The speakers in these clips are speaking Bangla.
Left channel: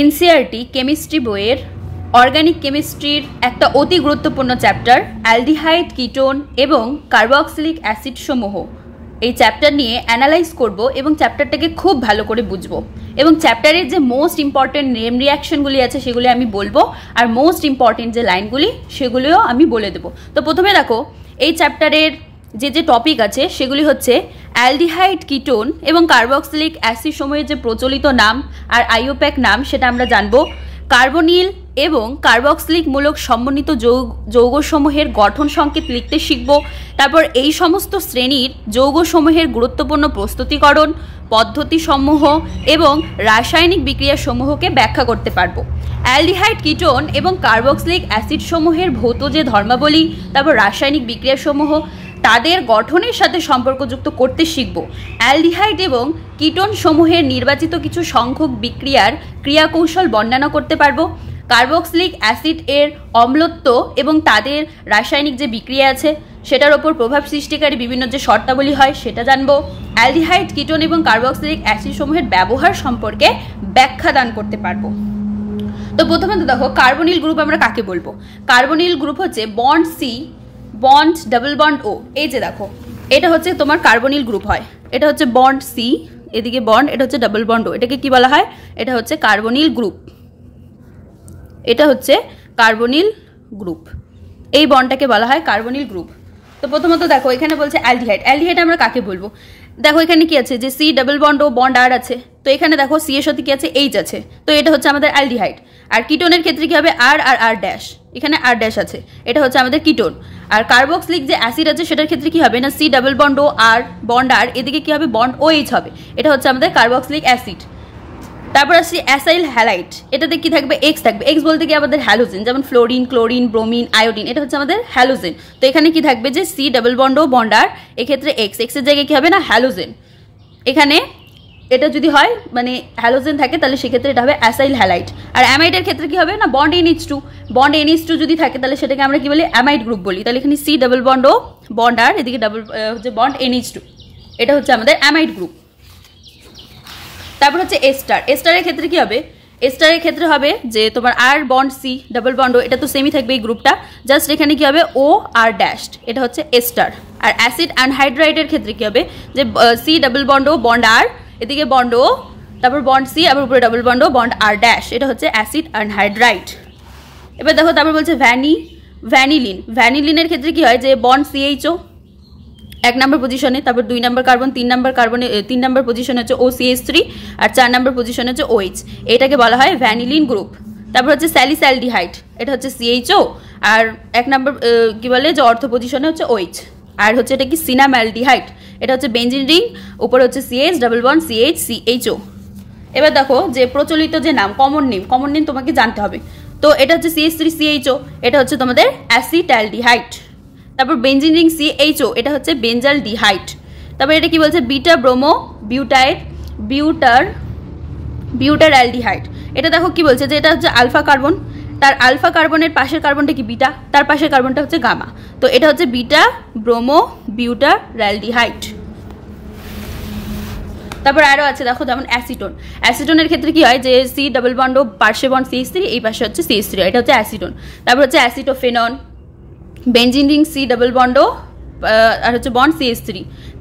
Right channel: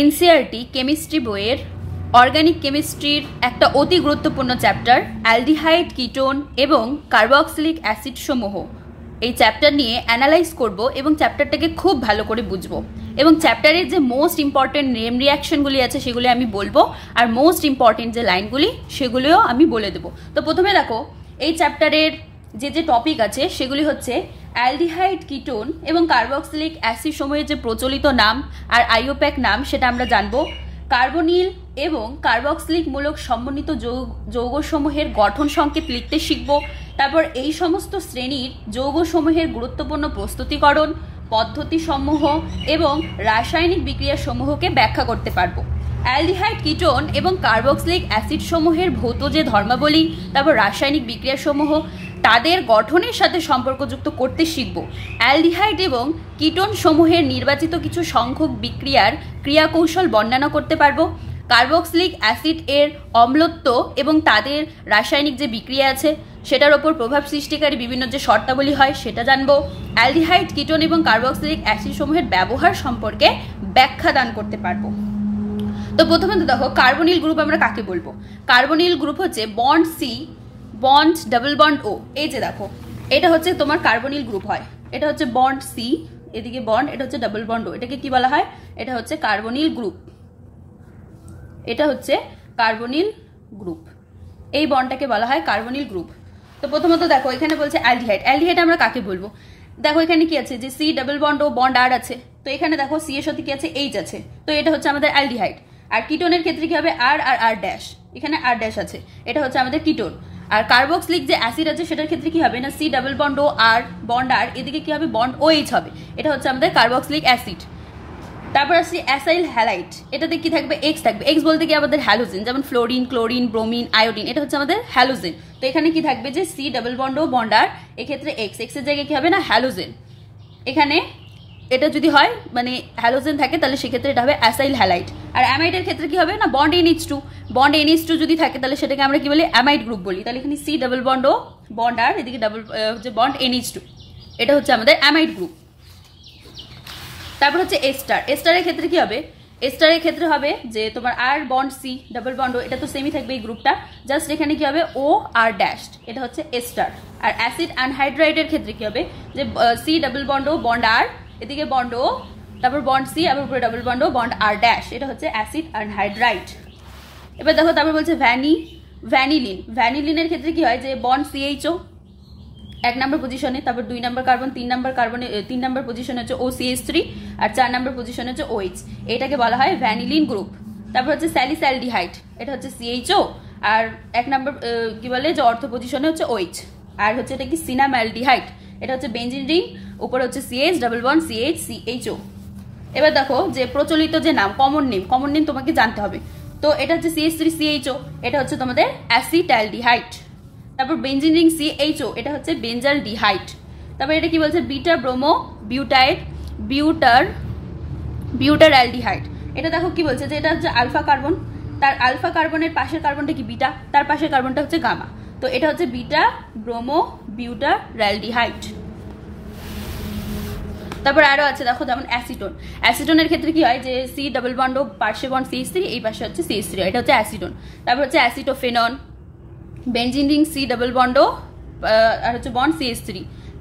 এনসিইআরটি কেমিস্ট্রি বইয়ের অর্গানিক কেমিস্ট্রির একটা অতি গুরুত্বপূর্ণ চ্যাপ্টার অ্যালডিহাইড, কিটোন এবং কার্বক্সিলিক অ্যাসিড সমূহ। এই চ্যাপ্টার নিয়ে অ্যানালাইজ করব এবং চ্যাপ্টারটাকে খুব ভালো করে বুঝবো এবং চ্যাপ্টারের যে মোস্ট ইম্পর্টেন্ট নেম রিয়াকশনগুলি আছে সেগুলি আমি বলবো, আর মোস্ট ইম্পর্টেন্ট যে লাইনগুলি সেগুলিও আমি বলে দেবো। তো প্রথমে দেখো, এই চ্যাপ্টারের যে টপিক আছে সেগুলি হচ্ছে অ্যালডিহাইড, কিটোন এবং কার্বক্সিলিক অ্যাসিড সমূহের যে প্রচলিত নাম আর আইইউপ্যাক নাম সেটা আমরা জানবো। কার্বনিল এবং কার্বক্সিলিক মূলক সমন্বিত যৌগসমূহের গঠন সংকেত লিখতে শিখব। তারপর এই সমস্ত শ্রেণীর যৌগসমূহের গুরুত্বপূর্ণ প্রস্তুতিকরণ পদ্ধতিসমূহ এবং রাসায়নিক বিক্রিয়াসমূহকে ব্যাখ্যা করতে পারবো। অ্যালডিহাইড, কিটোন এবং কার্বক্সিলিক অ্যাসিডসমূহের ভৌত যে ধর্মাবলী, তারপর রাসায়নিক বিক্রিয়াসমূহ তাদের গঠনের সাথে সম্পর্কযুক্ত করতে শিখব। অ্যালডিহাইড এবং কিটোন সমূহের নির্বাচিত কিছু সংখ্যক বিক্রিয়ার ক্রিয়াকৌশল বর্ণনা করতে পারবো। কার্বক্সিলিক অ্যাসিড এর অম্লত্ব এবং তাদের রাসায়নিক যে বিক্রিয়া আছে সেটার ওপর প্রভাব সৃষ্টিকারী বিভিন্ন যে শর্তাবলী হয় সেটা জানবো। অ্যালডিহাইড, কিটোন এবং কার্বক্সিলিক অ্যাসিড সমূহের ব্যবহার সম্পর্কে ব্যাখ্যা দান করতে পারবো। তো প্রথমে তো দেখো, কার্বনিল গ্রুপ আমরা কাকে বলবো? কার্বনিল গ্রুপ হচ্ছে bond C, bond double bond O. এই যে দেখো, এটা হচ্ছে তোমার কার্বনিল গ্রুপ হয়। এটা হচ্ছে বন্ড সি, এদিকে বন্ড, এটা হচ্ছে ডাবল বন্ড ও। এটাকে কি বলা হয়? এটা হচ্ছে কার্বনিল গ্রুপ। এটা হচ্ছে কার্বনিল গ্রুপ, এই বন্ডটাকে বলা হয় কার্বনিল গ্রুপ। তো প্রথমত দেখো, এখানে বলছে অ্যালডিহাইড। অ্যালডিহাইড আমরা কাকে বলবো? দেখো এখানে কি আছে, যে C double bond O bond আর আছে। তো এখানে দেখো সি এর সাথে কি আছে, এইচ আছে। তো এটা হচ্ছে আমাদের অ্যালডিহাইড। আর কিটোনের ক্ষেত্রে কি হবে? আর আর আর ড্যাশ, এখানে আর ড্যাশ আছে, এটা হচ্ছে আমাদের কিটোন। আর কার্বক্সিলিক যে অ্যাসিড আছে সেটার ক্ষেত্রে কি হবে না, সি ডাবল বন্ড ও আর বন্ড আর, এদিকে কি হবে, বন্ড ও এইচ হবে। এটা হচ্ছে আমাদের কার্বক্সিলিক অ্যাসিড। তারপর আসছি অ্যাসাইল হ্যালাইড। এটাতে কি থাকবে? এক্স থাকবে। এক্স বলতে কি আমাদের হ্যালোজেন, যেমন ফ্লোরিন, ক্লোরিন, ব্রোমিন, আয়োডিন, এটা হচ্ছে আমাদের হ্যালোজেন। তো এখানে কি থাকবে, যে C double bond O bond আর, এক্ষেত্রে এক্স, এক্স এর জায়গায় কি হবে না, হ্যালোজেন। এখানে এটা যদি হয় মানে হ্যালোজেন থাকে তাহলে সেক্ষেত্রে এটা হবে অ্যাসাইল হ্যালাইড। আর অ্যামাইডের ক্ষেত্রে কি হবে না, বন্ড NH2। বন্ড NH2 যদি থাকে তাহলে সেটাকে আমরা কি বলি, অ্যামাইড গ্রুপ বলি। তাহলে এখানে C double bond O bond আর, এদিকে ডাবল হচ্ছে বন্ড NH2, এটা হচ্ছে আমাদের অ্যামাইড গ্রুপ। তারপর হচ্ছে এস্টার। এস্টারের ক্ষেত্রে কি হবে? এস্টারের ক্ষেত্রে হবে যে তোমার আর bond C double bond O, এটা তো সেমই থাকবে এই গ্রুপটা, জাস্ট এখানে কি হবে, ও আর ড্যাশড, এটা হচ্ছে এস্টার। আর অ্যাসিড অ্যানহাইড্রাইডের ক্ষেত্রে কি হবে, যে C double bond O bond আর, এদিকে বন্ড ও, তারপর বন্ড সি, আবার উপরে ডাবল বন্ড ও বন্ড আর ড্যাশ, এটা হচ্ছে অ্যাসিড অ্যানহাইড্রাইড। এবার দেখো, তারপর বলছে ভ্যানিলিন। ভ্যানিলিনের ক্ষেত্রে কি হয়, যে বন্ড CHO 1 নম্বর পজিশনে, তারপর 2 নম্বর কার্বন, 3 নম্বর কার্বনে 3 নম্বর পজিশনে হচ্ছে OCH3, আর 4 নম্বর পজিশনে হচ্ছে OH, এটাকে বলা হয় ভ্যানিলিন গ্রুপ। তারপর হচ্ছে স্যালিসাইলডিহাইড, এটা হচ্ছে CHO, আর 1 নম্বর কি বলে, যে অর্থ পজিশনে হচ্ছে OH। আর হচ্ছে এটা কি, সিনামালডিহাইড, এটা হচ্ছে বেঞ্জিন রিং, উপরে হচ্ছে CH double bond CH CHO। এবার দেখো, যে প্রচলিত যে নাম, কমন নেম তোমাকে জানতে হবে। তো এটা হচ্ছে CH3CHO, এটা হচ্ছে তোমাদের অ্যাসিটালডিহাইড। তারপর বেঞ্জিন রিং CHO, এটা হচ্ছে বেঞ্জালডিহাইড। তারপর এটা কি বলছে, বিটা ব্রোমো বিউটার অ্যালডিহাইড। এটা দেখো কি বলছে, যে এটা হচ্ছে আলফা কার্বন, তার আলফা কার্বনের পাশের কার্বনটা কি বিটা, তার পাশের কার্বনটা হচ্ছে গামা। তো এটা হচ্ছে বিটা ব্রোমো বিউটার অ্যালডিহাইড। তারপর আরও আছে দেখো, যেমন অ্যাসিটোন। অ্যাসিটোনের ক্ষেত্রে কি হয়, যে সি ডাবল বন্ড ও পার্শ্বে বন্ড CH3, এই পাশে হচ্ছে CH3, এটা হচ্ছে অ্যাসিটোন। তারপর হচ্ছে acetophenone, benzene ring C double bond O আর হচ্ছে বন্ড CH3।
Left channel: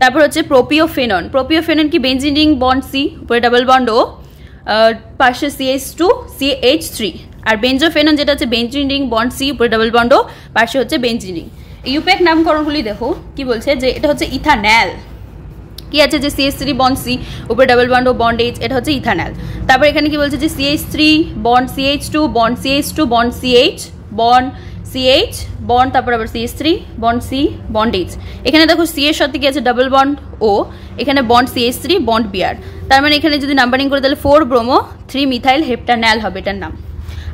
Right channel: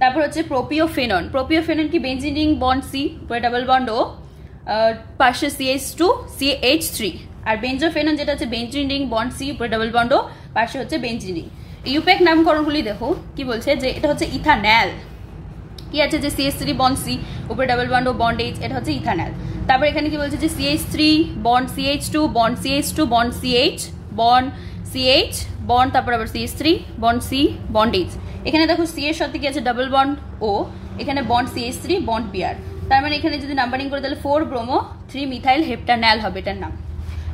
তারপর হচ্ছে প্রোপিওফেনন। প্রোপিওফেনন কি, বেঞ্জিন রিং বন্ড সি, উপরে ডাবল বন্ড ও পাশে CH2 CH3। আর বেঞ্জোফেনন যেটা হচ্ছে বেঞ্জিন রিং বন্ড সি, উপরে ডাবল বন্ড ও পাশে হচ্ছে বেঞ্জিন রিং। ইউপ্যাক নামকরণগুলি দেখো কি বলছে, যে এটা হচ্ছে ইথানল। কি আছে, যে CH3 বন্ড সি, উপরে double bond O bond H, এটা হচ্ছে ইথানল। তারপর এখানে কি বলছে, যে CH3 bond CH2 bond CH2 bond CH bond CH bond, তারপর আবার CH3 bond C bond H। এখানে দেখো সি এর সাথে কি আছে, ডাবল বন্ড ও, এখানে বন্ড CH3 বন্ড Br। তার মানে এখানে যদি নাম্বারিং করে তাহলে 4 ব্রোমো 3 মিথাইল হেপ্টানল হবে এটার নাম।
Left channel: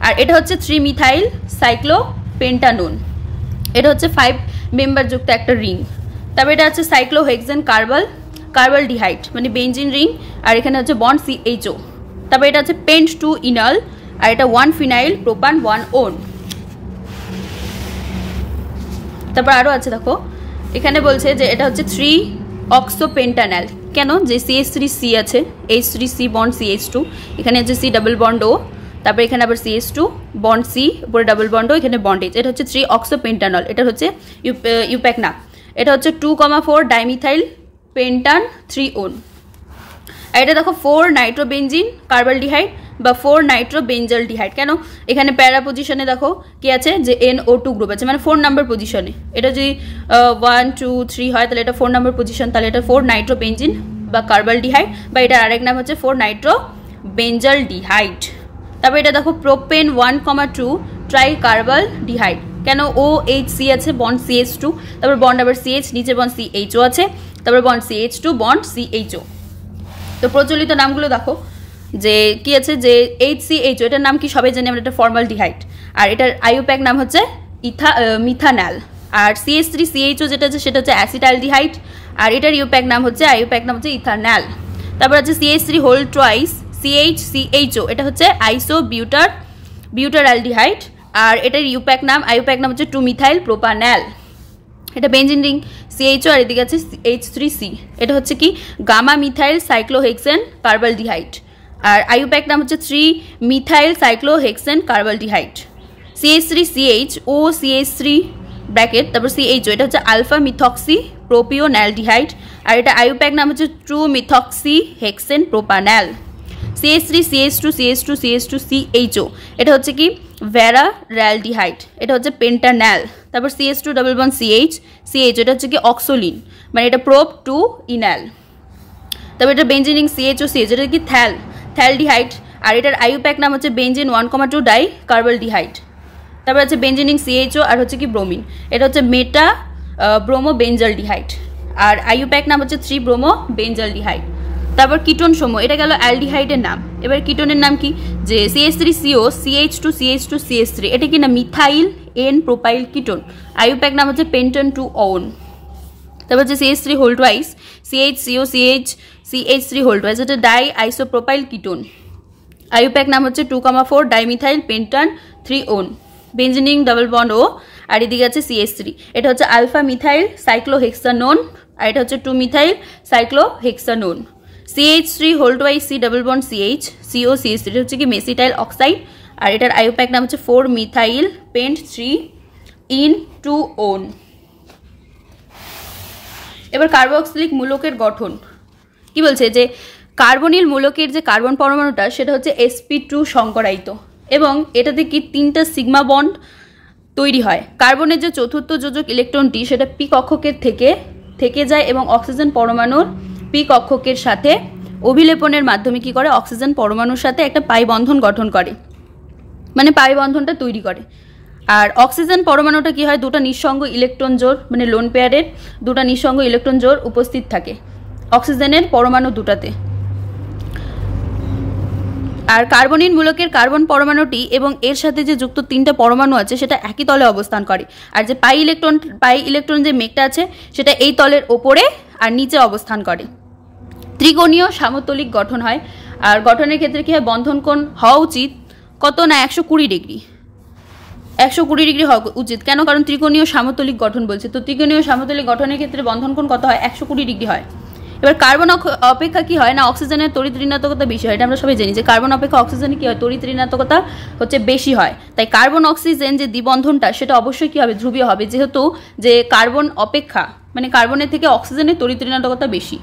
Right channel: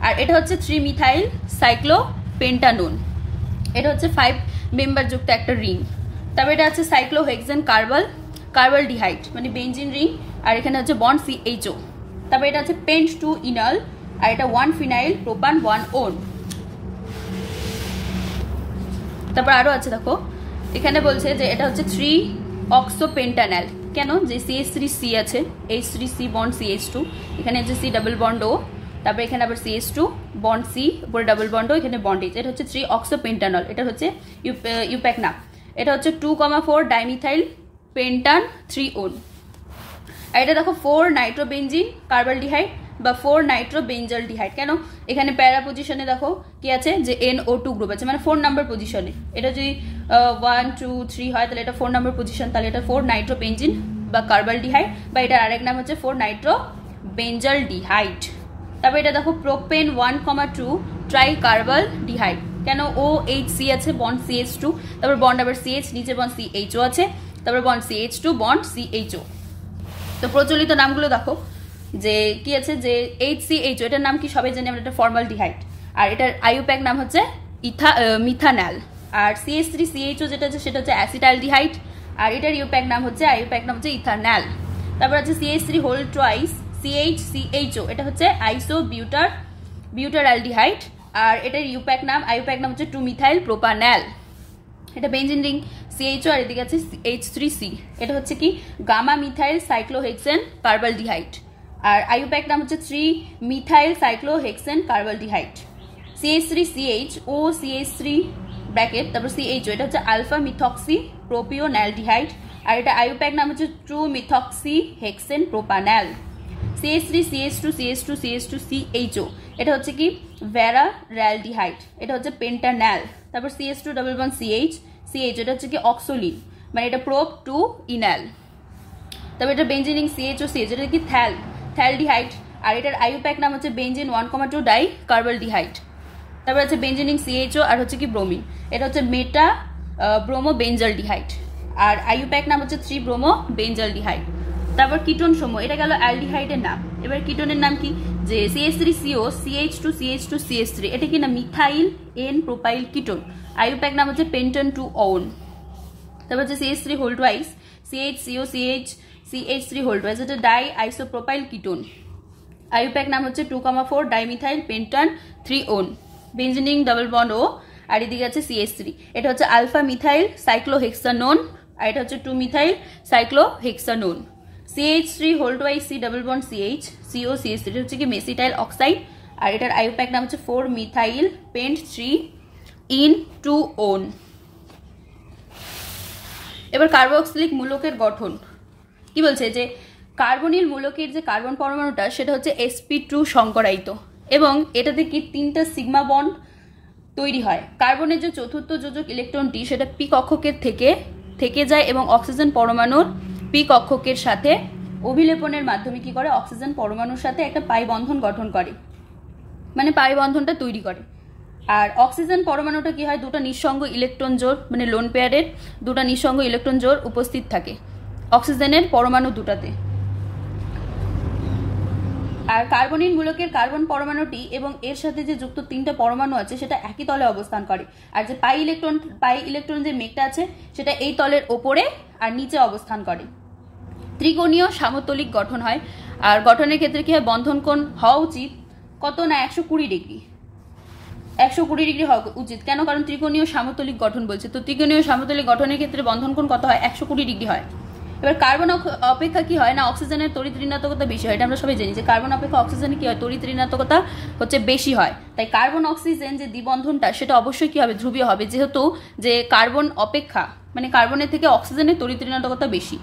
আর এটা হচ্ছে 3 মিথাইল সাইক্লোপেন্টানোন, এটা হচ্ছে 5 মেম্বার যুক্ত একটা রিং। তারপর এটা হচ্ছে সাইক্লোহেক্সেন কার্বলডিহাইড, মানে বেঞ্জিন রিং, আর এখানে হচ্ছে বন্ড CHO। তারপর এটা হচ্ছে পেন্ট 2 ইনল, আর এটা 1 ফিনাইল প্রোপান 1 ওন। তারপর আরও আছে দেখো, এখানে বলছে যে এটা হচ্ছে 3 অক্সোপেন্টানল। কেন, যে CH3C আছে, H3C বন্ড CH2, এখানে হচ্ছে C ডাবল বন্ড ও, তারপর এখানে আবার CH2 বন্ড C, উপরে ডাবল বন্ড, এখানে বন্ড H। এটা হচ্ছে 3-অক্সোপেন্টানল, এটা হচ্ছে ইউপ্যাক নাম। এটা হচ্ছে 2,4 ডাইমিথাইল পেন্টান 3-on। আর এটা দেখো 4 নাইট্রোবেনজিন কার্বালডিহাইড বা 4 নাইট্রোবেঞ্জালডিহাইড। কেন? এখানে প্যারা পজিশনে দেখো কি আছে, যে NO2 গ্রুপ আছে, মানে 4 নাম্বার পজিশনে। এটা যদি 1 2 3 হয় তাহলে এটা 4 নাম্বার পজিশন, তাহলে এটা 4 নাইট্রোবেনজিন বা কার্বালডিহাইড, বা এটার আরেক নাম হচ্ছে 4 নাইট্রোবেঞ্জালডিহাইড। তারপর এটা দেখো প্রোপেন 1,2 ট্রাইকার্বালডিহাইড। কেন? OHC আছে, বন্ড CH2, তারপর বন্ড আবার CH, নিচে বন্ড CHO আছে, তারপর বন্ড CH2 বন্ড CHO। তো প্রচলিত নামগুলো দেখো যে কি আছে, যে HCHO এটার নাম কি সবাই জানি আমরা, এটা ফর্মালডিহাইড। আর এটার আইউপ্যাক নাম হচ্ছে মিথানল। আর CH3CHO যেটা আছে সেটা হচ্ছে অ্যাসিটালডিহাইড, আর এটার আইউপ্যাক নাম হচ্ছে ইথানল। তারপর আছে CH3 হোল টুয়াইস CHCHO, এটা হচ্ছে আইসোবিউটারঅ্যালডিহাইড। আর এটার আইউপ্যাক নাম হচ্ছে 2-মিথাইল প্রোপানল। এটা বেঞ্জিন রিং CHO, আর এদিকে আছে H3C, এটা হচ্ছে কি গামা মিথাইল সাইক্লোহেক্সেন কার্বালডিহাইড। আর আইউপ্যাক নাম হচ্ছে 3-মিথাইল সাইক্লোহেক্সেন কার্বালডিহাইড। CH3CH ও CH3 ব্র্যাকেট, তারপর CHO, এটা হচ্ছে আলফা মিথক্সি প্রোপিওনালডিহাইড। আর এটা আইউপ্যাক নাম হচ্ছে 2-মিথক্সি হেক্সেন প্রোপানল। CH3CH2CH2CH2CHO, এটা হচ্ছে কি ভ্যারারালডিহাইড, এটা হচ্ছে পেন্টানল। তারপর CH2 ডাবল বন্ড CH, এটা হচ্ছে কি অক্সোলিন, মানে এটা প্রোপ 2 ইনাল। তারপর এটা বেঞ্জিনিং CHO, এটা কি থ্যালডিহাইড। আর এটার আইউপ্যাক নাম হচ্ছে বেঞ্জিন 1,2 ডাই কার্বালডিহাইড। তারপর আছে বেঞ্জিনিং CHO, আর হচ্ছে কি ব্রোমিন, এটা হচ্ছে মেটা ব্রোমো বেঞ্জালডিহাইড। আর আইউপ্যাক নাম হচ্ছে 3-ব্রোমো বেঞ্জালডিহাইড। তারপর কিটোন সমূহ, এটা গেল অ্যালডিহাইডের নাম। এবার কিটোনের নাম কি, যে CH3CO CH2CH2CH3, এটা কি না methyl N propyl ketone. IUPAC নাম হচ্ছে পেন্টান 2-on। তারপর হচ্ছে CH3 whole twice CHCO CH3 whole twice, এটা ডাই আইসোপ্রোপাইল কিটোন। আইউপ্যাক নাম হচ্ছে 2,4 dimethyl pentan 3-on। Benzene ring double bond O, আর এদিকে আছে CH3, এটা হচ্ছে আলফা মিথাইল সাইক্লোহেক্সানোন, আর এটা হচ্ছে two methyl cyclohexanone. CH3 whole twice C double bond CH CO CH3, এটা হচ্ছে কি মেসিটাইল অক্সাইড। আর এটার আইউপ্যাক নাম হচ্ছে 4-মিথাইল পেন্ট 3-in-2-on। এবার কার্বক্সিলিক মূলকের গঠন কি বলছে, যে কার্বনিল মূলকের যে কার্বন পরমাণুটা সেটা হচ্ছে sp2 সংকরায়িত, এবং এটাতে কি 3টা সিগমা বন্ড তৈরি হয়। কার্বনের যে চতুর্থ যোজক ইলেকট্রনটি সেটা পি কক্ষকের থেকে যায় এবং অক্সিজেন পরমাণুর পি কক্ষকের সাথে অভিলেপনের মাধ্যমে কি করে, অক্সিজেন পরমাণুর সাথে একটা পাই বন্ধন গঠন করে, মানে পাই বন্ধনটা তৈরি করে। আর অক্সিজেন পরমাণুটা কি হয়, দুটো নিঃসঙ্গ ইলেকট্রন জোড়, মানে লোন পেয়ারের দুটো নিঃসঙ্গ ইলেকট্রন জোড় উপস্থিত থাকে অক্সিজেনের পরমাণু দুটাতে। আর কার্বনিল মূলকের কার্বন পরমাণুটি এবং এর সাথে যে যুক্ত 3টা পরমাণু আছে সেটা একই তলে অবস্থান করে। আর যে পাই ইলেকট্রন যে মেঘটা আছে সেটা এই তলের ওপরে আর নিচে অবস্থান করে। ত্রিকোণীয় সামতলিক গঠন হয়। আর গঠনের ক্ষেত্রে কি হয়, বন্ধন কোণ হওয়া উচিত কত না 120 ডিগ্রি, 120 ডিগ্রি হওয়া উচিত। কেন? কারণ ত্রিকোণীয় সামতলিক গঠন বলছে, তো ত্রিকোণীয় সামতলিক গঠনের ক্ষেত্রে বন্ধন কোণ কত হয়, 120 ডিগ্রি হয়। এবার কার্বন অপেক্ষা কি হয় না, অক্সিজেনের তড়িৎ ঋণাত্মকতা বেশি হয়। এটা আমরা সবাই জানি যে কার্বন অপেক্ষা অক্সিজেনের কি হয়, তড়িৎ ঋণাত্মকতা হচ্ছে বেশি হয়। তাই কার্বন অক্সিজেন যে দ্বিবন্ধনটা সেটা অবশ্যই কি হবে, ধ্রুবীয় হবে, যেহেতু যে কার্বন অপেক্ষা মানে কার্বনের থেকে অক্সিজেনের তড়িৎ ঋণাত্মকতা বেশি,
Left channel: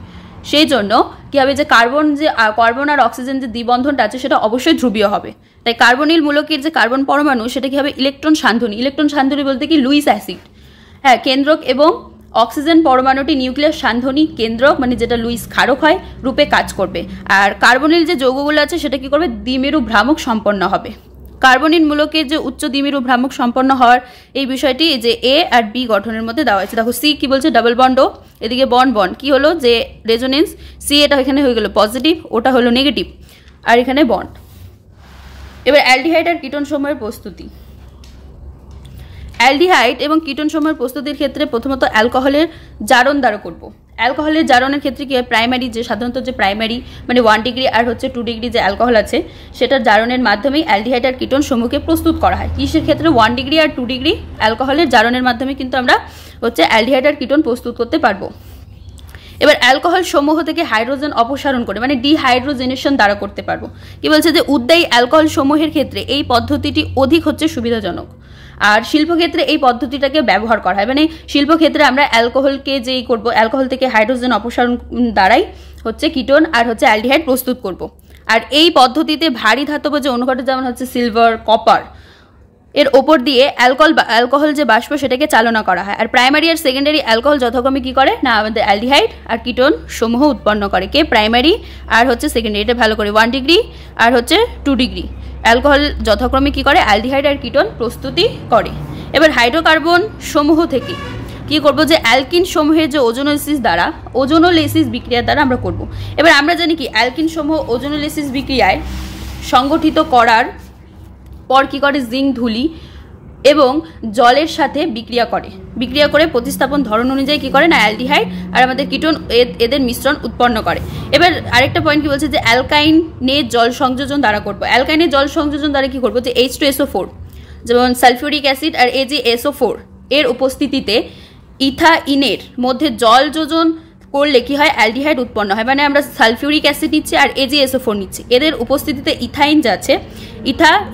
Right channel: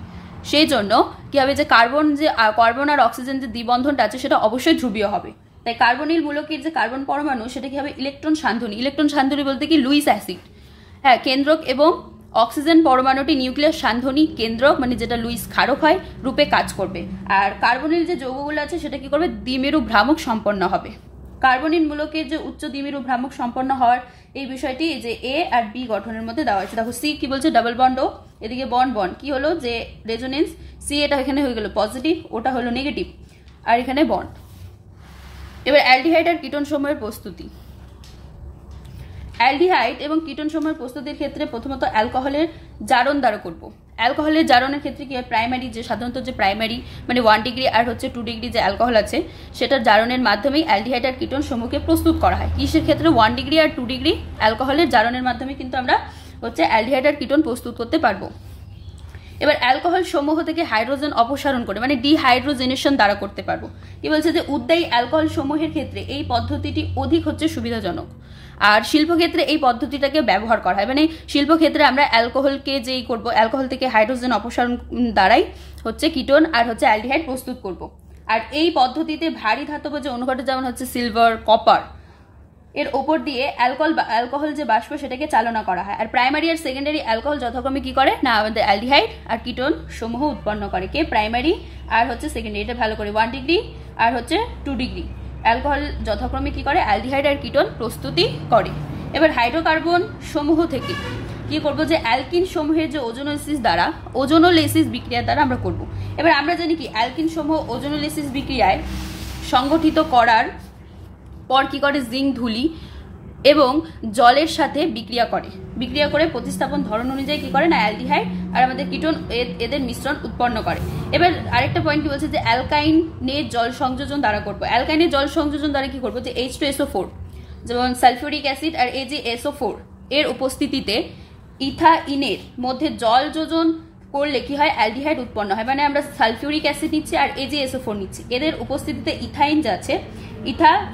সেই জন্য কি হবে, যে কার্বন আর অক্সিজেন যে দ্বিবন্ধনটা আছে সেটা অবশ্যই ধ্রুবীয় হবে। তাই কার্বনিল মূলকের যে কার্বন পরমাণু সেটা কি হবে, ইলেকট্রন সান্ধনী। ইলেকট্রন সান্ধনী বলতে কি, লুইস অ্যাসিড, হ্যাঁ, কেন্দ্রক, এবং অক্সিজেন পরমাণুটি নিউক্লিয়াস সান্ধনী কেন্দ্রক, মানে যেটা লুইস ক্ষারক হয়, রূপে কাজ করবে। আর কার্বনিল যে যৌগগুলো আছে সেটা কি করবে, দ্বিমেরু ভ্রামক সম্পন্ন হবে। কার্বনিল মূলকের যে উচ্চ দ্বিমেরু ভ্রামক সম্পন্ন হওয়ার এই বিষয়টি যে এ আর বি গঠনের মধ্যে দেওয়া হয়েছে। দেখো সি কি বলছে, ডাবল বন্ড ও, এদিকে বন্ড কি হলো, যে রেজোনেন্স সি, এটা এখানে হয়ে গেল পজিটিভ, ওটা হলো নেগেটিভ, আর এখানে বন্ড। এবার অ্যালডিহাইড আর কিটোন সমূহের প্রস্তুতি। অ্যালডিহাইড এবং কিটোন সমূহের প্রস্তুতির ক্ষেত্রে প্রথমত অ্যালকোহলের জারণ দ্বারা করব। অ্যালকোহলের জারণের ক্ষেত্রে কি হয়, প্রাইমারি যে সাধারণত যে প্রাইমারি মানে 1 ডিগ্রি আর হচ্ছে 2 ডিগ্রি যে অ্যালকোহল আছে সেটার জারণের মাধ্যমেই অ্যালডিহাইড আর কিটোন সমূহকে প্রস্তুত করা হয়। কিসের ক্ষেত্রে, 1 ডিগ্রি আর 2 ডিগ্রি অ্যালকোহলের জারণের মাধ্যমে কিন্তু আমরা হচ্ছে অ্যালডিহাইড আর কিটোন প্রস্তুত করতে পারবো। এবার অ্যালকোহল সমূহ থেকে হাইড্রোজেন অপসারণ করে মানে ডিহাইড্রোজেনেশন দ্বারা করতে পারবো। কি বলছে যে উদ্যায়ী অ্যালকোহল সমূহের ক্ষেত্রে এই পদ্ধতিটি অধিক হচ্ছে সুবিধাজনক। আর শিল্পক্ষেত্রে এই পদ্ধতিটাকে ব্যবহার করা হয়, মানে শিল্পক্ষেত্রে আমরা অ্যালকোহলকে যেই করবো, অ্যালকোহল থেকে হাইড্রোজেন অপসারণ দ্বারাই হচ্ছে কিটোন আর হচ্ছে অ্যালডিহাইড প্রস্তুত করব। আর এই পদ্ধতিতে ভারী ধাতব যে অনুঘটক যেমন হচ্ছে সিলভার, কপার, এর ওপর দিয়ে অ্যালকোহল যে বাষ্প সেটাকে চালনা করা হয়। আর প্রাইমারি আর সেকেন্ডারি অ্যালকোহল যথাক্রমে কি করে না আমাদের অ্যালডিহাইড আর কিটোন সমূহ উৎপন্ন করে। কে প্রাইমারি আর হচ্ছে সেকেন্ডারি, এটা ভালো করে 1 ডিগ্রি আর হচ্ছে 2 ডিগ্রি অ্যালকোহল যথাক্রমে কি করে অ্যালডিহাইড আর কিটোন প্রস্তুতি করে। এবার হাইড্রোকার্বন সমূহ থেকে কি করব যে অ্যালকিন সমূহের যে ওজোনোলিসিস বিক্রিয়া দ্বারা আমরা করব। এবার আমরা জানি কি অ্যালকিন সমূহ ওজোনোলিসিস বিক্রিয়ায় সংগঠিত করার পর কি করে জিঙ্ক ধুলি এবং জলের সাথে বিক্রিয়া করে প্রতিস্থাপন ধরন অনুযায়ী কি করে না অ্যালডিহাইড আর আমাদের কিটোন এদের মিশ্রণ উৎপন্ন করে। এবার আরেকটা পয়েন্ট কি বলছে যে অ্যালকাইনের জল সংযোজন দ্বারা করবো। অ্যালকাইনের জল সংযোজন দ্বারা কি করবো যে H2SO4 যেমন সালফিউরিক অ্যাসিড আর AgSO4 এর উপস্থিতিতে ইথাইনের মধ্যে জল যোজন করলে কি হয় অ্যালডিহাইড উৎপন্ন হয়। মানে আমরা সালফিউরিক অ্যাসিড নিচ্ছি আর AgSO4 নিচ্ছি, এদের উপস্থিতিতে ইথাইন যা আছে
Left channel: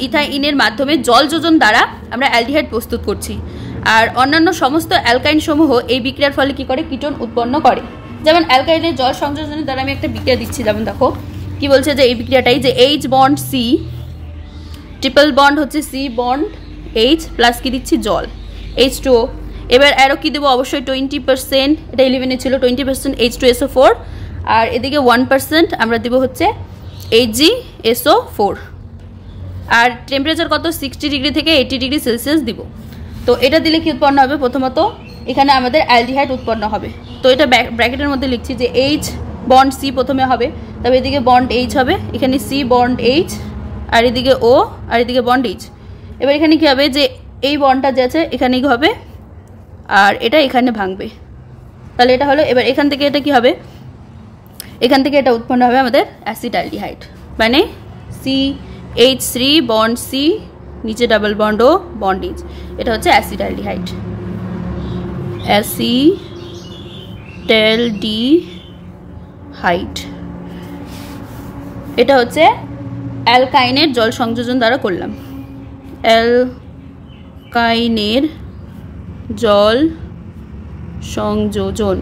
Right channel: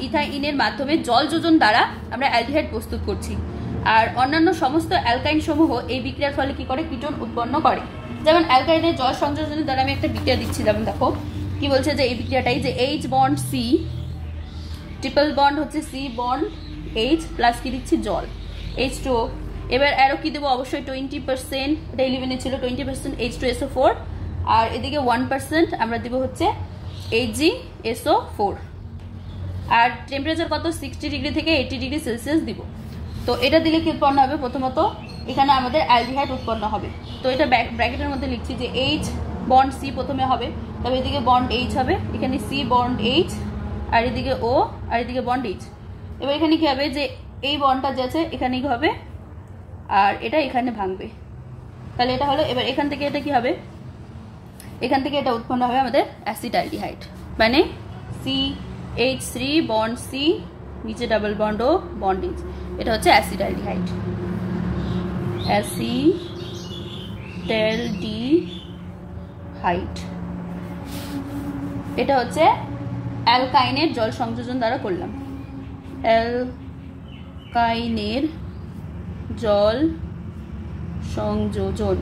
ইথাইনের মাধ্যমে জল যোজন দ্বারা আমরা অ্যালডিহাইড প্রস্তুত করছি। আর অন্যান্য সমস্ত অ্যালকাইন সমূহ এই বিক্রিয়ার ফলে কি করে কিটোন উৎপন্ন করে। যেমন অ্যালকাইনের জল সংযোজনের দ্বারা আমি একটা বিক্রিয়া দিচ্ছি, যেমন দেখো কি বলছে যে এই বিক্রিয়াটাই যে H bond C triple bond হচ্ছে C বন্ড H প্লাস কি দিচ্ছি জল H2O। এবার আরও কি দেবো অবশ্যই 20%, এটা 11 ছিল 20% H2SO4 আর এদিকে 1% আমরা দেবো হচ্ছে AgSO4। আর টেম্পারেচার কত 60 ডিগ্রি থেকে 80 ডিগ্রি সেলসিয়াস দিব। তো এটা দিলে কি উৎপন্ন হবে, প্রথমত এখানে আমাদের অ্যালডিহাইড উৎপন্ন হবে। তো এটা ব্র্যাকেটের মধ্যে লিখছি যে H বন্ড C প্রথমে হবে, তবে এদিকে বন্ড H হবে, এখানে C বন্ড H আর এদিকে O আর এদিকে বন্ড H। এবার এখানে কি হবে যে এই বন্ডটা যে আছে এখানে কি হবে আর এটা এখানে ভাঙবে, তাহলে এটা হলো। এবার এখান থেকে এটা কি হবে, এখান থেকে এটা উৎপন্ন হবে আমাদের অ্যাসিড অ্যালডিহাইড, মানে CH3 বন্ড C নিচে double bond O bond H, এটা হচ্ছে অ্যাসিড অ্যালডিহাইড। অ্যাসিটালডিহাইড এটা হচ্ছে অ্যালকাইনের জল সংযোজন দ্বারা করলাম। অ্যালকাইনের জল সংযোজন।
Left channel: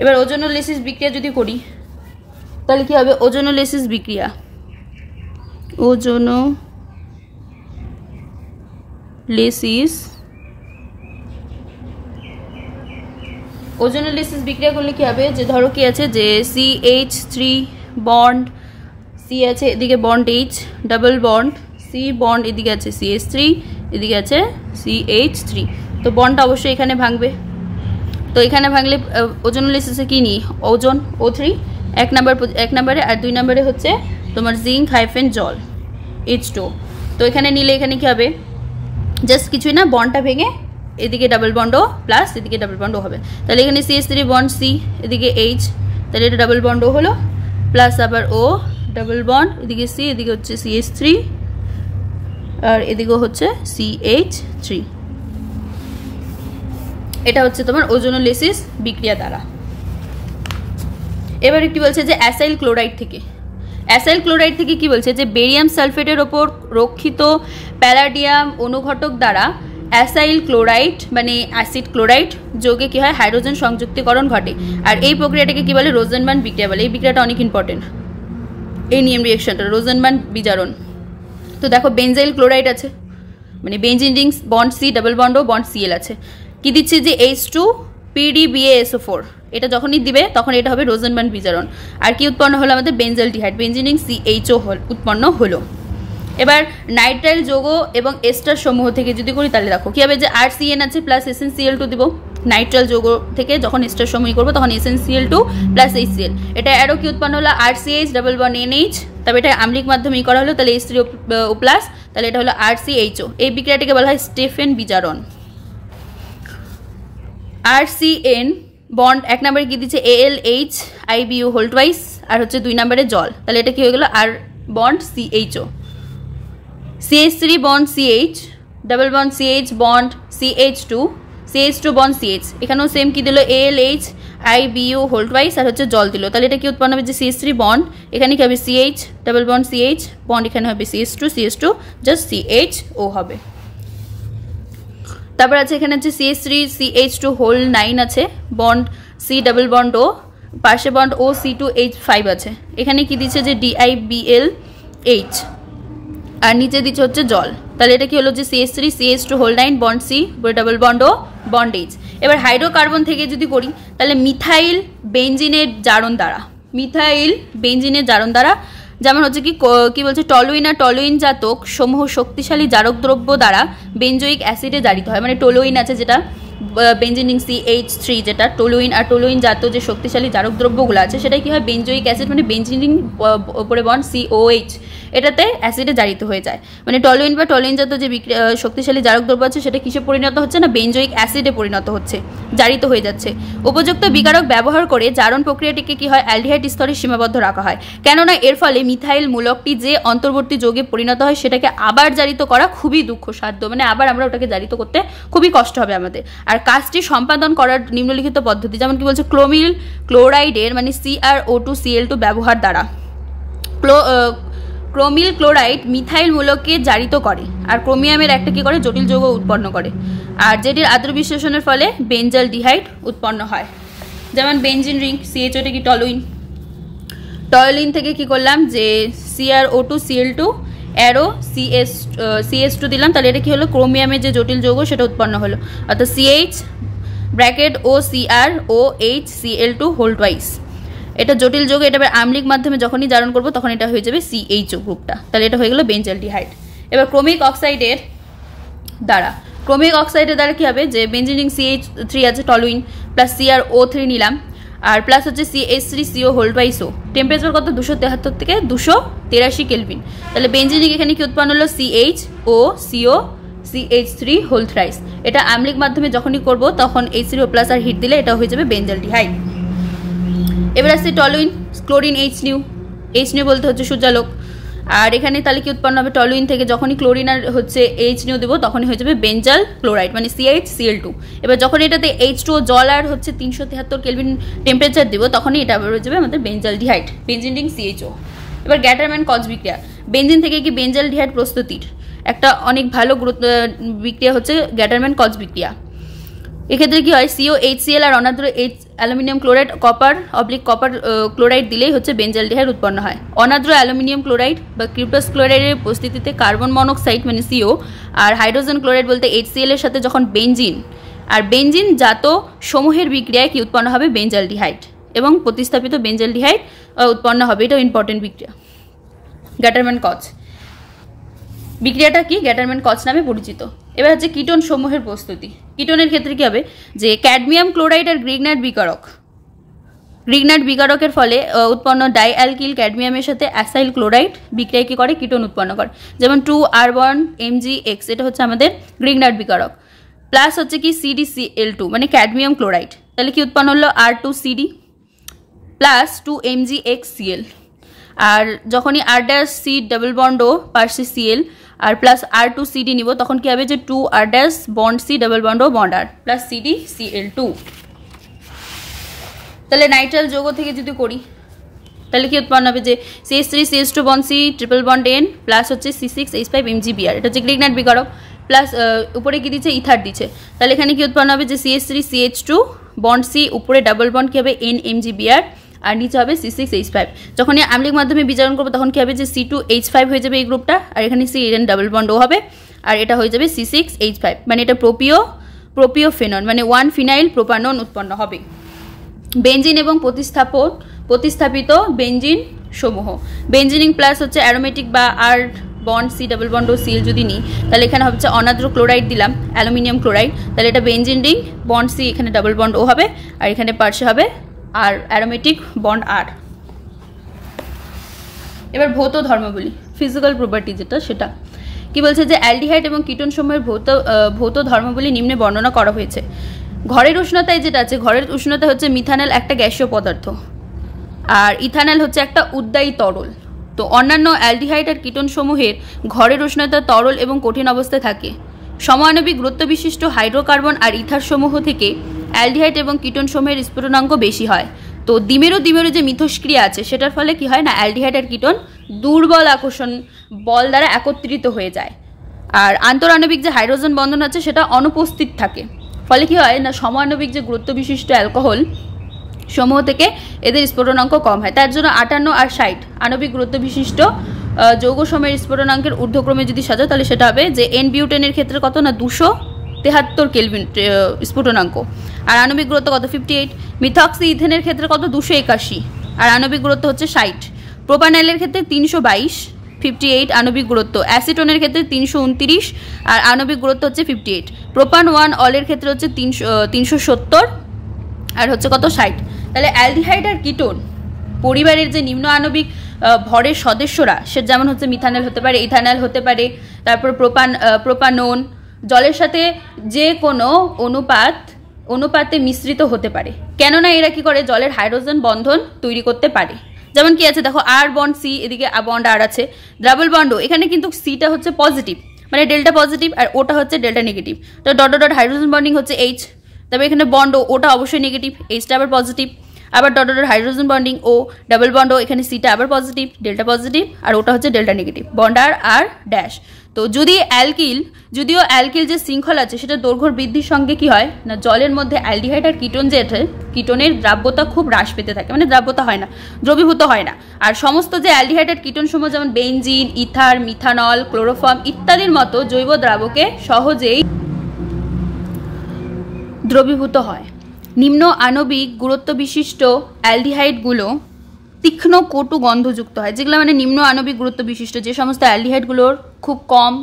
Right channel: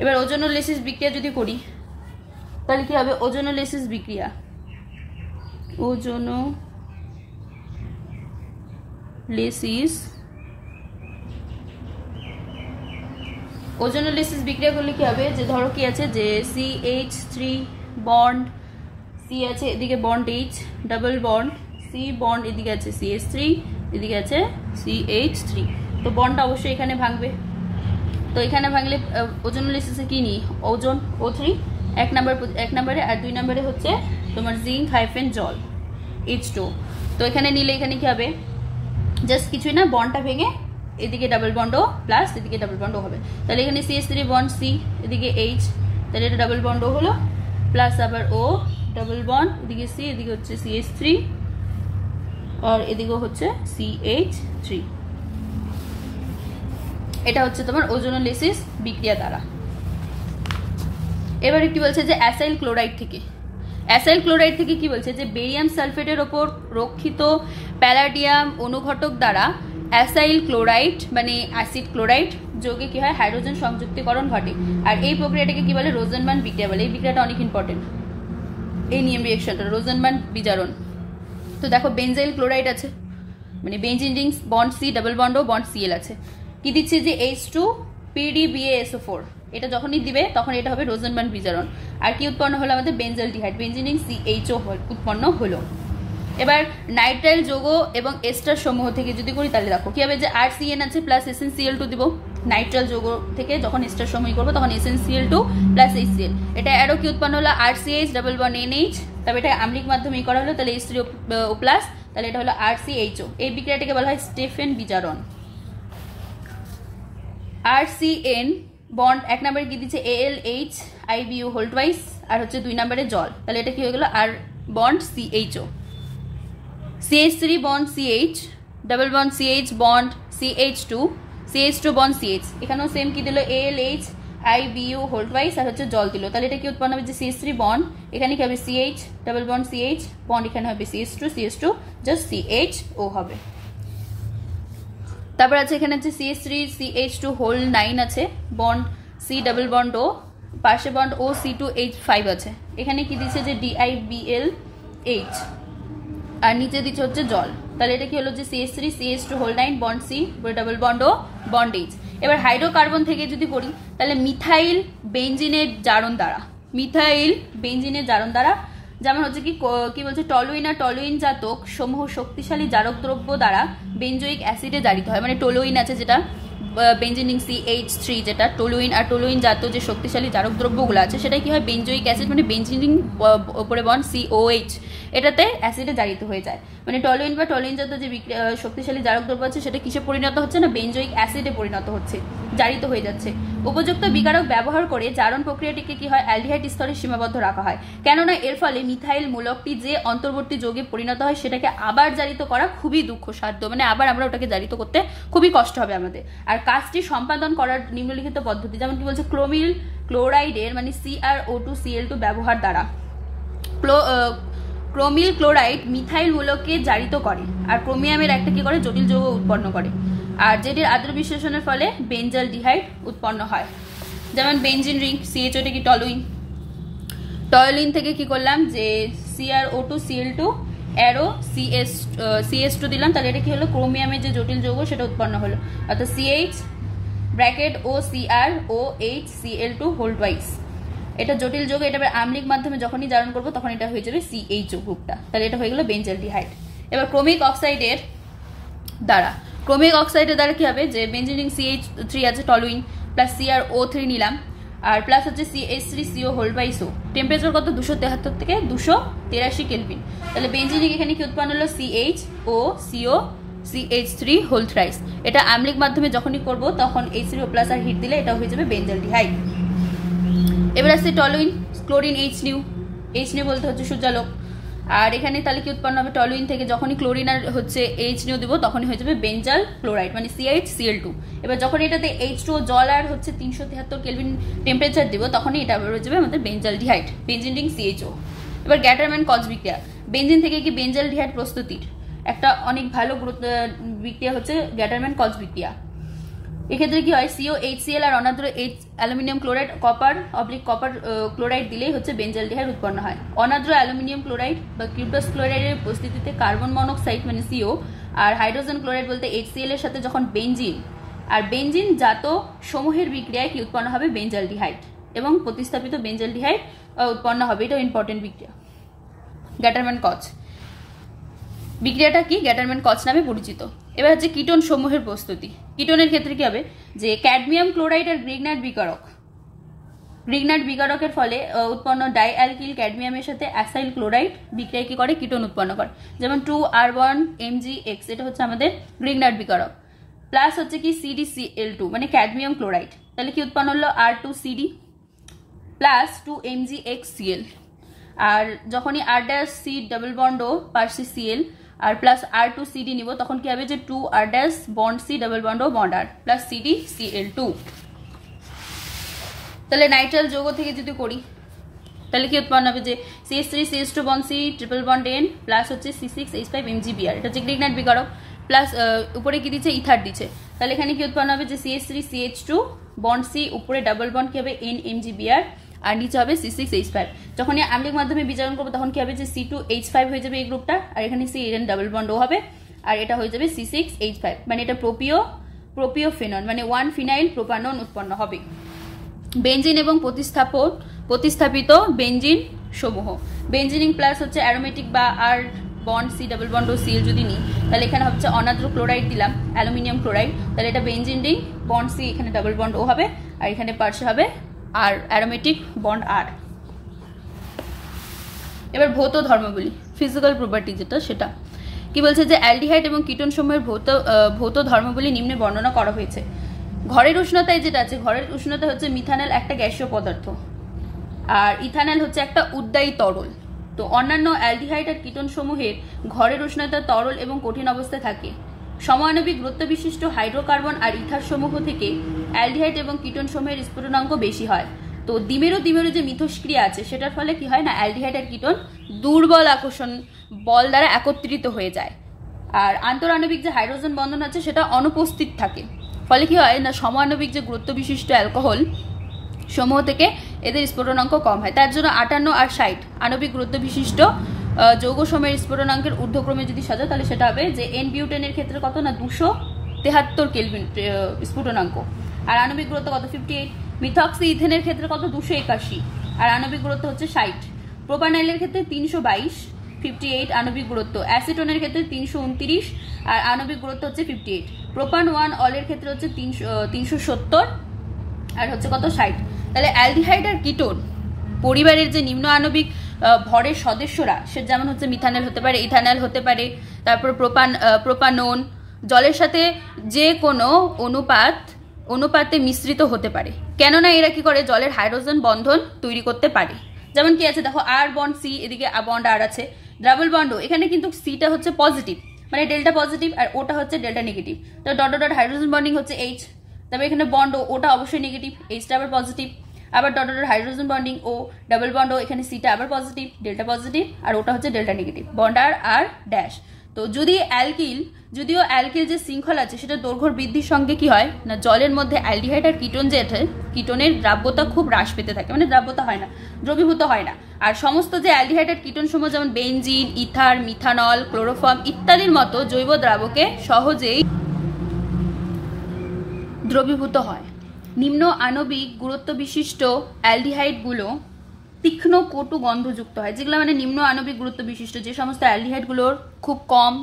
এবার ওজোনোলিসিস বিক্রিয়া যদি করি তাহলে কি হবে, ওজোনোলিসিস বিক্রিয়া করলে কি হবে যে ধরো কি আছে যে CH3 বন্ড C আছে, এদিকে bond H double bond C bond, এদিকে আছে CH3 এদিকে আছে CH3, তো বন্ডটা অবশ্যই এখানে ভাঙবে। তো এখানে ভাঙলে ওজোনোলিসিসে কি নিই ওজন O3 এক নম্বরে আর 2 নম্বরে হচ্ছে তোমার জিঙ্ক হাইফেন জল H2। তো এখানে নিলে এখানে কি হবে জাস্ট কিছুই না, বন্ডটা ভেঙে এদিকে ডাবল বন্ড O প্লাস এদিকে ডাবল বন্ড O হবে। তাহলে এখানে CH3 বন্ড C এদিকে H, তাহলে এটা ডাবল বন্ড O হলো প্লাস আবার O ডাবল বন্ড এদিকে C এদিকে হচ্ছে CH3 আর এদিকে হচ্ছে CH3। এটা হচ্ছে তোমার ওজোনোলিসিস বিক্রিয়া দ্বারা। এবারে কি বলছে যে অ্যাসাইল ক্লোরাইড থেকে কি বলছে যে বেরিয়াম সালফেটের ওপর রক্ষিত প্যালাডিয়াম অনুঘটক দ্বারা অ্যাসাইল ক্লোরাইড মানে অ্যাসিড ক্লোরাইড যোগে কি হয় হাইড্রোজেন সংযুক্তিকরণ ঘটে। আর এই প্রক্রিয়াটাকে কি বলে রোজেনবার্ন বিক্রিয়া বলে। এই বিক্রিয়াটা অনেক ইম্পর্টেন্ট, এই নিয়ম রিঅ্যাকশনটা রোজেনবার্ন বিজারণ। তো দেখো বেনজাইল ক্লোরাইড আছে মানে benzene Rings bond C double bond O bond Cl আছে, কি দিচ্ছে যে H2 PDBaSO4, এটা যখনই দিবে তখন এটা হবে রোজেনবার্ন বিজারণ। আর কি উৎপন্ন হলো আমাদের বেনজালডিহাইড বেনজিন রিং CHO উৎপন্ন হলো। এবার নাইট্রাইল যৌগ এবং এস্টার সমূহ থেকে যদি করি তাহলে দেখো কি হবে যে RCN আছে প্লাস SnCl2 দিব। নাইট্রাইল যৌগ থেকে যখন এস্টার সমূহ করবো তখন SnCl2 প্লাস HCl, এটা আরও কি উৎপন্ন হলো RCH ডাবল বন্ড NH, তবে এটা আম্লিক মাধ্যমে করা হলো তাহলে H3O প্লাস, তাহলে এটা হলো RCHO। এই বিক্রিয়াটিকে বলা হয় স্টেফেন বিজারণ। RCN বন্ড এক নম্বরে কি দিচ্ছে ALH IBU হোল টুয়াইস আর হচ্ছে 2 নম্বরে জল, তাহলে এটা কি হয়ে গেল R bond CHO। CH3 bond CH double bond CH bond CH2 CH2 bond CH, এখানেও সেম কি দিল ALH IBU হোল টুয়াইস আর হচ্ছে জল দিল, তাহলে এটা কি উৎপন্ন হবে যে CH3 বন্ড, এখানে কি হবে CH double bond CH bond, এখানে হবে CH2 জাস্ট CHO হবে। তারপর আছে এখানে হচ্ছে CH3 CH2 হোল 9 আছে, bond C double bond O, পাশে বন্ড O C2H5 আছে, এখানে কি দিচ্ছে যে DIBLH আর নিচে দিচ্ছে হচ্ছে জল, তাহলে এটা কি হলো যে CH3 CH2 whole 9 bond C double bond O bond H। এবার হাইড্রোকার্বন থেকে যদি করি তাহলে মিথাইল বেঞ্জিনের জারণ দ্বারা, যেমন হচ্ছে কি বলছে টলুইন আর টলুইন জাতক সমূহ শক্তিশালী জারক দ্রব্য দ্বারা বেঞ্জোইক অ্যাসিডে জারিত হয়, মানে টলুইন আছে যেটা বেঞ্জিন রিং CH3, যেটা টলুইন আর টলুইন জাতীয় যে শক্তিশালী জারক দ্রব্যগুলো আছে সেটা কি হয় বেঞ্জোইক অ্যাসিড, মানে বেঞ্জিন রিং উপরে বন্ড COH, এটাতে অ্যাসিডে জারিত হয়ে যায়, মানে টলুইন বা টলুইন জাতীয় যে শক্তিশালী জারক দ্রব্য আছে সেটা কিসে পরিণত হচ্ছে না বেঞ্জোইক অ্যাসিডে পরিণত হচ্ছে, জারিত হয়ে যাচ্ছে। উপযুক্ত বিকারক ব্যবহার করে জারণ প্রক্রিয়াটিকে কি হয় অ্যালডিহাইড স্তরে সীমাবদ্ধ রাখা হয়, কেননা এর ফলে মিথাইল মূলকটি যে অন্তর্বর্তী যৌগে পরিণত হয় সেটাকে আবার জারিত করা খুবই দুঃখসাধ্য, মানে আবার আমরা ওটাকে জারিত করতে খুবই কষ্ট হবে আমাদের। আর কাজটি সম্পাদন করার নিম্নলিখিত পদ্ধতি, যেমন কি বলছে ক্রোমিল ক্লোরাইডের মানে CrO2Cl2 ব্যবহার দ্বারা ক্রোমিল ক্লোরাইড মিথাইল মূলককে জারিত করে আর ক্রোমিয়ামের একটা কি করে জটিল যৌগ উৎপন্ন করে, আর যেটির আদ্র বিশ্লেষণের ফলে বেঞ্জালডিহাইড উৎপন্ন হয়। যেমন বেঞ্জিন রিং CHO টা কি টলুইন থেকে কি করলাম যে CrO2Cl2 অ্যারো CH2 দিলাম, তাহলে এটা কি হলো ক্রোমিয়ামের যে জটিল যৌগ সেটা উৎপন্ন হলো, অর্থাৎ CH bracket OCrOHCl2 whole twice, এটা জটিল যৌগ, এটা আম্লিক মাধ্যমে যখনই জারণ করব তখন এটা হয়ে যাবে CHO গ্রুপটা, তাহলে এটা হয়ে গেল বেঞ্জালডিহাইড। এবার ক্রোমিক অক্সাইডের দ্বারা কি হবে যে বেঞ্জিন রিং CH3 আছে টলুইন প্লাস CrO3 নিলাম আর প্লাস হচ্ছে CH3CO whole twice O, temperature কত 273 থেকে 283 কেলভিন, তাহলে বেঞ্জিন রিং এখানে কি উৎপন্ন হলো CHO CH3 হোল থ্রাইস, এটা আম্লিক মাধ্যমে যখনই করব তখন H3O প্লাস আর হিট দিলে এটা হয়ে যাবে বেঞ্জালডিহাইড। এবার আসছে টলুইন ক্লোরিন H বলতে হচ্ছে সূর্যালোক, আর এখানে তাহলে কি উৎপন্ন হবে টলুইন থেকে যখনই ক্লোরিন আর হচ্ছে H দেবো তখনই হয়ে যাবে বেঞ্জাল ক্লোরাইড মানে CHCl2। এবার যখন এটাতে H2O জল আর হচ্ছে 373 কেলভিন টেম্পারেচার দেবো তখনই এটা হয়ে যাবে আমাদের বেঞ্জালডিহাইড বেঞ্জিন রিং CHO। এবার গ্যাটারম্যান কজ বিক্রিয়া, বেঞ্জিন থেকে কি বেঞ্জালডিহাইড প্রস্তুতির একটা অনেক ভালো বিক্রিয়া হচ্ছে গ্যাটারম্যান কজ বিক্রিয়া। এক্ষেত্রে কি হয় COHCl আর অনাদ্র অ্যালুমিনিয়াম ক্লোরাইড কপার ক্লোরাইড দিলেই হচ্ছে বেঞ্জালডিহাইড উৎপন্ন হয়। অনাদ্র অ্যালুমিনিয়াম ক্লোরাইড বা কিউপাস ক্লোরাইডের উপস্থিতিতে কার্বন মনোক্সাইড মানে CO আর হাইড্রোজেন ক্লোরাইড বলতে HCl এর সাথে যখন বেঞ্জিন জাত সমূহের বিক্রিয়ায় কি উৎপন্ন হবে বেঞ্জালডিহাইড এবং প্রতিস্থাপিত বেঞ্জালডিহাইড উৎপন্ন হবে, এটাও ইম্পর্টেন্ট বিক্রিয়া। গ্যাটারম্যান কজ বিক্রিয়াটা কি গ্যাটারম্যান কজ নামে পরিচিত। এবার হচ্ছে কিটোন সমূহের প্রস্তুতি। কিটোনের ক্ষেত্রে কি হবে যে ক্যাডমিয়াম ক্লোরাইড আর গ্রিগনাইট বিকারকের ফলে উৎপন্ন ডাইঅ্যালকিল ক্যাডমিয়ামের সাথে অ্যাসাইল ক্লোরাইড বিক্রিয়া কি করে কিটোন উৎপন্ন করে, যেমন 2R1MgX এটা হচ্ছে আমাদের গ্রিগনাইট বিকারক, প্লাস হচ্ছে কি CdCl2 মানে ক্যাডমিয়াম ক্লোরাইড, তাহলে কি উৎপন্ন হলো R2CD প্লাস 2MgXCl, আর যখনই R' C double bond O পার্সে Cl আর প্লাস R2CD নিব তখন কি হবে যে 2R' bond C double bond O bond R plus CdCl2। তাহলে নাইট্রাইল যৌগ থেকে যদি করি তাহলে কি উৎপন্ন হবে যে CH3 CH2 bond C triple bond N plus হচ্ছে C6H5MgBr, এটা হচ্ছে গ্রিগনাইট বিকারক, প্লাস উপরে কি দিচ্ছে ইথার দিচ্ছে, তাহলে এখানে কি উৎপন্ন হবে যে CH3 CH2 বন্ড C উপরে ডাবল বন্ড কি হবে NMgBr আর নিচে হবে C6H5, যখন এই আম্লিক মাধ্যমে বিজারণ করবো তখন কি হবে যে C2H5 হয়ে যাবে এই গ্রুপটা আর এখানে CN ডাবল বন্ড O হবে আর এটা হয়ে যাবে C6H5, মানে এটা প্রোপিওফেনন মানে 1 ফিনাইল প্রোপানন উৎপন্ন হবে। বেঞ্জিন এবং প্রতিস্থাপিত বেঞ্জিন সমূহ, বেঞ্জিনিং প্লাস হচ্ছে অ্যারোমেটিক বা R bond C double bond O Cl যদি নিই তাহলে এখানে হচ্ছে অনাদ্র ক্লোরাইড দিলাম অ্যালুমিনিয়াম ক্লোরাইড, তাহলে এটা বেঞ্জিন রিং বন্ড C এখানে ডাবল বন্ড O হবে আর এখানে পার্শ্বে হবে আর অ্যারোমেটিক বন্ড R। এবার ভৌত ধর্মাবলী ফিজিক্যাল প্রপার্টি যেটা সেটা কি বলছে যে অ্যালডিহাইড এবং কিটোন সমূহের ভৌত ধর্মাবলী নিম্নে বর্ণনা করা হয়েছে। ঘরের উষ্ণতায় যেটা আছে, ঘরের উষ্ণতা হচ্ছে মিথানল একটা গ্যাসীয় পদার্থ আর ইথানল হচ্ছে একটা উদ্বায়ী তরল। তো অন্যান্য অ্যালডিহাইড আর কিটোন সমূহের ঘরের উষ্ণতা তরল এবং কঠিন অবস্থায় থাকে, সমাণবিক গুরুত্ব বিশিষ্ট হাইড্রোকার্বন আর ইথার সমূহ থেকে অ্যালডিহাইড এবং কিটোন সমূহের স্ফুটনাঙ্ক বেশি হয়। তো দ্বিমেরু যে মিথস্ক্রিয়া আছে সেটার ফলে কি হয় না, অ্যালডিহাইড আর কিটোন দুর্বল আকর্ষণ বল দ্বারা একত্রিত হয়ে যায়। আর আন্তরাণবিক যে হাইড্রোজেন বন্ধন আছে সেটা অনুপস্থিত থাকে। ফলে কি হয় না, সমাণবিক যে গুরুত্ব বিশিষ্ট অ্যালকোহল সমূহ থেকে এদের স্ফুটনাঙ্ক কম হয়। তার জন্য 58 আর 60 আণবিক গুরুত্ব বিশিষ্ট যৌগ সমূহের স্ফুটনাঙ্কের ঊর্ধ্বক্রমে যদি সাজাও তাহলে সেটা হবে যে এন বিউটেনের ক্ষেত্রে কত না 273 কেলভিন স্ফুটনাঙ্ক, আর আণবিক গুরুত্ব কত 58। মিথক্সি ইথেনের ক্ষেত্রে কত 281, আর আণবিক গুরুত্ব হচ্ছে 60। প্রোপানাইলের ক্ষেত্রে 322 58 আণবিক গুরুত্ব। অ্যাসিটোনের ক্ষেত্রে 329 আর আণবিক গুরুত্ব হচ্ছে 58। প্রোপান 1 অলের ক্ষেত্রে হচ্ছে 370 আর হচ্ছে কত 60। তাহলে অ্যালডিহাইড আর কিটোন পরিবারের যে নিম্ন আণবিক ভরের সদস্যরা, সে যেমন হচ্ছে মিথানল হতে পারে, ইথানল হতে পারে, তারপর প্রোপানোন জলের সাথে যে কোনো অনুপাতে মিশ্রিত হতে পারে। কেননা এরা কি করে, জলের হাইড্রোজেন বন্ধন তৈরি করতে পারে। যেমন কি আছে দেখো, আর বন্ড সি, এদিকে বন্ড আর আছে, ডাবল বন্ডও এখানে কিন্তু সিটা হচ্ছে পজিটিভ, মানে ডেল্টা পজিটিভ, আর ওটা হচ্ছে ডেল্টা নেগেটিভ। তো ডট ডট হাইড্রোজেন বন্ডিং হচ্ছে এইচ, তবে এখানে বন্ড ওটা অবশ্যই নেগেটিভ, এইচটা আবার পজিটিভ। আবার dot dot hydrogen bonding O double bond ও, এখানে সিটা আবার পজিটিভ, ডেল্টা পজিটিভ, আর ওটা হচ্ছে ডেল্টা নেগেটিভ, বন্ড আর ড্যাশ। তো যদিও অ্যালকিল যে শৃঙ্খল আছে সেটা দৈর্ঘ্য বৃদ্ধির সঙ্গে কি হয় না, জলের মধ্যে অ্যালডিহাইড আর কিটোন যে কিটোনের দ্রাব্যতা খুব হ্রাস পেতে থাকে, মানে দ্রাব্যতা হয় না, দ্রবীভূত হয় না। আর সমস্ত যে অ্যালডিহাইড আর কিটোন সমূহ যেমন বেনজিন, ইথার, মিথানল, ক্লোরোফর্ম ইত্যাদির মতো জৈব দ্রাবকে সহজেই দ্রবীভূত হয়। নিম্ন আণবিক গুরুত্ব বিশিষ্ট অ্যালডিহাইডগুলো তীক্ষ্ণ কটু গন্ধযুক্ত হয়। যেগুলো মানে নিম্ন আণবিক গুরুত্ব বিশিষ্ট যে সমস্ত অ্যালডিহাইডগুলোর খুব কম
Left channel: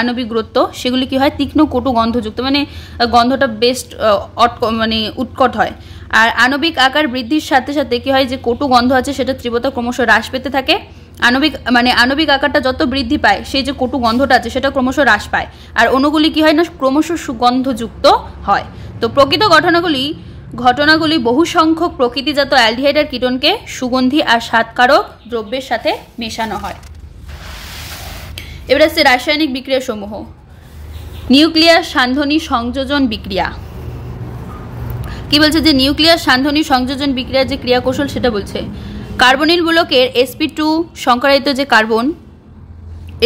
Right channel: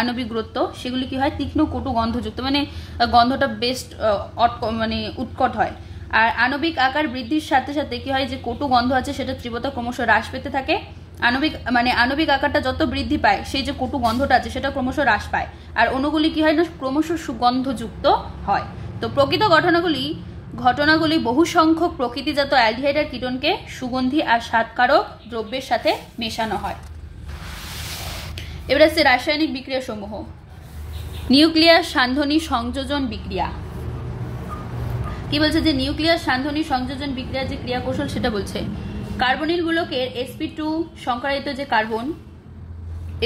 আণবিক গুরুত্ব, সেগুলি কি হয় তীক্ষ্ণ কটু গন্ধযুক্ত, মানে গন্ধটা বেস্ট মানে উৎকট হয়। আর আণবিক আকার বৃদ্ধির সাথে সাথে কি হয়, যে কটু গন্ধ আছে সেটা তীব্রতা ক্রমশ হ্রাস পেতে থাকে। আণবিক আকারটা যত বৃদ্ধি পায় সেই যে কটু গন্ধটা আছে সেটা ক্রমশ হ্রাস পায়, আর অণুগুলি কি হয় না, ক্রমশ সুগন্ধযুক্ত হয়। তো প্রকৃত ঘটনাগুলি বহু সংখ্যক প্রকৃতিজাত অ্যালডিহাইড আর কিটোনকে সুগন্ধি আর স্বাদকারক দ্রব্যের সাথে মেশানো হয়। এবার আছে রাসায়নিক বিক্রিয়া সমূহ। নিউক্লিয়াস সান্ধনী সংযোজন বিক্রিয়া। কি বলছে, যে নিউক্লিয়াস সান্ধনী সংযোজন বিক্রিয়ার যে ক্রিয়া কৌশল সেটা বলছে। কার্বনিল মূলকের sp2 সংকরায়িত যে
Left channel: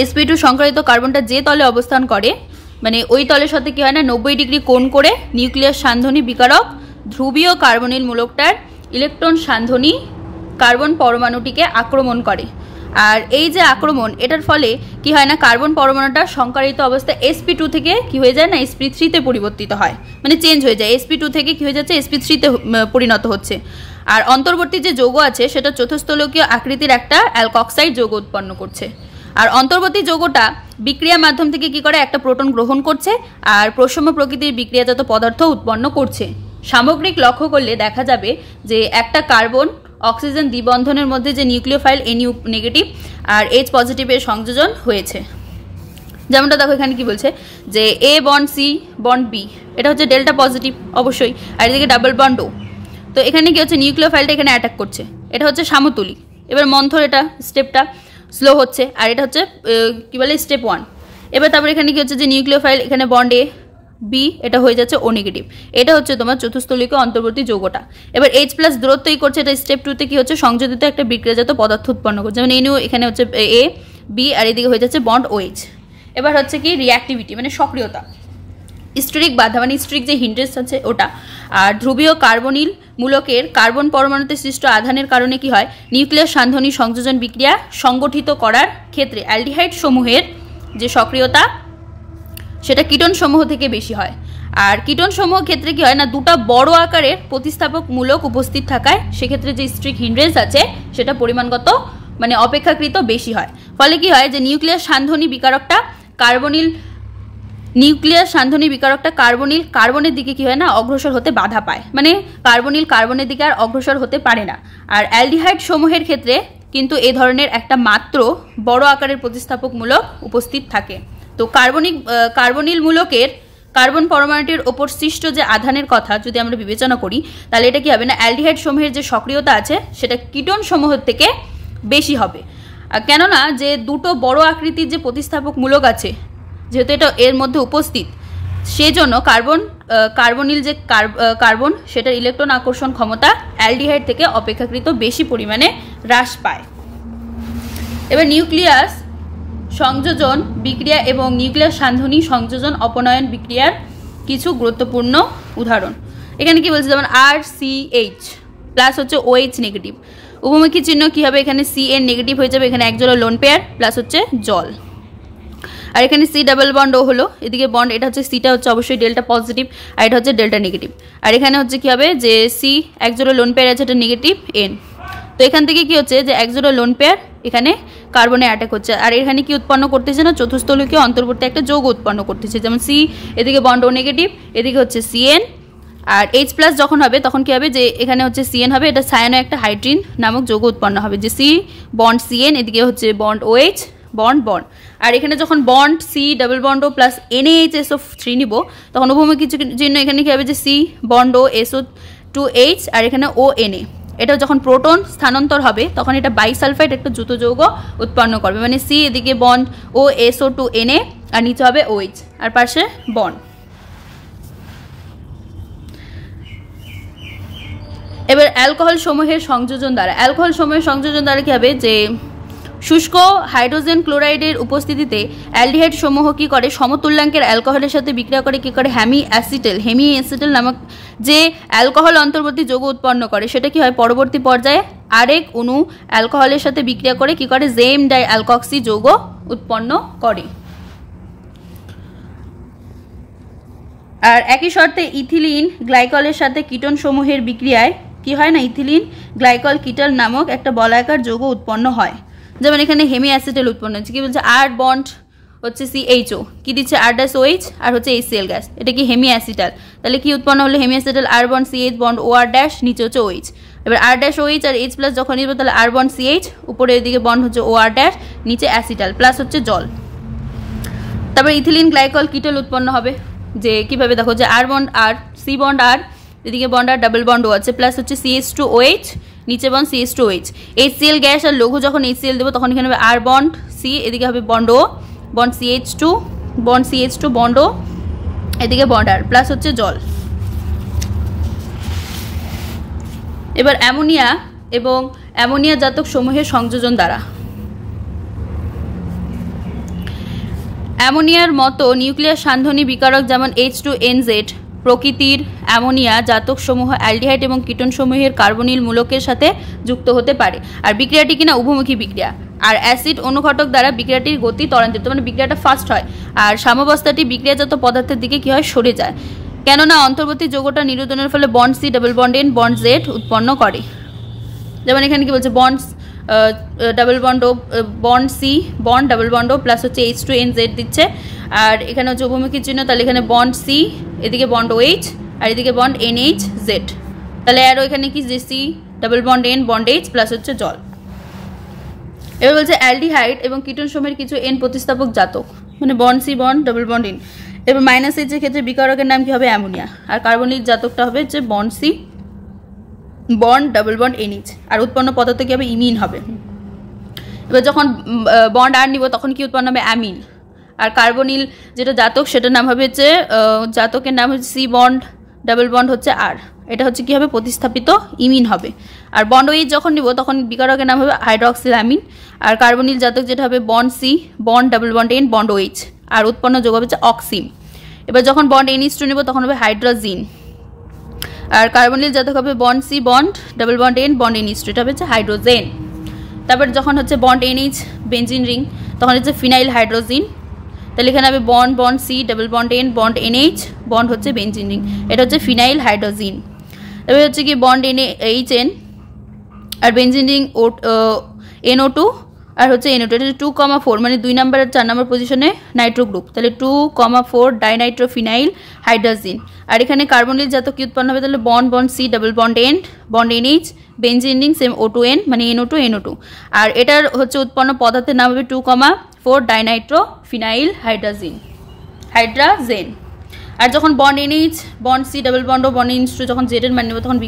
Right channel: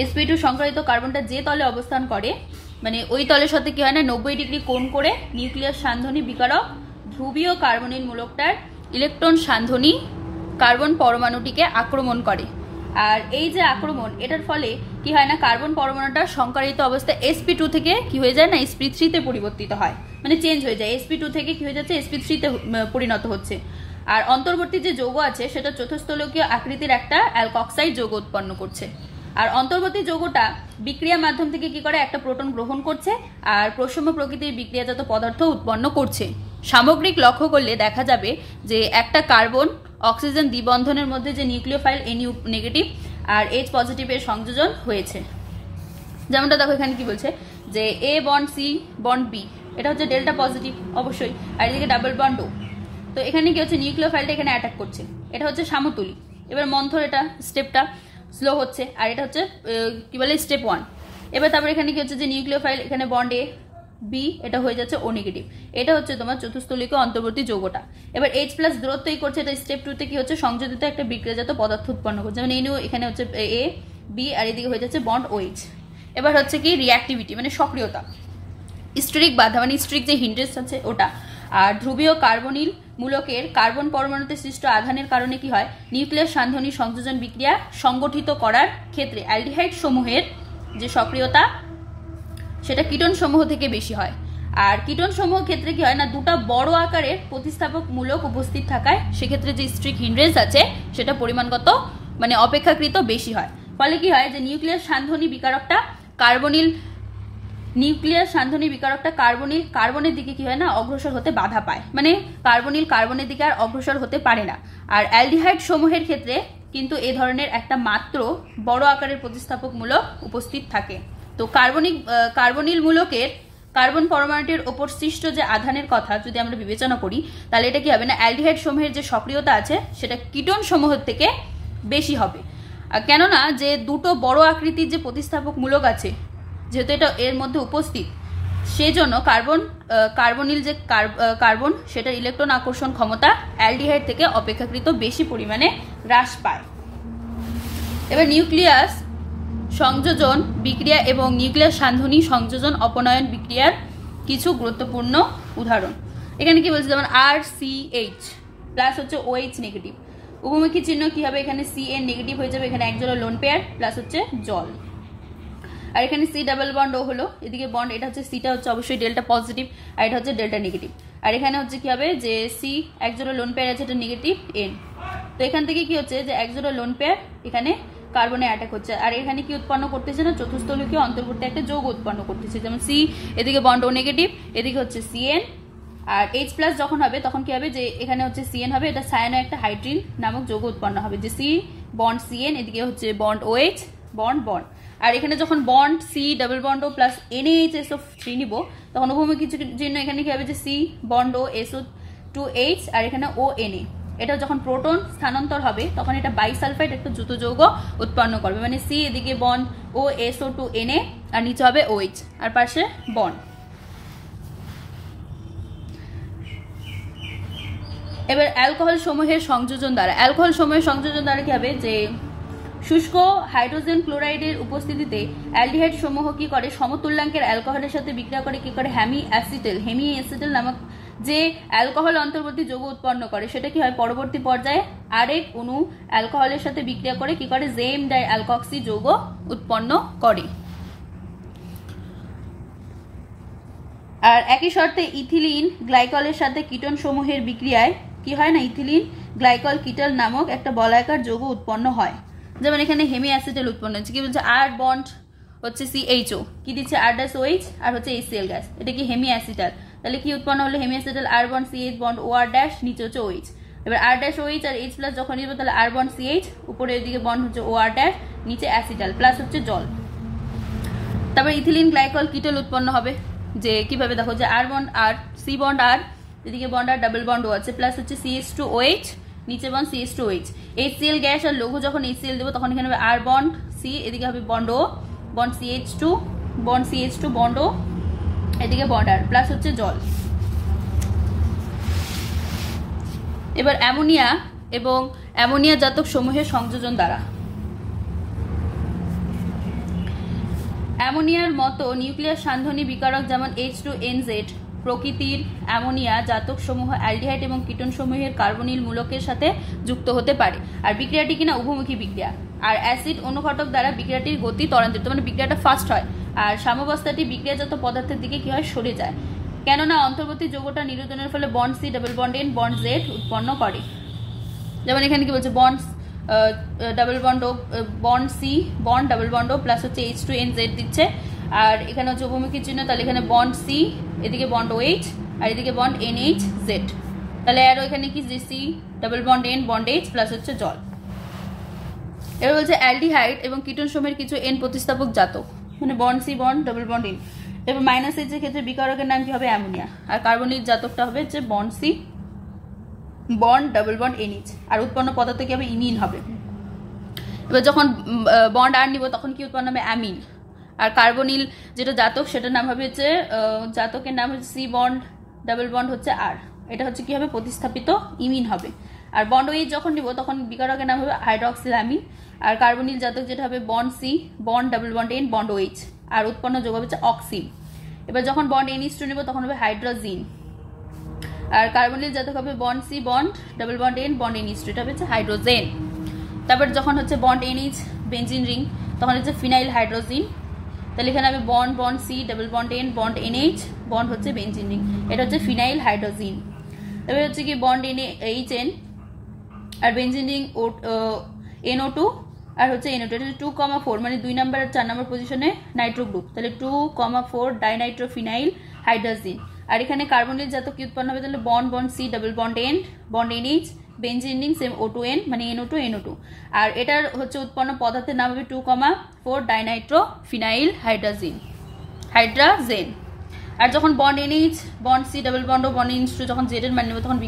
sp2 সংকরায়িত কার্বনটা যে তলে অবস্থান করে, মানে ওই তলের সাথে কি হয় না, 90 ডিগ্রি কোণ করে নিউক্লিয়াস সান্ধনী বিকারক ধ্রুবীয় কার্বনিল মূলকটার ইলেকট্রন সান্ধনী কার্বন পরমাণুটিকে আক্রমণ করে। আর এই যে আক্রমণ, এটার ফলে কি হয় না, কার্বন পরমাণুটা সংকরিত অবস্থায় sp2 থেকে কি হয়ে যায় না, sp3 তে পরিবর্তিত হয়, মানে চেঞ্জ হয়ে যায়। sp2 থেকে কি হয়ে যাচ্ছে, sp3 তে পরিণত হচ্ছে। আর অন্তর্বর্তী যে যৌগ আছে সেটা চতুস্থলকীয় আকৃতির একটা অ্যালকক্সাইড যৌগ উৎপন্ন করছে। আর অন্তর্বর্তী যৌগটা বিক্রিয়া মাধ্যম থেকে কি করে, একটা প্রোটন গ্রহণ করছে আর প্রসম প্রকৃতির বিক্রিয়াজাত পদার্থ উৎপন্ন করছে। সামগ্রিক লক্ষ্য করলে দেখা যাবে যে একটা কার্বন অক্সিজেন দ্বিবন্ধনের মধ্যে যে নিউক্লিওফাইল NU নেগেটিভ আর H পজিটিভের সংযোজন হয়েছে। যেমনটা দেখো এখানে কি বলছে, যে A bond C bond B, এটা হচ্ছে ডেল্টা পজিটিভ অবশ্যই, আর এদিকে ডাবল বন্ড O। তো এখানে কি হচ্ছে, নিউক্লিওফাইলটা এখানে অ্যাটাক করছে, এটা হচ্ছে সামতুলিক। এবার মন্থর এটা স্টেপটা স্লো হচ্ছে, আর এটা হচ্ছে কি বলে স্টেপ 1। এবার তারপর এখানে কি হচ্ছে, যে নিউক্লিওফাইল এখানে বন্ড A B, এটা হয়ে যাচ্ছে O নেগেটিভ। এটা হচ্ছে তোমার চতুস্থলিক অন্তর্বর্তী যৌগটা। এবার H প্লাস দূরত্বই করছে, এটা স্টেপ 2 তে কি হচ্ছে, সংযোজিত একটা বিক্রিয়াজাত পদার্থ উৎপন্ন করছে, যেমন NO এখানে হচ্ছে A B আর এদিকে হয়ে যাচ্ছে বন্ড OH। এবার হচ্ছে কি রিঅ্যাক্টিভিটি, মানে সক্রিয়তা, স্টেরিক বাধা মানে স্টেরিক যে হিন্ড্রেন্স আছে ওটা। আর ধ্রুবীয় কার্বনিল মূলকের কার্বন পরমাণুতে সৃষ্ট আধানের কারণে কি হয়, নিউক্লিয়াস সান্ধনী সংযোজন বিক্রিয়া সংগঠিত করার ক্ষেত্রে অ্যালডিহাইড সমূহের যে সক্রিয়তা সেটা কিটোন সমূহ থেকে বেশি হয়। আর কিটোন সমূহ ক্ষেত্রে কি হয় না, দুটা বড় আকারের প্রতিস্থাপক মূলক উপস্থিত থাকায় সেক্ষেত্রে যে স্ট্রিক হিন্ড্রেন্স আছে সেটা পরিমাণগত মানে অপেক্ষাকৃত বেশি হয়। ফলে কি হয়, যে নিউক্লিয়াস সান্ধনী বিকারকটা কার্বনের দিকে কি হয় না, অগ্রসর হতে বাধা পায়, মানে কার্বনের দিকে আর অগ্রসর হতে পারে না। আর অ্যালডিহাইড সমূহের ক্ষেত্রে কিন্তু এই ধরনের একটা মাত্র বড় আকারের প্রতিস্থাপক মূলক উপস্থিত থাকে। তো কার্বনিল মূলকের কার্বন পরমাণুটির ওপর সৃষ্ট যে আধানের কথা যদি আমরা বিবেচনা করি, তাহলে এটা কি হবে না, অ্যালডিহাইড সমূহের যে সক্রিয়তা আছে সেটা কিটোন সমূহের থেকে বেশি হবে। কেননা যে দুটো বড় আকৃতির যে প্রতিস্থাপক মূলক আছে, যেহেতু এটা এর মধ্যে উপস্থিত, সেই জন্য কার্বনিল যে কার্বন সেটার ইলেকট্রন আকর্ষণ ক্ষমতা অ্যালডিহাইড থেকে অপেক্ষাকৃত বেশি পরিমাণে হ্রাস পায়। এবার নিউক্লিয়াস সংযোজন বিক্রিয়া এবং নিউক্লিয়াস সান্ধনী সংযোজন অপনয়ন বিক্রিয়ার কিছু গুরুত্বপূর্ণ উদাহরণ। এখানে কি বলছে, যেমন RCH প্লাস হচ্ছে OH নেগেটিভ, উপমুখী চিহ্ন কি হবে, এখানে CN নেগেটিভ হয়ে যাবে, এখানে একজোড়া লোন পেয়ার প্লাস হচ্ছে জল। আর এখানে C ডাবল বন্ড ও হলো, এদিকে বন্ড, এটা হচ্ছে সিটা হচ্ছে অবশ্যই ডেল্টা পজিটিভ আর এটা হচ্ছে ডেল্টা নেগেটিভ। আর এখানে হচ্ছে কি হবে যে C একজোড়া লোন পেয়ার আছে, এটা নেগেটিভ N। তো এখান থেকে কি হচ্ছে যে একজোড়া লোন পেয়ার এখানে কার্বনে অ্যাটাক হচ্ছে, আর এখানে কি উৎপন্ন করতেছে না, চতুস্থলকীয় অন্তর্বর্তী একটা যৌগ উৎপন্ন করতেছে, যেমন C এদিকে বন্ড ও নেগেটিভ, এদিকে হচ্ছে CN। আর H প্লাস যখন হবে তখন কি হবে যে এখানে হচ্ছে CN হবে, এটা সায়ানো একটা হাইড্রিন নামক যৌগ উৎপন্ন হবে, যে C বন্ড CN, এদিকে হচ্ছে বন্ড OH বন্ড বন্ড। আর এখানে যখন bond C double bond O plus NaHSO3 নিব তখন উভমুখী চিহ্ন এখানে কি হবে যে C বন্ড ও SO2H আর এখানে ONA। এটা যখন প্রোটন স্থানান্তর হবে তখন এটা বাইসালফাইড একটা যৌগ যৌগ উৎপন্ন করবে, মানে C এদিকে বন্ড ও SO2Na আর নিচে হবে OH আর পাশে বন্ড। এবার অ্যালকোহল সমূহের সংযোজন দ্বারা কি হবে যে শুষ্ক হাইড্রোজেন ক্লোরাইডের উপস্থিতিতে অ্যালডিহাইড সমূহ কি করে, সমতুল্যাঙ্কের অ্যালকোহলের সাথে বিক্রিয়া করে কি করে, হেমি অ্যাসিটেল নামক যে অ্যালকোহল অন্তর্বর্তী যৌগ উৎপন্ন করে, সেটা কি হয় পরবর্তী পর্যায়ে আরেক অণু অ্যালকোহলের সাথে বিক্রিয়া করে কি করে, জেম ডাই অ্যালকক্সি যৌগ উৎপন্ন করে। আর একই শর্তে ইথিলিন গ্লাইকলের সাথে কিটোন সমূহের বিক্রিয়ায় কি হয় না, ইথিলিন গ্লাইকল কিটল নামক একটা বলয়াকার যৌগ উৎপন্ন হয়। যেমন এখানে হেমি অ্যাসিটেল উৎপন্ন হচ্ছে, কি বলছে আর বন্ড হচ্ছে CHO, কি দিচ্ছে R-OH আর হচ্ছে HCl গ্যাস, এটা কি হেমি অ্যাসিটাল, তাহলে কি উৎপন্ন হলো hemi acetal R bond CH bond OR dash, নিচে হচ্ছে OH। এবার R-OH আর H প্লাস যখন নিব তাহলে R বন্ড CH, উপরে এদিকে বন্ড হচ্ছে OR ড্যাশ, নিচে অ্যাসিটাল প্লাস হচ্ছে জল। তারপর ইথিলিন গ্লাইকল কিটল উৎপন্ন হবে, যে কিভাবে দেখো যে R bond R, C bond R, এদিকে বন্ড আর ডাবল বন্ড ও আছে, প্লাস হচ্ছে CH2OH, নিচে বন্ড CH2OH। HCl গ্যাস আর লঘু যখন HCl দেবো তখন এখানে হবে R বন্ড C, এদিকে হবে bond O, bond CH2 bond O, এদিকে বন্ড R প্লাস হচ্ছে জল। এবার অ্যামোনিয়া এবং অ্যামোনিয়া জাতক সমূহের সংযোজন দ্বারা, অ্যামোনিয়ার মতো নিউক্লিয়াস সান্ধনী বিকারক যেমন H2NZ প্রকৃতির অ্যামোনিয়া জাতক সমূহ অ্যালডিহাইড এবং কিটোন সমূহের কার্বনিল মূলকের সাথে যুক্ত হতে পারে। আর বিক্রিয়াটি কিনা উভমুখী বিক্রিয়া, আর অ্যাসিড অনুঘটক দ্বারা বিক্রিয়াটির গতি ত্বরান্বিত, মানে বিক্রিয়াটা ফাস্ট হয়, আর সাম্যাবস্থাটি বিক্রিয়াজাত পদার্থের দিকে কি হয়, সরে যায়, কেননা অন্তর্বর্তী যৌগটা নিরোধনের ফলে bond C double bond N bond Z উৎপন্ন করে। যেমন এখানে কি বলছে bond double bond O bond C bond double bond O plus হচ্ছে H2NZ দিচ্ছে, আর এখানে হচ্ছে উভমুখী চিহ্ন, তাহলে এখানে বন্ড C, এদিকে বন্ড OH আর এদিকে বন্ড NHZ, তাহলে আরও এখানে কি যে C double bond N bond H plus হচ্ছে জল। এবার বলছে অ্যালডিহাইড এবং কিটোন সমূহের কিছু N প্রতিস্থাপক জাতক, মানে bond C bond double bond N। এবার মাইনাস H এর ক্ষেত্রে বিকারকের নাম কি হবে, অ্যামোনিয়া, আর কার্বনিক জাতকটা হবে যে bond C bond double bond NH, আর উৎপন্ন পদার্থ কি হবে, ইমিন হবে। এবার যখন বন্ড আর নিব তখন কি উৎপন্ন হবে, অ্যামিন। আর কার্বনিল যেটা জাতক সেটার নাম হবে হচ্ছে জাতকের নাম হচ্ছে C বন্ড ডাবল বন্ড হচ্ছে R, এটা হচ্ছে কি হবে প্রতিস্থাপিত ইমিন হবে। আর বন্ড OH যখন নিব তখন বিকারকের নাম হবে হাইড্রক্সিল অ্যামিন। আর কার্বনিল জাতক যেটা হবে bond C bond double bond N bond OH, আর উৎপন্ন যোগ হবে হচ্ছে অক্সিম। এবার যখন বন্ড NH2 নিব তখন হবে হাইড্রোজিন। আর কার্বনিল জাতক হবে bond C bond double bond N bond NH2, এটা হচ্ছে হাইড্রোজেন। তারপর যখন হচ্ছে বন্ড NH বেঞ্জিন রিং তখন হচ্ছে ফিনাইল হাইড্রোজিন, তাহলে এখানে হবে bond bond C double bond N bond NH bond হচ্ছে বেঞ্জিন রিং, এটা হচ্ছে ফিনাইল হাইড্রোজিন। তারপরে হচ্ছে কি বন্ড NHN আর বেঞ্জিন রিং NO2 আর হচ্ছে NO2, এটা 2,4 মানে 2 নম্বর আর 4 নম্বর পজিশনে নাইট্রো গ্রুপ, তাহলে 2,4 ডাইনাইট্রোফিনাইল হাইড্রোজিন। আর এখানে কার্বনিল জাতক কি উৎপন্ন হবে, তাহলে bond bond C double bond N bond NH benzene ring same O2N মানে NO2 আর এটার হচ্ছে উৎপন্ন পদার্থের নাম হবে 2,4 ডাইনাইট্রোফিনাইল হাইড্রোজেন। আর যখন bond NH bond C double bond O bond NH2 যখন Z এর মান নেব তখন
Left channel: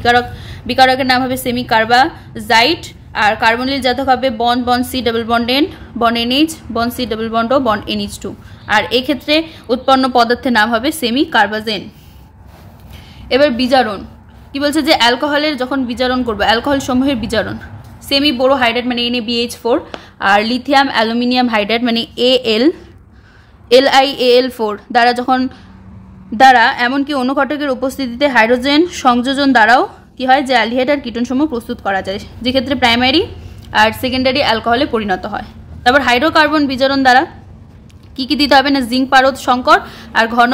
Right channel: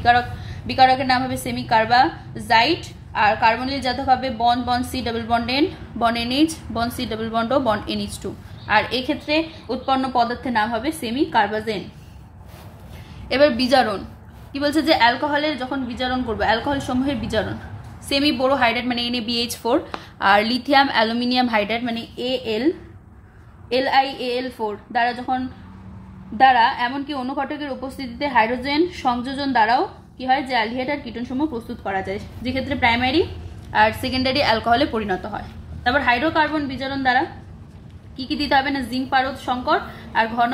বিকারকের নাম হবে সেমি কার্বাজাইট। আর কার্বনিল জাতক হবে bond bond C double bond N bond NH bond C double bond O bond NH2। আর এক্ষেত্রে উৎপন্ন পদার্থের নাম হবে সেমি কার্বাজেন। এবার বিজারণ কি বলছে যে অ্যালকোহলের যখন বিজারণ করবো, অ্যালকোহল সমূহের বিজারণ সেমি বোরো হাইড্রাইড মানে NaBH4 আর লিথিয়াম অ্যালুমিনিয়াম হাইড্রাইড মানে LiAl4 দ্বারা এমনকি অনুঘটকের উপস্থিতিতে হাইড্রোজেন সংযোজন দ্বারাও কি হয় যে অ্যালডিহাইড আর কিটোন সমূহ প্রস্তুত করা যায়, যেক্ষেত্রে প্রাইমারি আর সেকেন্ডারি অ্যালকোহলে পরিণত হয়। তারপর হাইড্রোকার্বন বিজারণ দ্বারা কি কি দিতে হবে না জিঙ্ক পারদ সংকর আর ঘন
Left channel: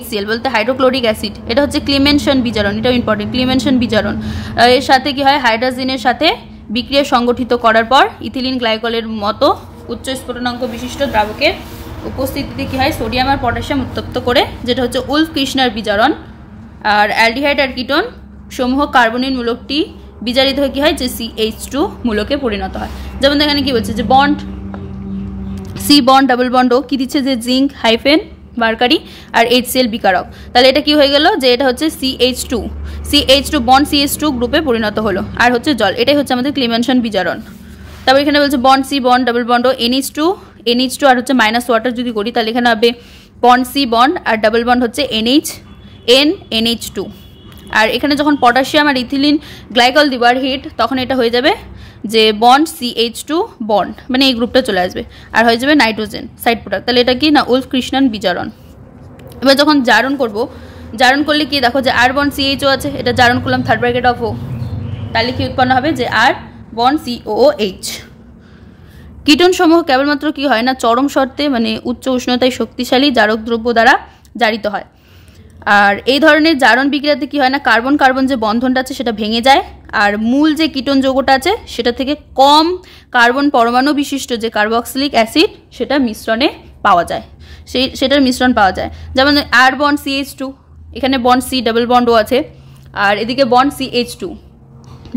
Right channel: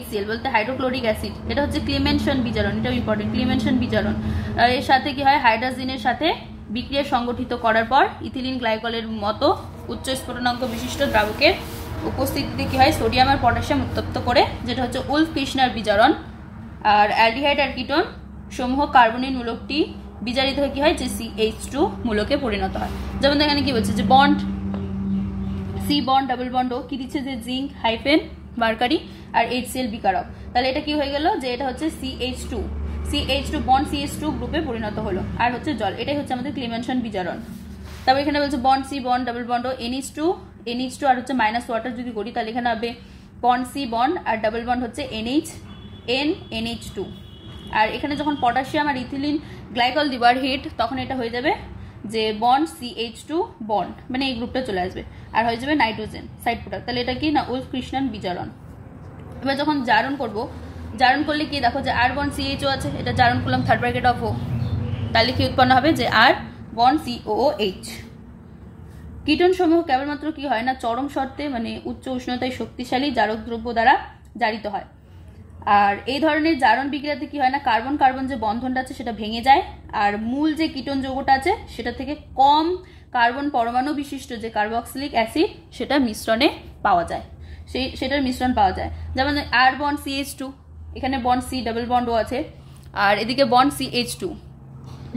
HCl বলতে হাইড্রোক্লোরিক অ্যাসিড, এটা হচ্ছে ক্লিমেনশন বিজারণ, এটাও ইম্পর্টেন্ট। ক্লিমেনশন বিজারণ এর সাথে কি হয় হাইড্রোজেনের সাথে বিক্রিয়া সংগঠিত করার পর ইথিলিন গ্লাইকলের মতো উচ্চ স্ফুটনাঙ্ক বিশিষ্ট দ্রাবকের উপস্থিতিতে কি হয় সোডিয়াম আর পটাশিয়াম উত্তপ্ত করে, যেটা হচ্ছে উলফ কৃষ্ণার বিজারণ। আর অ্যালডিহাইড আর কিটোন সমূহ কার্বনিন মূলকটি বিজারিত হয়ে কি হয় যে CH2 মূলকে পরিণত হয়। যেমন এখানে কি বলছে যে বন্ড সি বন্ড ডাবল বন্ডও কি দিচ্ছে যে জিঙ্ক হাইফেন মার্কারি আর HCl বিকারক, তাহলে এটা কি হয়ে গেল যে এটা হচ্ছে CH2 বন্ড CH2 গ্রুপে পরিণত হলো আর হচ্ছে জল, এটাই হচ্ছে আমাদের ক্লিমেনশন বিজারণ। তারপর এখানে বলছে bond C bond double bond NH2 আর হচ্ছে মাইনাস ওয়াটার যদি করি তাহলে এখানে হবে বন্ড সি বন্ড আর ডাবল বন্ড হচ্ছে NH2। আর এখানে যখন পটাশিয়াম আর ইথিলিন গ্লাইকল দিবার হিট তখন এটা হয়ে যাবে যে বন্ড CH2 বন্ড মানে এই গ্রুপটা চলে আসবে আর হয়ে যাবে নাইট্রোজেন সাইড প্রোডাক্ট, তাহলে এটা কি না উলফ কৃষ্ণান বিজারণ। এবার যখন জারণ করব, জারণ করলে কি দেখো যে আর বন্ড CHO আছে, এটা জারণ করলাম থার্ড ব্র্যাকেট অফ O, তাহলে কি উৎপন্ন হবে যে আর বন্ড COOH। কিটোন সমূহ কেবলমাত্র কি হয় না চরম শর্তে মানে উচ্চ উষ্ণতায় শক্তিশালী জারক দ্রব্য দ্বারা জারিত হয়। আর এই ধরনের জারণ বিক্রিয়াতে কি হয় না কার্বন কার্বন যে বন্ধনটা আছে সেটা ভেঙে যায় আর মূল যে কিটোন যৌগটা আছে সেটা থেকে কম কার্বন পরমাণু বিশিষ্ট যে কার্বক্সিলিক অ্যাসিড সেটা মিশ্রণে পাওয়া যায়, সেটার মিশ্রণ পাওয়া যায়। যেমন আর বন্ড CH2, এখানে বন্ড C ডাবল বন্ডও আছে আর এদিকে বন্ড CH2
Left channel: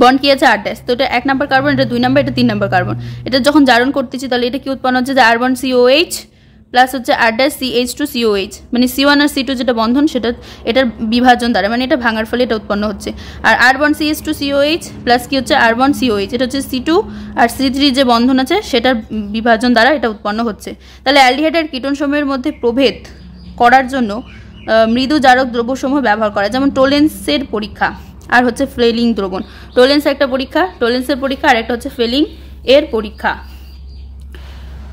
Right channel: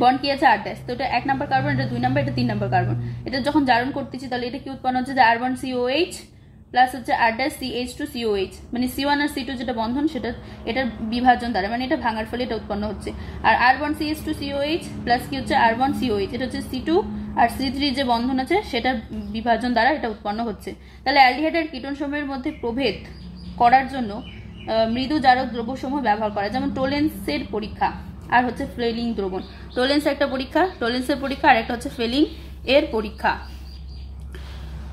বন্ড কি আছে আর ড্যাশ, তো এটা 1 নম্বর কার্বন, এটা 2 নম্বর, এটা 3 নম্বর কার্বন। এটা যখন জারণ করতেছি তাহলে এটা কি উৎপন্ন হচ্ছে যে আর বন্ড COH প্লাস হচ্ছে আর ড্যাশ CH2COH মানে C1 আর C2 যেটা বন্ধন সেটা এটার বিভাজন দ্বারা মানে এটা ভাঙার ফলে এটা উৎপন্ন হচ্ছে। আর আর বন্ড CH2COH প্লাস কি হচ্ছে আর বন্ড COH, এটা হচ্ছে C2 আর C3 যে বন্ধন আছে সেটার বিভাজন দ্বারা এটা উৎপন্ন হচ্ছে। তাহলে অ্যালডিহাইড আর কিটোন সমূহের মধ্যে প্রভেদ করার জন্য মৃদু জারক দ্রব্যসমূহ ব্যবহার করা, যেমন টোলেন্সের পরীক্ষা আর হচ্ছে ফ্লেলিং দ্রবণ। টোলেন্স একটা পরীক্ষা, টোলেন্সের পরীক্ষা আর একটা হচ্ছে ফ্লেলিং এর পরীক্ষা।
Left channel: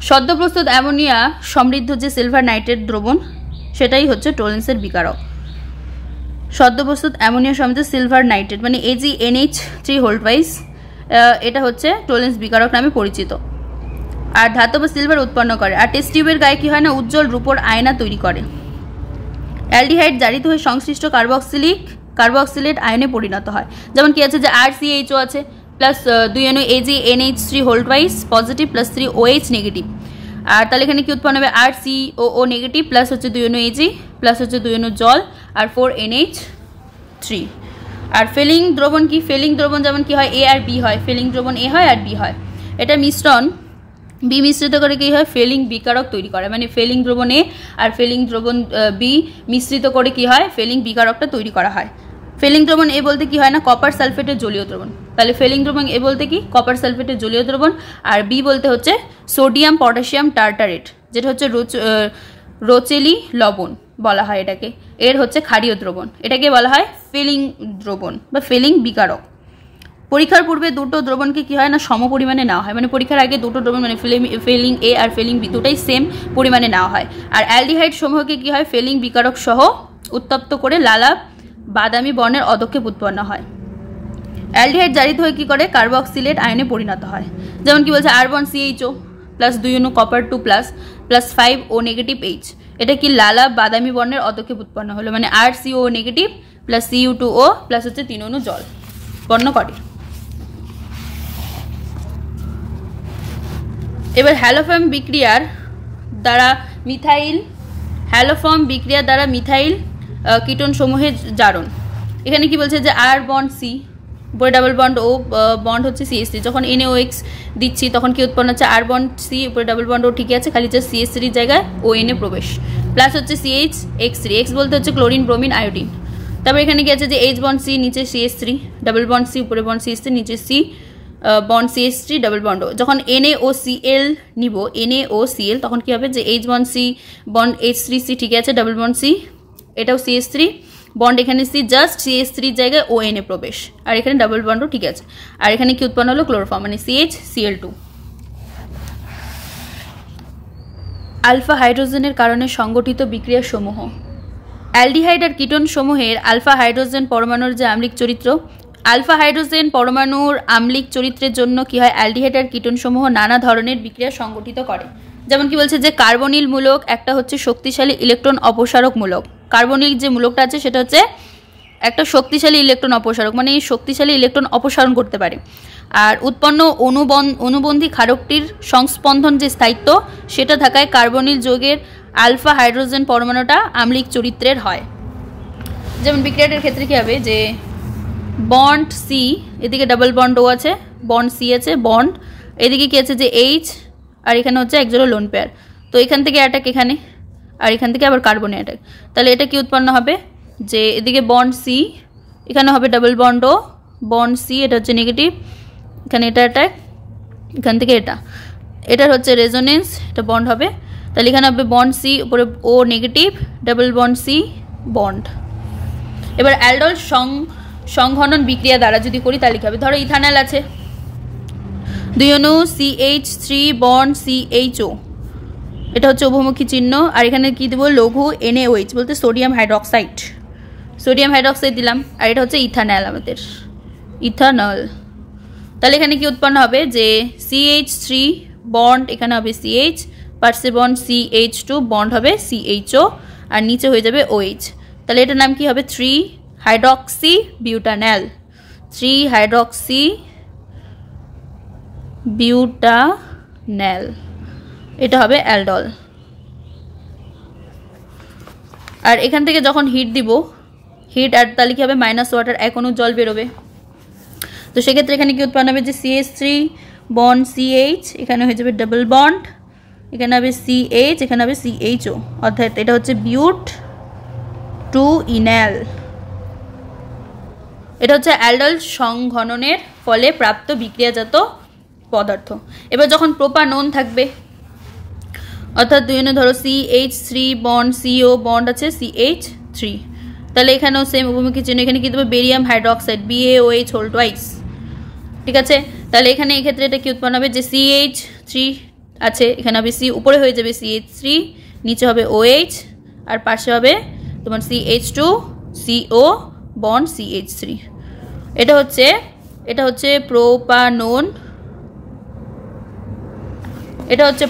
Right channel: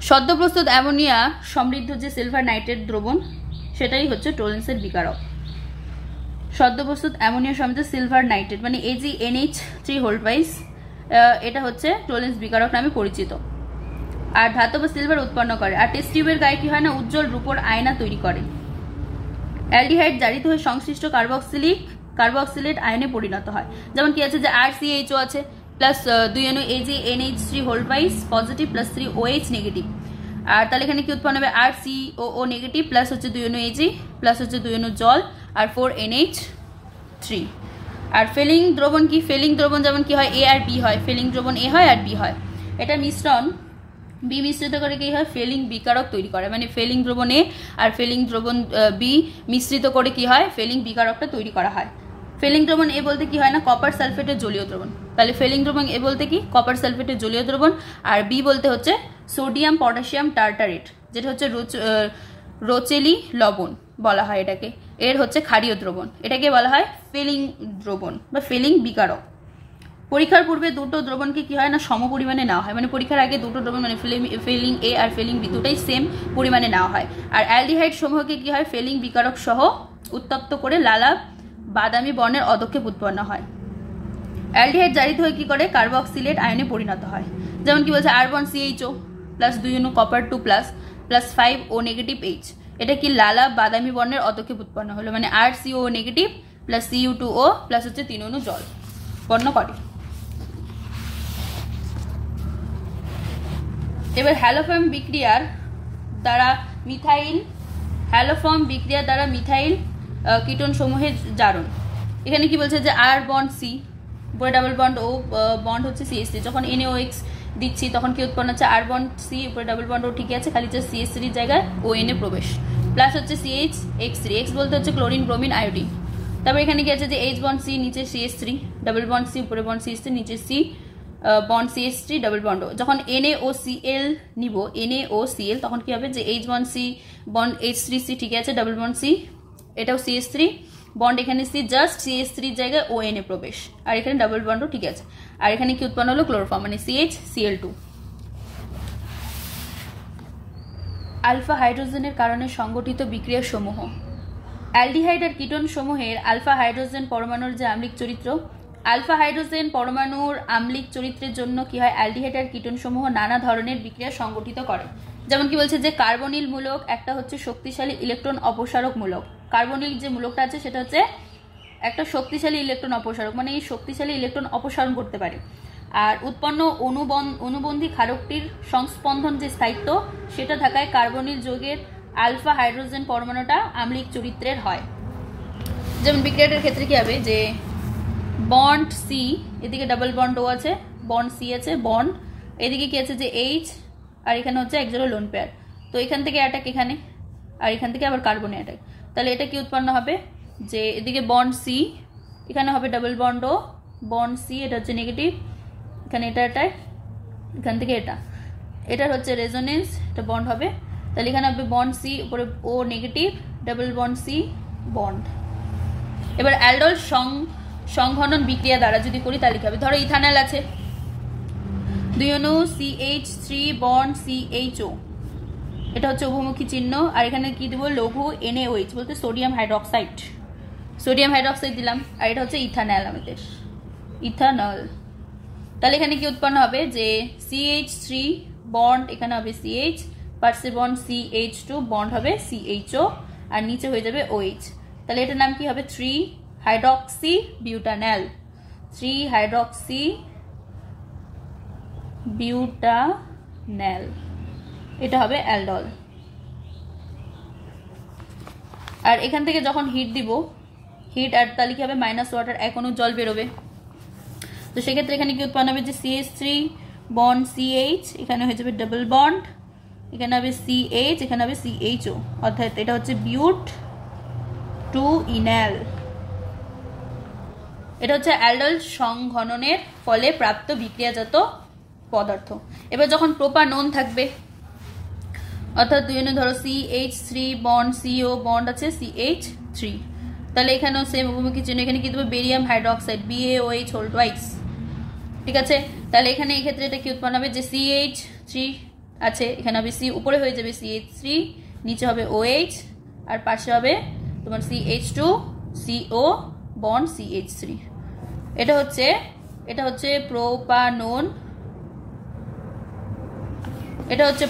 সদ্য প্রস্তুত অ্যামোনিয়া সমৃদ্ধ যে সিলভার নাইট্রেট দ্রবণ সেটাই হচ্ছে টোলেন্সের বিকারক। সদ্য প্রস্তুত অ্যামোনিয়া সমৃদ্ধ সিলভার নাইট্রেট মানে AgNH3 এটা হচ্ছে টোলেন্স বিকারক নামে পরিচিত। আর ধাতব সিলভার উৎপন্ন করে। আর টেস্ট টিউবের গায়ে কি হয় না উজ্জ্বল রূপোর আয়না তৈরি করে। অ্যালডিহাইড জারিত হয়ে সংশ্লিষ্ট কার্বক্সিলেট আয়নে পরিণত হয়। যেমন কি আছে যে RCHO আছে প্লাস 2 অণু AgNH3 positive plus 3 OH negative. আর তাহলে এখানে কি উৎপন্ন হবে RCOO নেগেটিভ প্লাস হচ্ছে 2 অণু Ag প্লাস হচ্ছে 2 অণু জল আর 4 NH3। আর ফেলিং দ্রবণ কি, ফেলিং দ্রবণ যেমন কি হয় A আর B হয়, ফেলিং দ্রবণ A হয় আর B হয়, এটা মিশ্রণ B মিশ্রিত করে কি হয় ফেলিং বিকারক তৈরি করে, মানে ফেলিং দ্রবণ A আর ফেলিং দ্রবণ B মিশ্রিত করে কি হয় ফেলিং বিকারকটা তৈরি করা হয়। ফেলিং দ্রবণ A বলতে কি হয় না কপার সালফেটের জলীয় দ্রবণ, তাহলে ফেলিং দ্রবণ A বলতে কি কপার সালফেটের জলীয় দ্রবণ আর B বলতে হচ্ছে সোডিয়াম পটাশিয়াম টার্টারেট যেটা হচ্ছে রোচেলি লবণ বলা হয় এটাকে, এর হচ্ছে ক্ষারীয় দ্রবণ, এটাকে বলা হয় ফেলিং দ্রবণ বা ফেলিং বিকারক। পরীক্ষার পূর্বে দুটো দ্রবণকে কি হয় না সম পরিমাণে নেওয়া হয়, মানে পরীক্ষার আগে দুটো দ্রবণ মানে ফেলিং A আর ফেলিং B দুটাই সেম পরিমাণে নেওয়া হয়। আর অ্যালডিহাইড সমূহকে কি হয় ফেলিং বিকারক সহ উত্তপ্ত করে লালা বাদামি বর্ণের অধক্ষেপ উৎপন্ন হয়। অ্যালডিহাইড জারিত হয়ে কি করে কার্বক্সিলেট আয়নে পরিণত হয়। যেমন কি বলছে আর বন্ড CHO প্লাস 2 অণু copper 2 plus 5 O negative H, এটা কি লালা বাদামি বর্ণের অধক্ষেপ উৎপন্ন হলো, মানে RCO negative plus Cu2O plus হচ্ছে 3 অণু জল বর্ণ করে। এবার হ্যালোফর্ম বিক্রিয়ার দ্বারা মিথাইল কিটোন সমূহের জারণ। এখানে কি বলছে যে আর বন্ড C উপরে ডাবল বন্ড O বন্ড হচ্ছে CH3, যখন NaOX দিচ্ছি তখন কি উৎপন্ন হচ্ছে আর বন্ড C উপরে ডাবল বন্ড O ঠিকই আছে, খালি হচ্ছে CH3 জায়গায় ONA প্রবেশ প্লাস হচ্ছে CHX3, X বলতে হচ্ছে ক্লোরিন ব্রোমিন আয়োডিন। তারপর এখানে কি আছে যে H বন্ড C নিচে CH3 ডাবল বন্ড C উপরে বন্ড CH3 নিচে C bond CH3 double bond যখন NaOCl নিব NaOCl তখন কি হবে যে H bond C bond H3C ঠিক আছে ডাবল বন্ড C এটাও CH3 বন্ড এখানে C জাস্ট CH3 জায়গায় ONA প্রবেশ আর এখানে ডাবল বন্ডও ঠিক আছে আর এখানে কি উৎপন্ন হলো ক্লোরোফর্ম মানে CHCl2 আলফা হাইড্রোজেনের কারণে সংগঠিত বিক্রিয়া সমূহ অ্যালডিহাইড আর কিটোন সমূহের আলফা হাইড্রোজেন পরমাণুর যে আম্লিক চরিত্র আলফা হাইড্রোজেন পরমাণুর আম্লিক চরিত্রের জন্য কি হয় অ্যালডিহাইড আর কিটোন সমূহ নানা ধরনের বিক্রিয়া সংগঠিত করে যেমন কি বলছে যে কার্বনিল মূলক একটা হচ্ছে শক্তিশালী ইলেকট্রন অপসারক মূলক কার্বনিল যে মূলকটা আছে সেটা হচ্ছে একটা শক্তিশালী ইলেকট্রন অপসারক মানে এই শক্তিশালী ইলেকট্রন অপসারণ করতে পারে আর উৎপন্ন অনুবন্ধী ক্ষারকটির সংস্পন্দন যে স্থায়িত্ব সেটা থাকায় কার্বনিল যৌগের আলফা হাইড্রোজেন পরমাণুটা আম্লিক চরিত্রের হয় যেমন বিক্রিয়াটার ক্ষেত্রে কি হবে যে বন্ড সি এদিকে ডাবল বন্ড ও আছে বন্ড সি আছে বন্ড এদিকে কি আছে যে এইচ আর এখানে হচ্ছে এক জোড়া লোন পেয়ার তো এখান থেকে অ্যাটাক এখানে আর এখান থেকে আবার কার্বনে অ্যাটাক তাহলে এটা কি উৎপন্ন হবে যে এদিকে বন্ড সি এখানে হবে double bond O bond C এটা হচ্ছে নেগেটিভ এখানে এটা অ্যাটাক এখান থেকে এটার হচ্ছে রেজোনেন্স এটা বন্ড হবে তাহলে এখানে হবে বন্ড সি উপরে O negative double bond C bond এবার অ্যালডল সংঘনন বিক্রিয়া দ্বারা যদি করি তাহলে কি হবে ধরো ইথানল আছে দুই অণু CH3 বন্ড CHO এটা হচ্ছে উভমুখী চিহ্ন আর এখানে কি দেব লঘু NaOH বলতে সোডিয়াম হাইড্রক্সাইড দিলাম আর এটা হচ্ছে ইথানল আমাদের ইথানল তাহলে এখানে কি উৎপন্ন হবে যে CH3 বন্ড এখানে হবে CH পার্শ্বে বন্ড CH2 বন্ড হবে CHO আর নিচে হয়ে যাবে OH তাহলে এটার নাম কি হবে 3 হাইড্রক্সি বিউটানল 3 হাইড্রক্সি বিউটানল এটা হবে অ্যালডল আর এখান থেকে যখন হিট দিব হিট আর তাহলে কি হবে মাইনাস ওয়াটার এক অণু জল বেরোবে তো সেক্ষেত্রে এখানে কি উৎপন্ন হবে যে CH3 বন্ড CH এখানে হয়ে যাবে ডাবল বন্ড এখানে হবে CH এখানে হবে CHO অর্থাৎ এটা হচ্ছে বিউট টু ইনাল এটা হচ্ছে অ্যালডল সংঘননের ফলে প্রাপ্ত বিক্রিয়াজাত পদার্থ এবার যখন প্রোপানন থাকবে অর্থাৎ দুই অণু ধরো CH3 বন্ড CO বন্ড আছে CH3 তাহলে এখানেও সেম উপমুখী চিহ্ন এখানে কি দেবো barium hydroxide BaOH whole twice ঠিক আছে তাহলে এখানে এই ক্ষেত্রে এটা কি উৎপন্ন হবে যে CH3 আছে এখানে হবে C উপরে হয়ে যাবে CH3 নিচে হবে OH আর পাশে হবে তোমার CH2 CO বন্ড CH3 এটা হচ্ছে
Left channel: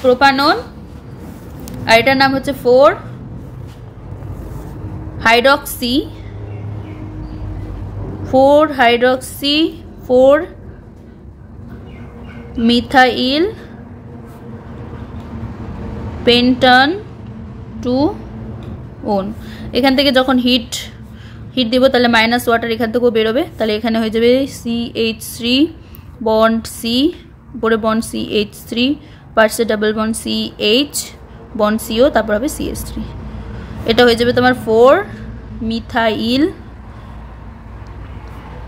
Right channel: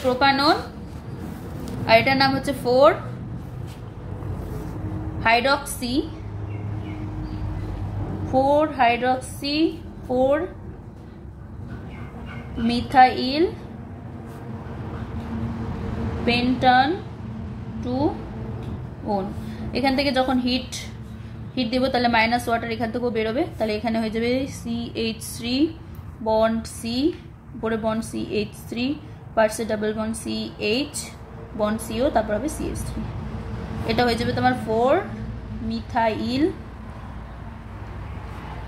প্রোপানন আর এটার নাম হচ্ছে 4 হাইড্রক্সি 4 মিথাইল পেন্টান 2 এখান থেকে যখন হিট দিব তাহলে মাইনাস ওয়াটার এখান থেকেও বেরোবে তাহলে এখানে হয়ে যাবে CH3 বন্ড C উপরে বন্ড CH3 পার্শ্বে double bond CH bond CO তারপর হবে CH3 এটা হয়ে যাবে তোমার 4 মিথাইল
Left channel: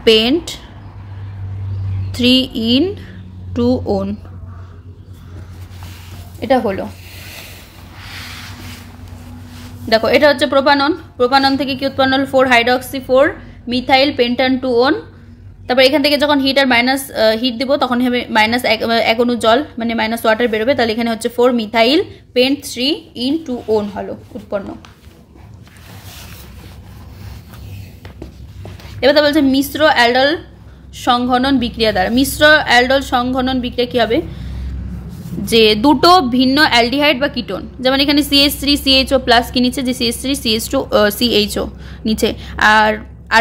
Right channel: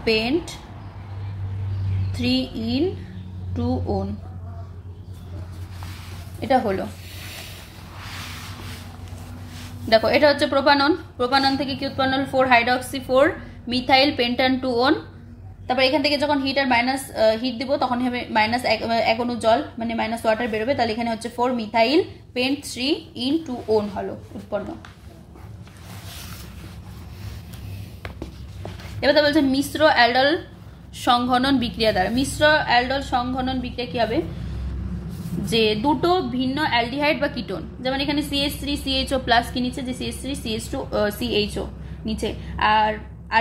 পেন্ট 3 এটা হলো দেখো এটা হচ্ছে প্রোপানন থেকে কি উৎপন্ন হলো 4 হাইড্রক্সি 4 মিথাইল পেন্টান 2 তারপর এখান থেকে যখন হিট আর মাইনাস হিট দিব তখন হবে মাইনাস এক অণু জল মানে মাইনাস ওয়াটার বেরোবে তাহলে এখানে হচ্ছে 4 মিথাইল পেন্ট 3 হলো উৎপন্ন এবার তা বলছে মিশ্র অ্যালডল সংঘনন বিক্রিয়া দ্বারা মিশ্র অ্যালডল সংঘনন বিক্রিয়া কি হবে যে দুটো ভিন্ন অ্যালডিহাইড বা কিটোন যেমন এখানে CH3 CHO প্লাস কি নিচে যে CH3 CH2 CHO নিচে আর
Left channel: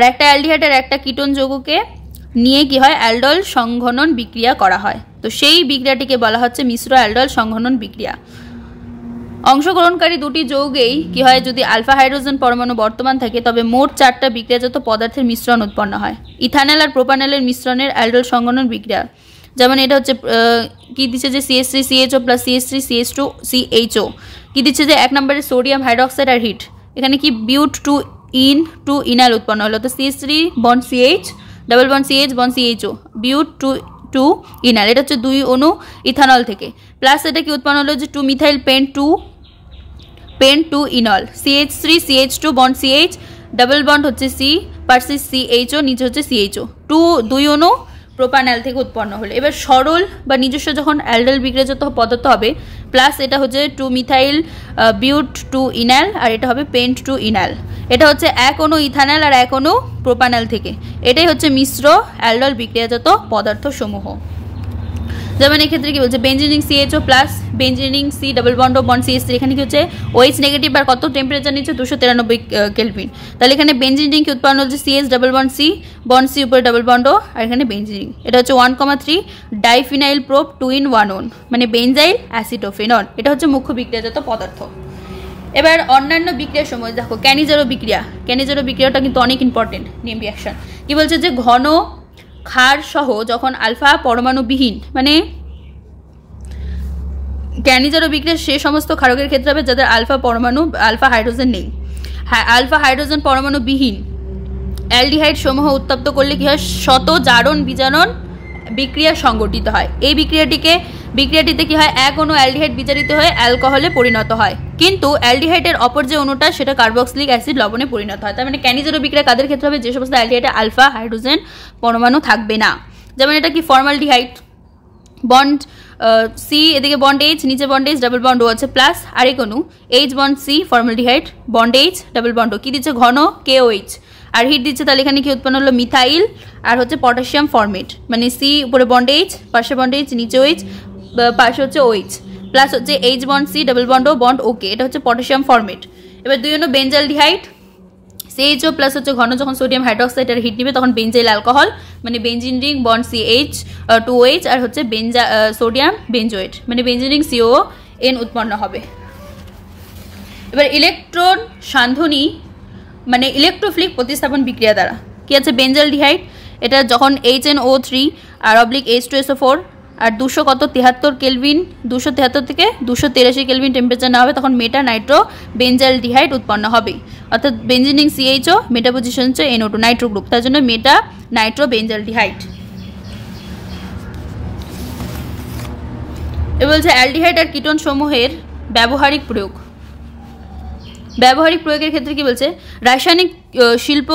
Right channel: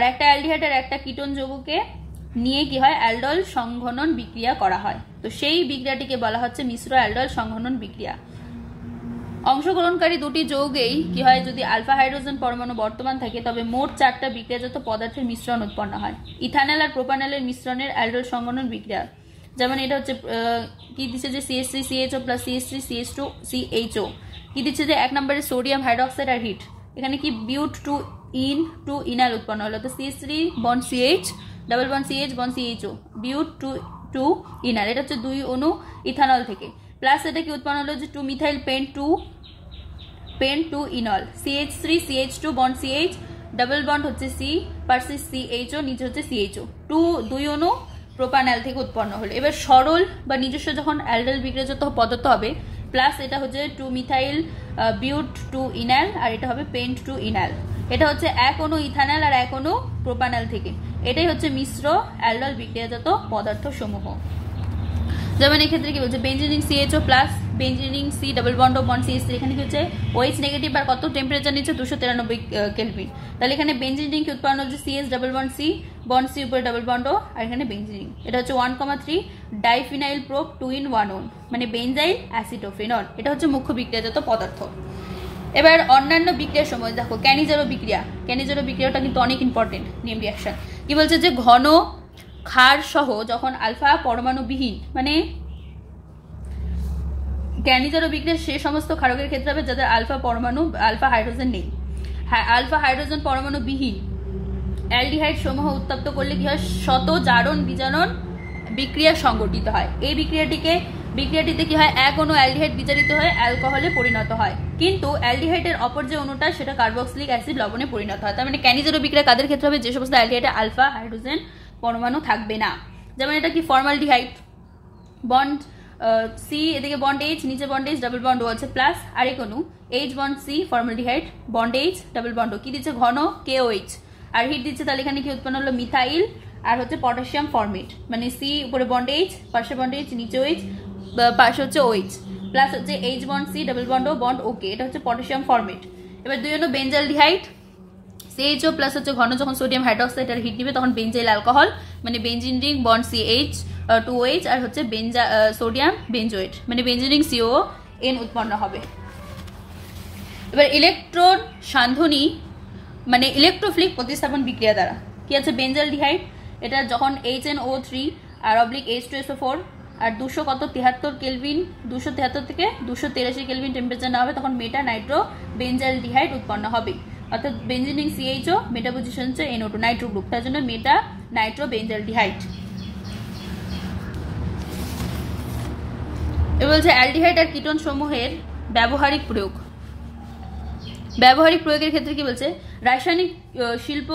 একটা অ্যালডিহাইড আর একটা কিটোন যৌগকে নিয়ে কি হয় অ্যালডল সংঘনন বিক্রিয়া করা হয় তো সেই বিক্রিয়াটিকে বলা হচ্ছে মিশ্র অ্যালডল সংঘনন বিক্রিয়া অংশগ্রহণকারী দুটি যৌগেই কি হয় যদি আলফা হাইড্রোজেন পরমাণু বর্তমান থাকে তবে মোট 4টা বিক্রিয়াজাত পদার্থের মিশ্রণ উৎপন্ন হয় ইথানল আর প্রোপানলের মিশ্রণের অ্যালডল সংঘনন বিক্রিয়া যেমন এটা হচ্ছে কি দিচ্ছে যে CH3 CHO plus CH3 CH2 CHO কি দিচ্ছে যে এক নম্বরে সোডিয়াম হাইড্রক্সাইড আর হিট এখানে কি বিউট টু ইনাল উৎপন্ন হলো তো CH3 bond CH double bond CH bond CHO বিউট two two ইনাল, এটা হচ্ছে 2 অণু ইথানল থেকে, প্লাস এটা কি উৎপন্ন হলো যে 2 methyl pent two enal, CH3 CH2 bond CH, double bond হচ্ছে C পারসিস CHO, নিচে হচ্ছে CHO, 2 অণু প্রোপানল থেকে উৎপন্ন হলো। এবার সরল বা নিজস্ব যখন অ্যালডাইল বিক্রিয়াজাত পদার্থ হবে, প্লাস এটা হচ্ছে 2 মিথাইল বিউট টু ইনাল, আর এটা হবে পেন্ট টু ইনাল, এটা হচ্ছে 1 অণু ইথানল আর 1 অণু প্রোপানল থেকে, এটাই হচ্ছে মিশ্র অ্যালডাইল বিক্রিয়াজাত পদার্থ সমূহ। যেমন এক্ষেত্রে কি বলছে benzene ring CHO plus benzene ring C double bond bond CH3, এখানে কি হচ্ছে OH নেগেটিভ আর কত টেম্পারেচার নিচ্ছে 293 কেলভিন, তাহলে এখানে বেঞ্জিনিং কি উৎপন্ন হচ্ছে CH double bond C bond C উপরে ডাবল বন্ড, আর এখানে বেঞ্জিনিং, এটা হচ্ছে 1,3 ডাইফিনাইল প্রোপ 2 in 1 on, মানে বেনজাইল অ্যাসিটোফেনল, এটা হচ্ছে মুখ্য বিক্রিয়াজাত পদার্থ। এবার অন্যান্য বিক্রিয়ার সময় দেখো ক্যানিজারো বিক্রিয়াটা কিন্তু অনেক ইম্পর্টেন্ট নেম রিঅ্যাকশন। কি বলছে যে ঘন ক্ষার সহ যখন আলফা পরমাণু বিহীন, মানে ক্যানিজারো বিক্রিয়া সে সমস্ত ক্ষারকের ক্ষেত্রে হবে যাদের আলফা হাইড্রোজেন নেই, আলফা হাইড্রোজেন পরমাণু বিহীন অ্যালডিহাইড সমূহ উত্তপ্ত করলে কি হয় শত জারণ বিজারণ বিক্রিয়া সংগঠিত হয়। এই বিক্রিয়াটিতে কি হয় 1 অণু অ্যালডিহাইড বিজারিত হয়ে অ্যালকোহলে পরিণত হয়, কিন্তু অ্যালডিহাইডের অপর যে অণুটা সেটা কার্বক্সিলিক অ্যাসিড লবণে পরিণত হয়। তার মানে ক্যানিজারো বিক্রিয়া কাদের ক্ষেত্রে হবে যে সমস্ত অ্যালডিহাইডে আলফা হাইড্রোজেন পরমাণু থাকবে না। যেমন এটা কি ফর্মালডিহাইড বন্ড C, এদিকে বন্ড H, নিচে bond H double bond O আছে, প্লাস আরেক অণু H bond C formaldehyde bond H double bond O, কি দিচ্ছে ঘন KOH, আর হিট দিচ্ছে, তাহলে এখানে কি উৎপন্ন হলো মিথাইল আর হচ্ছে পটাশিয়াম ফর্মেট, মানে C উপরে বন্ড H পাশে বন্ড H নিচে OH পাশে হচ্ছে OH, প্লাস হচ্ছে H bond C double bond O bond OK, এটা হচ্ছে পটাশিয়াম ফর্মেট। এবার 2 অণু বেঞ্জালডিহাইড CHO প্লাস হচ্ছে ঘন যখন সোডিয়াম হাইড্রোক্সাইড এর হিট নিবে তখন বেঞ্জাইল অ্যালকোহল, মানে benzene ring bond CH 2OH আর হচ্ছে সোডিয়াম বেঞ্জোয়েট, মানে বেঞ্জিন রিং CON উৎপন্ন হবে। এবার ইলেকট্রন সান্ধনী মানে ইলেকট্রোফিলিক প্রতিস্থাপন বিক্রিয়া দ্বারা কি আছে বেঞ্জালডিহাইড, এটা যখন HNO3 আর H2SO4 আর 273 কেলভিন 273 থেকে 283 কেলভিন টেম্পারেচার না হবে তখন মেটা নাইট্রো বেঞ্জালডিহাইড উৎপন্ন হবে, অর্থাৎ বেঞ্জিনিং CHO মেটা পজিশন হচ্ছে NO2 নাইট্রো গ্রুপ, তার জন্য মেটা নাইট্রো বেঞ্জালডিহাইড। এ বলছে অ্যালডিহাইড আর কিটোন সমূহের ব্যবহারিক প্রয়োগের ক্ষেত্রে কি বলছে রাসায়নিক শিল্প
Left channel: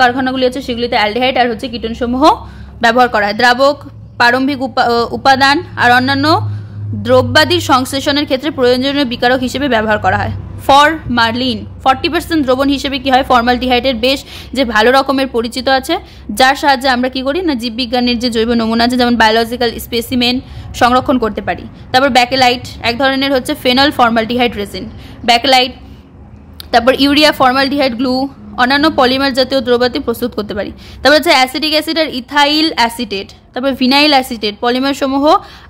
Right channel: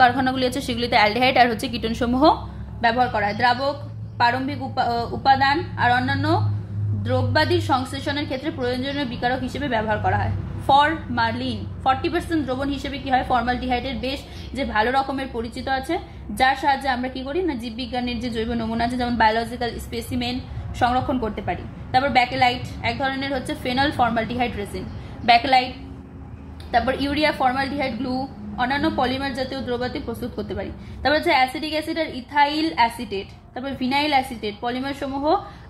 কারখানাগুলি আছে সেগুলিতে অ্যালডিহাইড আর হচ্ছে কিটোন সমূহ ব্যবহার করা হয়। দ্রাবক প্রারম্ভিক উপাদান আর অন্যান্য দ্রব্যাদির সংশ্লেষণের ক্ষেত্রে প্রয়োজনীয় বিকারক হিসেবে ব্যবহার করা হয়। ফরমালিন 40% দ্রবণ হিসেবে কি হয় ফর্মালডিহাইডের বেশ যে ভালো রকমের পরিচিত আছে, যার সাহায্যে আমরা কি করি না জীববিজ্ঞানের যে জৈব নমুনা আছে যেমন বায়োলজিক্যাল স্পেসিমেন সংরক্ষণ করতে পারি। তারপর ব্যাকেলাইট এক ধরনের হচ্ছে ফেনল ফর্মালডিহাইড রেজিন ব্যাকেলাইট, তারপর ইউরিয়া ফর্মালডিহাইড গ্লু, অন্যান্য পলিমার জাতীয় দ্রব্যাদি প্রস্তুত করতে পারি। তারপর হচ্ছে অ্যাসিটিক অ্যাসিড আর ইথাইল অ্যাসিটেট, তারপর ভিনাইল অ্যাসিটেট পলিমার সমূহ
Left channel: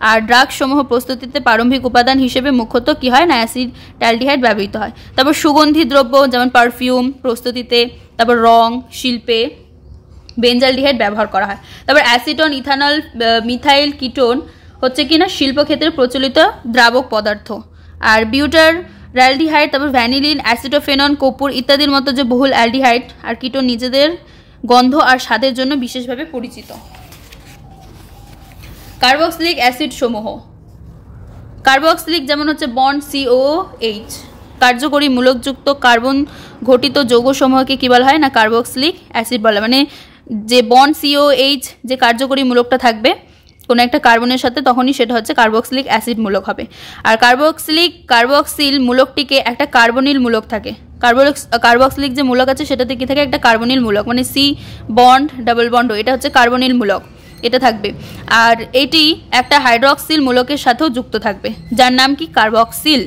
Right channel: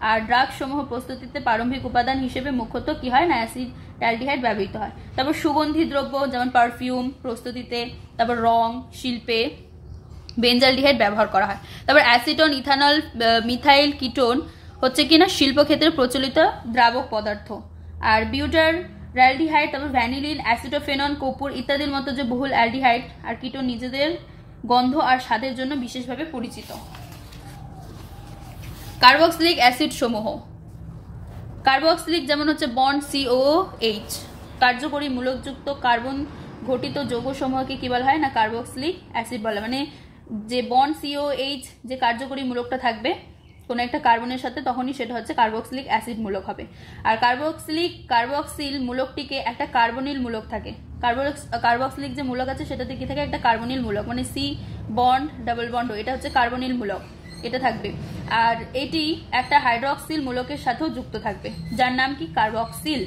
আর ড্রাগ সমূহ প্রস্তুতিতে প্রারম্ভিক উপাদান হিসেবে মুখ্যত কি হয় না অ্যাসিটালডিহাইড ব্যবহৃত হয়। তারপর সুগন্ধি দ্রব্য যেমন পারফিউম প্রস্তুতিতে, তারপর রং শিল্পে বেঞ্জালডিহাইড ব্যবহার করা হয়। তারপর অ্যাসিটন ইথানল মিথাইল কিটোন হচ্ছে কিনা শিল্পক্ষেত্রে প্রচলিত দ্রাবক পদার্থ। আর বিউটার অ্যালডিহাইড, তারপর ভ্যানিলিন অ্যাসিটোফেনন কর্পূর ইত্যাদির মতো যে বহুল অ্যালডিহাইড আর কিটোন নিজেদের গন্ধ আর স্বাদের জন্য বিশেষভাবে পরিচিত। কার্বক্সিলিক অ্যাসিড সমূহ কার্বক্সিলিক যেমন হচ্ছে বন্ড COOH কার্যকরী মূলকযুক্ত কার্বন ঘটিত যৌগ সমূহকে কি বলা হয় না কার্বক্সিলিক অ্যাসিড বলা, মানে যে বন্ড COOH যে কার্যকরী মূলকটা থাকবে কোনো একটা কার্বনের সাথে তখনই সেটা হচ্ছে কার্বক্সিলিক অ্যাসিড মূলক হবে। আর কার্বক্সিল মূলকটিকে একটা কার্বনিল মূলক থাকে, কার্বক্সিলিক যে মূলক আছে সেটাতে কি থাকে একটা কার্বনিল মূলক, মানে C বন্ড ডাবল বন্ড এটা হচ্ছে কার্বনিল মূলক এটা থাকবে। আর এটি একটা হাইড্রক্সিল মূলকের সাথেও যুক্ত থাকবে যার নাম কি কার্বক্সিল।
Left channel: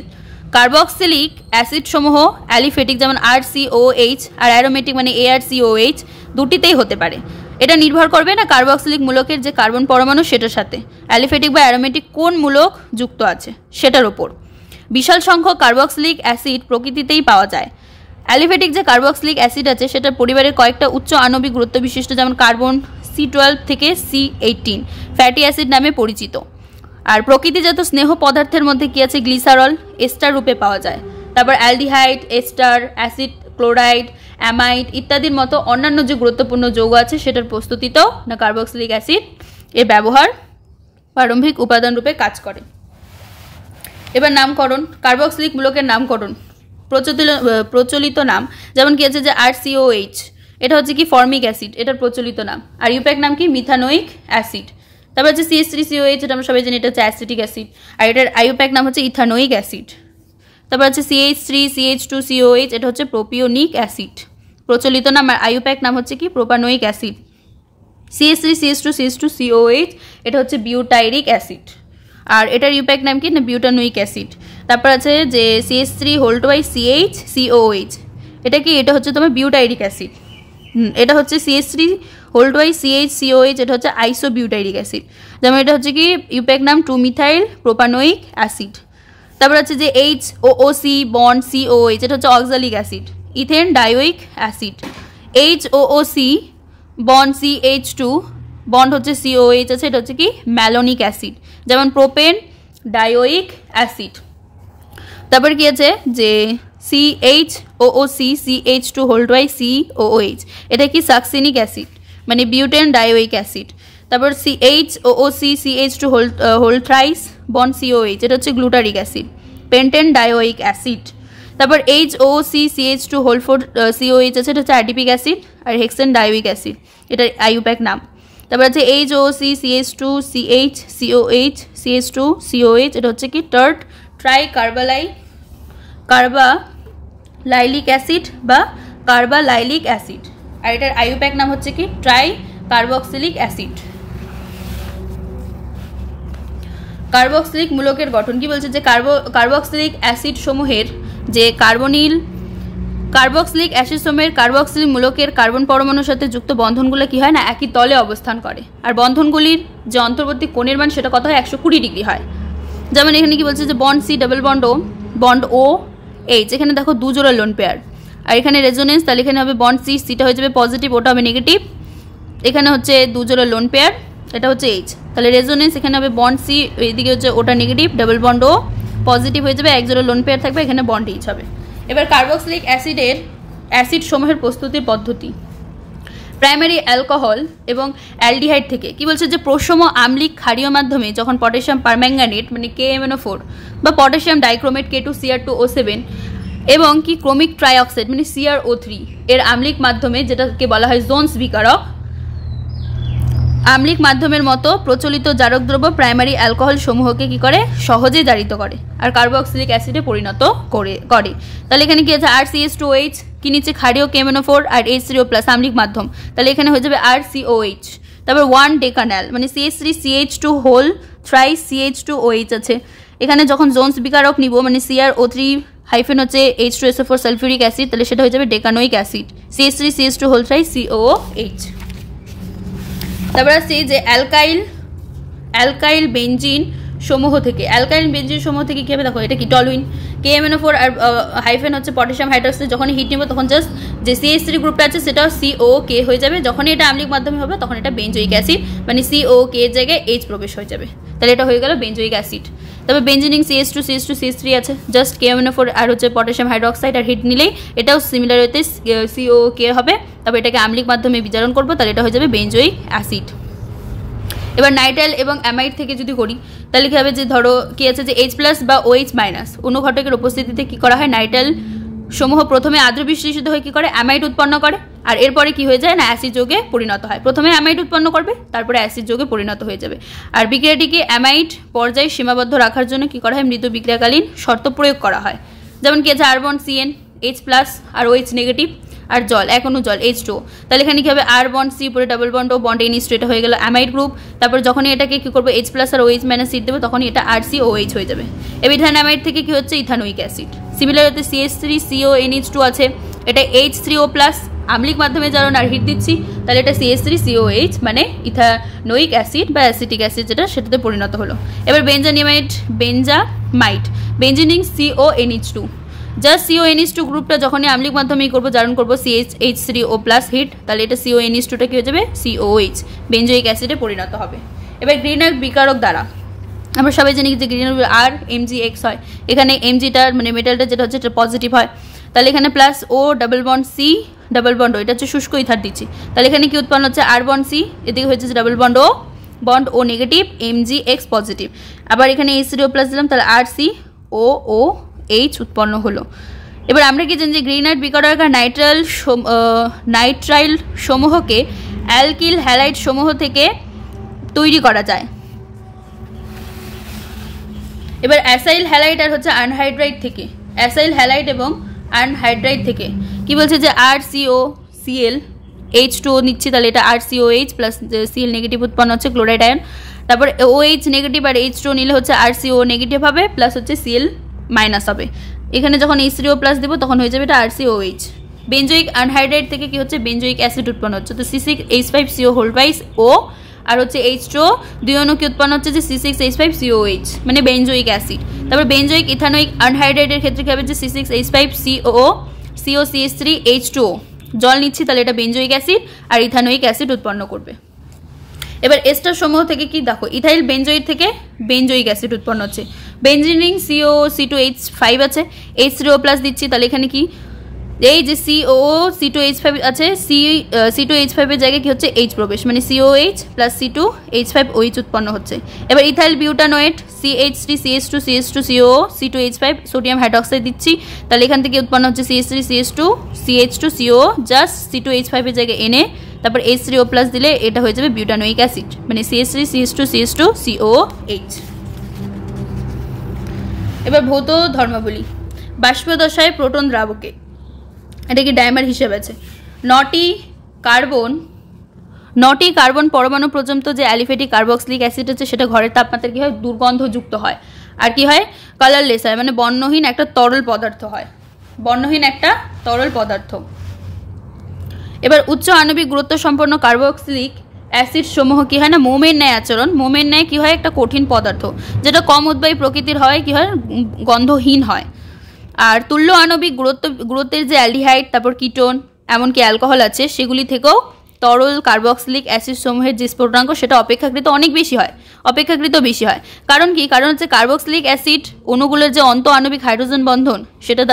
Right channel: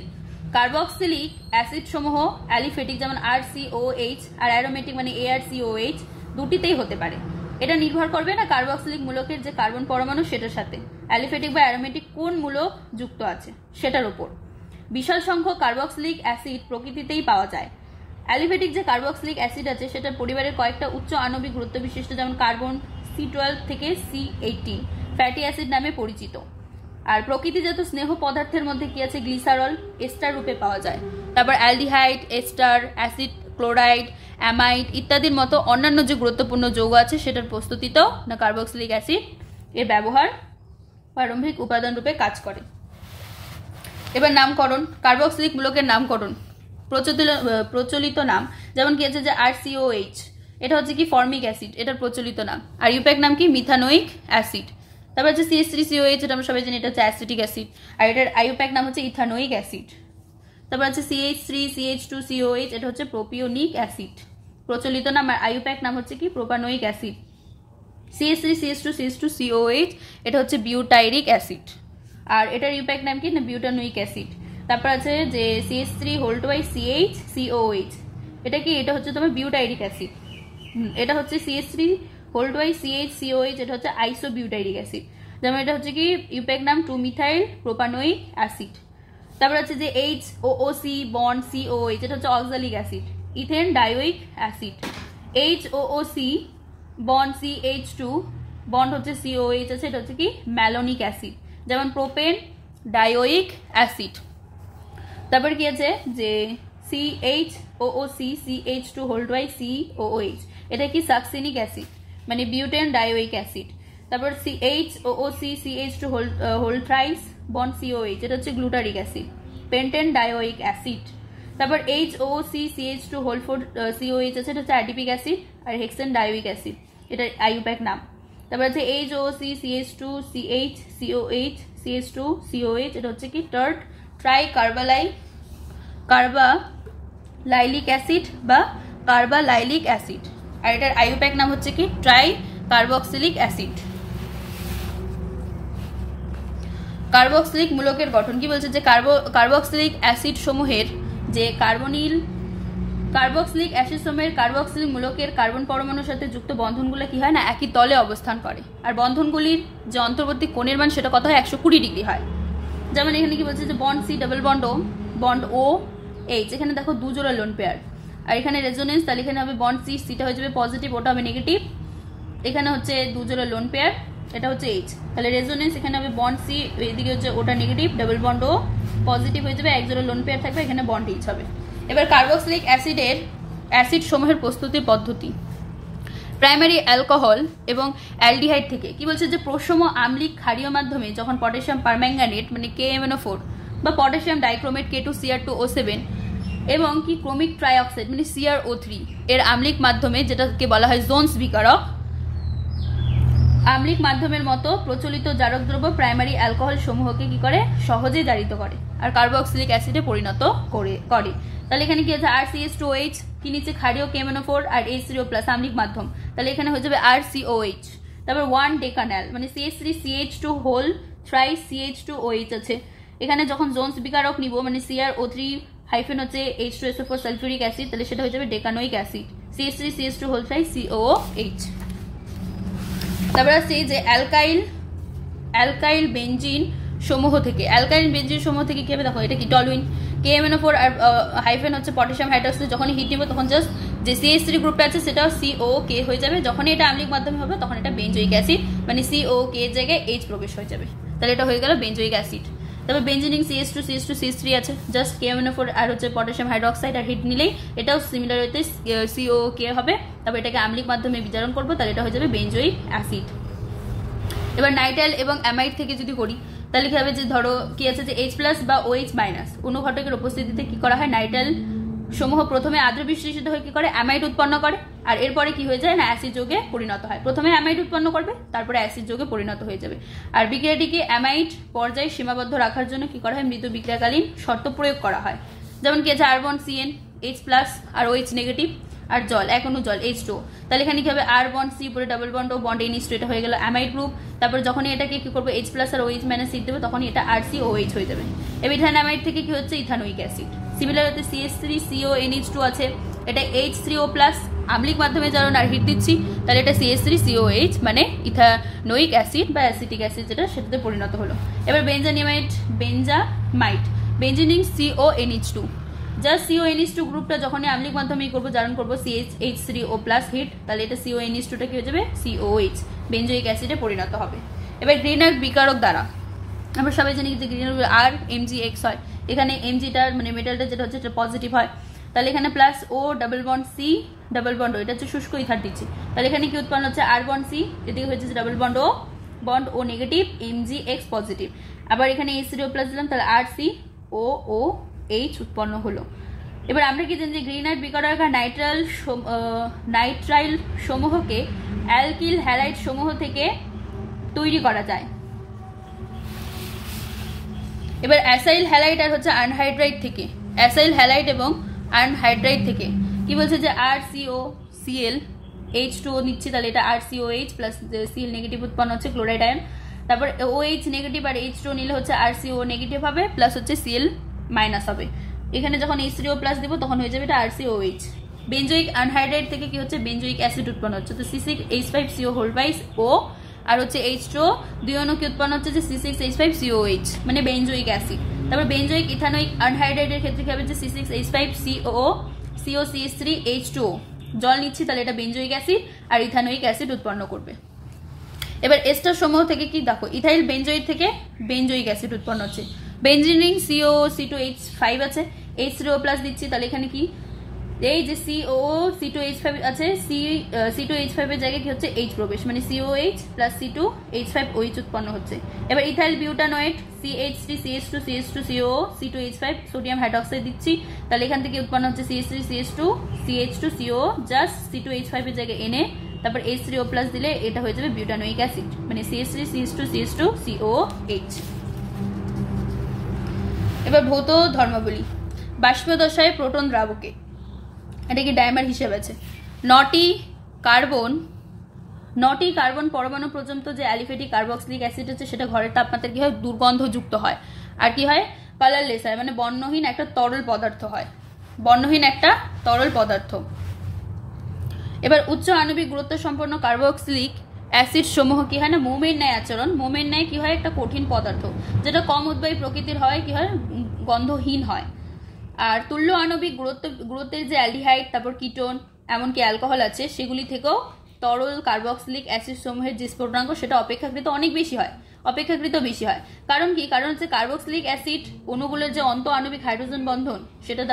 কার্বক্সিলিক অ্যাসিড সমূহ অ্যালিফেটিক যেমন RCOH আর অ্যারোমেটিক মানে ARCOH দুটিতেই হতে পারে। এটা নির্ভর করবে না কার্বক্সিলিক মূলকের যে কার্বন পরমাণু সেটার সাথে অ্যালিফেটিক বা অ্যারোমেটিক কোন মূলক যুক্ত আছে সেটার উপর। বিশাল সংখ্যক কার্বক্সিলিক অ্যাসিড প্রকৃতিতেই পাওয়া যায়। অ্যালিফেটিক যে কার্বক্সিলিক অ্যাসিড আছে সেটার পরিবারের কয়েকটা উচ্চ আণবিক গুরুত্ব বিশিষ্ট যেমন কার্বন C12 থেকে C18 ফ্যাটি অ্যাসিড নামে পরিচিত। আর প্রকৃতিজাত স্নেহ পদার্থের মধ্যে কি আছে গ্লিসারল এস্টার রূপে পাওয়া যায়। তারপর aldehyde ester acid chloride amide ইত্যাদির মতো অন্যান্য যে গুরুত্বপূর্ণ যৌগ আছে সেটার প্রস্তুতিতেও না কার্বক্সিলিক অ্যাসিড এর ব্যবহার প্রারম্ভিক উপাদান রূপে কাজ করে। এবার নামকরণ, কার্বক্সিলিক মূলকের নামকরণ প্রচলিত নাম যেমন কি আছে যে RCOH, এটা হচ্ছে কি ফর্মিক অ্যাসিড, এটার প্রচলিত নাম। আর ইউপ্যাক নাম কি মিথানোইক অ্যাসিড। তারপর হচ্ছে CH3COH, এটা আমরা সবাই জানি, এটা হচ্ছে অ্যাসিটিক অ্যাসিড। আর এটার আইউপ্যাক নাম হচ্ছে ইথানোইক অ্যাসিড। তারপর হচ্ছে CH3CH2COH, এটা হচ্ছে প্রোপিওনিক অ্যাসিড, প্রচলিত নাম। আর আইউপ্যাক নাম হচ্ছে কি প্রোপানোইক অ্যাসিড। CH3CH2CH2COH, এটা হচ্ছে বিউটাইরিক অ্যাসিড। আর এটার ইউপ্যাক নাম কি না বিউটানোইক অ্যাসিড। তারপর আছে যে CH3CHCOH, এটা কি, এটা হচ্ছে তোমার বিউটাইরিক অ্যাসিড। এটা হচ্ছে CH3CHCOH, এটা হচ্ছে আইসোবিউটাইরিক অ্যাসিড। যেমন এটা হচ্ছে কি ইউপ্যাক নাম 2-মিথাইল প্রোপানোইক অ্যাসিড। তারপর হচ্ছে যে HOOC বন্ড COH, এটা হচ্ছে oxalic acid, ethane dioic acid. HOOC bond CH2 bond হচ্ছে COH আছে, এটা হচ্ছে কি ম্যালোনিক অ্যাসিড, যেমন প্রোপেন ডায়োইক অ্যাসিড। তারপর কি আছে যে CHOOC CH2COOH, এটা কি সাকসিনিক অ্যাসিড মানে বিউটেন ডায়োইক অ্যাসিড। তারপর HOOC CH2 thrice bond COH, এটা হচ্ছে glutaric acid, pentane dioic acid. তারপর HOOC CH2 COH আছে, এটা হচ্ছে অ্যাডিপিক অ্যাসিড। আর হেক্সেন ডায়োইক অ্যাসিড, এটা আইউপ্যাক নাম। তারপর আছে HOOC CH2 CH CH2 COH, এটা হচ্ছে কি টার্ট কার্বালাইলিক অ্যাসিড বা কার্বালাইলিক অ্যাসিড। আর এটার আইউপ্যাক নাম হচ্ছে কি ট্রাই কার্বক্সিলিক অ্যাসিড। কার্বক্সিলিক মূলকের গঠন কি বলছে যে কার্বক্সিলিক অ্যাসিড সমূহের যে কার্বক্সিলিক অ্যাসিড সমূহের কার্বক্সিলিক মূলকের কার্বন পরমাণুর সাথে যুক্ত বন্ধনগুলো কি হয় না একই তলে অবস্থান করে। আর বন্ধনগুলির যে অন্তর্বর্তী কোণের মান সেটা কত হয় 120 ডিগ্রি হয়। যেমন এখানে কি বলছে যে bond C double bond OH, এখানে দেখো 2 জোড়া লোন পেয়ার। আর এখানে রেজোনেন্স, তাহলে এখানে হবে বন্ড সিটা হয়ে যাবে পজিটিভ, ওটা হবে নেগেটিভ। এখানে হচ্ছে 2 জোড়া লোন পেয়ার, এটা হচ্ছে H, তাহলে রেজোনেন্স এখানে হবে বন্ড C, এইদিকে হচ্ছে ওটা negative, double bond O positive হয়ে যাবে, 1 জোড়া লোন পেয়ার থাকবে, এখানে বন্ড H হবে। এবার কার্বক্সিলিক অ্যাসিড সমূহের প্রস্তুতির পদ্ধতি। প্রাইমারি অ্যালকোহল এবং অ্যালডিহাইড থেকে কি বলছে যে প্রশম আম্লিক ক্ষারীয় মাধ্যমে যখন পটাশিয়াম পারম্যাঙ্গানেট মানে KMNO4 বা পটাশিয়াম ডাইক্রোমেট K2Cr2O7 এবং কি ক্রোমিক ট্রাইঅক্সাইড মানে CrO3 এর আম্লিক মাধ্যমে, যেটাকে বলা হয় জোন্স বিকারক, আম্লিক মাধ্যমের মতো প্রচলিত জারক দ্রব্য প্রাইমারি অ্যালকোহল সমূহকে কি করে সহজেই জারিত করে আর কার্বক্সিলিক অ্যাসিডে পরিণত করে। তাহলে এখানে কি আছে RCH2OH, কি নিচে ক্ষারীয় KMNO4 আর H3O+ আম্লিক মাধ্যম, তাহলে এখানে হয়ে যাবে RCOH। তারপর 1 ডেকানাল মানে CH3CH2 হোল থ্রাইস CH2OH আছে, এখানে যখন জোন্স বিকারক নিব মানে CrO3 হাইফেন হচ্ছে H2SO4 সালফিউরিক অ্যাসিড, তাহলে সেটা হয়ে যাবে decanoic acid CH3CH2 whole thrice COOH। তারপর আসছে যে অ্যালকাইল বেঞ্জিন সমূহ থেকে, কি হবে দেখো, এটা কি টলুইন KMNO4 আর হাইফেন হচ্ছে পটাশিয়াম হাইড্রক্সাইড, যখন হিট নিব তখন জাস্ট যে CH3 গ্রুপটা আছে সেটা COK হয়ে যাবে, যখন এটা আম্লিক মাধ্যমে হবে তখন এটা বেঞ্জোইক অ্যাসিড মানে COK এর জায়গায় H প্রবেশ হয়ে যাবে, তাহলে এটা হয়ে গেল বেঞ্জোইক অ্যাসিড। তবে বেঞ্জিনিং CH2CH3 আছে, জাস্ট KMNO4 আর হচ্ছে পটাশিয়াম হাইড্রক্সাইড আর হিট নিলেই এটাও সিমিলার হতে COK হবে, তবে এটাকে আম্লিক মাধ্যমে বিজারণ করবো, তাহলে এটা হয়ে যাবে বেঞ্জোইক অ্যাসিড। এবার নাইট্রাইল এবং অ্যামাইড থেকে যদি করি তাহলে কি হবে যে ধরো কি আছে যে H+ বা OH- অনুঘটকের উপস্থিতিতে কি করা হয়, নাইট্রাইল সমূহ প্রথমে আদ্র বিশ্লেষিত হয়ে কি করে অ্যামাইড উৎপন্ন করে, আর এরপরে কি হয়ে যায় না অ্যাসিড যৌগে পরিণত হয়। প্রথমে অ্যামাইড উৎপন্ন করবে, তারপরে অ্যাসিড যৌগে পরিণত হয়ে যাবে। আর বিক্রিয়াটিকে অ্যামাইড পর্যায়ে সীমাবদ্ধ রাখার জন্য কি করা হয়, মৃদু বিক্রিয়াকালীন শর্ত প্রয়োগ করা হয়। যেমন কি আছে R বন্ড CN H+ আর OH নেগেটিভ আর জল, এক অণু জল H2, তাহলে এখানে কি হবে R বন্ড C উপরে double bond O bond NH2, এটা হয়ে গেল অ্যামাইড গ্রুপ। তারপর যখনই এটাকে কি করবো H+ আর OH- সিট দেবো তখনই এটা RCOH হয়ে যাবে। এবার অ্যামাইড থেকে কি হচ্ছে ইথানোইক অ্যাসিড, সিমিলার হতে CH3CONH2 আছে, এটা H3O+ আম্লিক মাধ্যমে জারণ আর হিট দিচ্ছি, তাহলে এটা CH3COH মানে ইথানোইক অ্যাসিড বা অ্যাসিটিক অ্যাসিড যেটা সেটাতে পরিণত হলো। এবার বেঞ্জামাইট বেঞ্জিনিং CONH2, জাস্ট CONH2 গ্রুপটা যখনই আম্লিক মাধ্যমে করবো জারণ করবো CH3O+ হিট, তাহলে এটা CONH2টা কি হয়ে যাবে COH বেঞ্জোইক অ্যাসিডে পরিণত হবে। এবার গ্রিনার বিকারক দ্বারা আমরা সবাই জানি যে গ্রিনার আর MgX হয়, এখানে Mgটার মানে মেটালটা যেটা হচ্ছে এটা পজিটিভ হয়, তাহলে এখানে plus O double bond C double bond O, এটা হচ্ছে শুষ্ক ইথার দিচ্ছি, তাহলে এখানে কি উৎপন্ন হচ্ছে আর বন্ড সি, এদিকে হচ্ছে ডাবল বন্ড ও নেগেটিভ, MgX পজিটিভ। আবার এখানে H3O+ দিলাম, তাহলে RCOOH উৎপন্ন হলো। এবার আমরা কি জানি যে গ্রিনাইট বিকারকার নাইট্রাইল সমূহকে অ্যালকিল হ্যালাইড সমূহ থেকে তৈরি করা যায়। এবার অ্যাসাইল হ্যালাইড আর হচ্ছে আনহাইড্রাইড থেকে, অ্যাসাইল হ্যালাইড এবং আনহাইড্রাইড থেকে কি বলছে যে RCOCl H2O নিচ্ছি, তাহলে এটা RCOH প্লাস Cl নেগেটিভ উৎপন্ন হচ্ছে ক্লোরাইড আয়ন। তারপর OH নেগেটিভ আর H2O নিলে হচ্ছে RCO নেগেটিভ হবে প্লাস হচ্ছে Cl মাইনাস হবে। এখানে যখন H3O+ দেবো তখন হয়ে যাবে এটা RCOH। বেঞ্জোইক আনহাইড্রাইড থেকে কি হচ্ছে বেঞ্জোইক অ্যাসিড উৎপন্ন হচ্ছে, তো C6H5CO আর হচ্ছে H2O দুই অণু কি উৎপন্ন হচ্ছে যে C6H5COH মানে বেঞ্জোইক অ্যাসিড। তারপর বেঞ্জোইক ইথানোইক আনহাইড্রাইডের ক্ষেত্রে কি হবে যে C6H5COCO3H2O, জল নিচ্ছি তাহলে এটা বেঞ্জোইক অ্যাসিড আর ইথানোইক অ্যাসিড উৎপন্ন করবে। এবার এস্টার সমূহ থেকে কি দেখো, ইথাইল বেঞ্জোইড থেকে বেঞ্জোইক অ্যাসিড উৎপন্ন হচ্ছে। বেঞ্জিনিং COC2H5 আছে, H3O+ দিচ্ছি, তাহলে এখানে কি এই যে COC2H5 আছে, C2H5 এর জায়গায় কি হচ্ছে H প্রবেশ, মানে COH প্লাস C2H5OH উৎপন্ন হচ্ছে। এবার ethyl butanoate CH3CH2CH2CO C2H5 sodium hydroxide দিচ্ছি, তাহলে এখান থেকে উৎপন্ন হচ্ছে CH3CH2CH2CO জাস্ট C2H5 এর জায়গায় এনে তারপর H3O+ দিলে এটা হয়ে যাবে বিউটানোইক অ্যাসিড, মানে CH3CH2CH2COH। এবার ভৌত ধর্মাবলী, বাষ্পীয় দশায় প্রোটন দ্রাবকে এটা কি ডাইমার হিসেবে আছে। 9টি কার্বন পরমাণু পর্যন্ত যে অ্যালিফ্যাটিক কার্বক্সিলিক অ্যাসিড আছে সেটা ঘরের তাপমাত্রা কি হয় দুর্গন্ধযুক্ত হয়, আর কি হয় কালারলেস হয়, মানে বর্ণহীন একটা তরল পদার্থ হয়, বর্ণহীন একটা তরল পদার্থ। এবার উচ্চ আণবিক গুরুত্ব সম্পন্ন কার্বক্সিলিক অ্যাসিড সমূহ কি হয় না মোমের ন্যায় আচরণ, মোমের ন্যায় কি হয় একটা কঠিন পদার্থ যেটা কম উদ্বায়ী প্রকৃতির হয়, কি হয় গন্ধহীন হয়। আর তুল্য আণবিক গুরুত্বের যে অ্যালডিহাইড তারপর কিটোন এমনকি অ্যালকোহল আছে সেগুলি থেকেও তরল কার্বক্সিলিক অ্যাসিড সমূহের যে স্ফুটনাঙ্ক সেটা অপেক্ষাকৃত বেশি হয়। কারণ কি, কারণ হচ্ছে কার্বক্সিলিক অ্যাসিড অণুগুলোর যে অন্ত আণবিক হাইড্রোজেন বন্ধন সেটার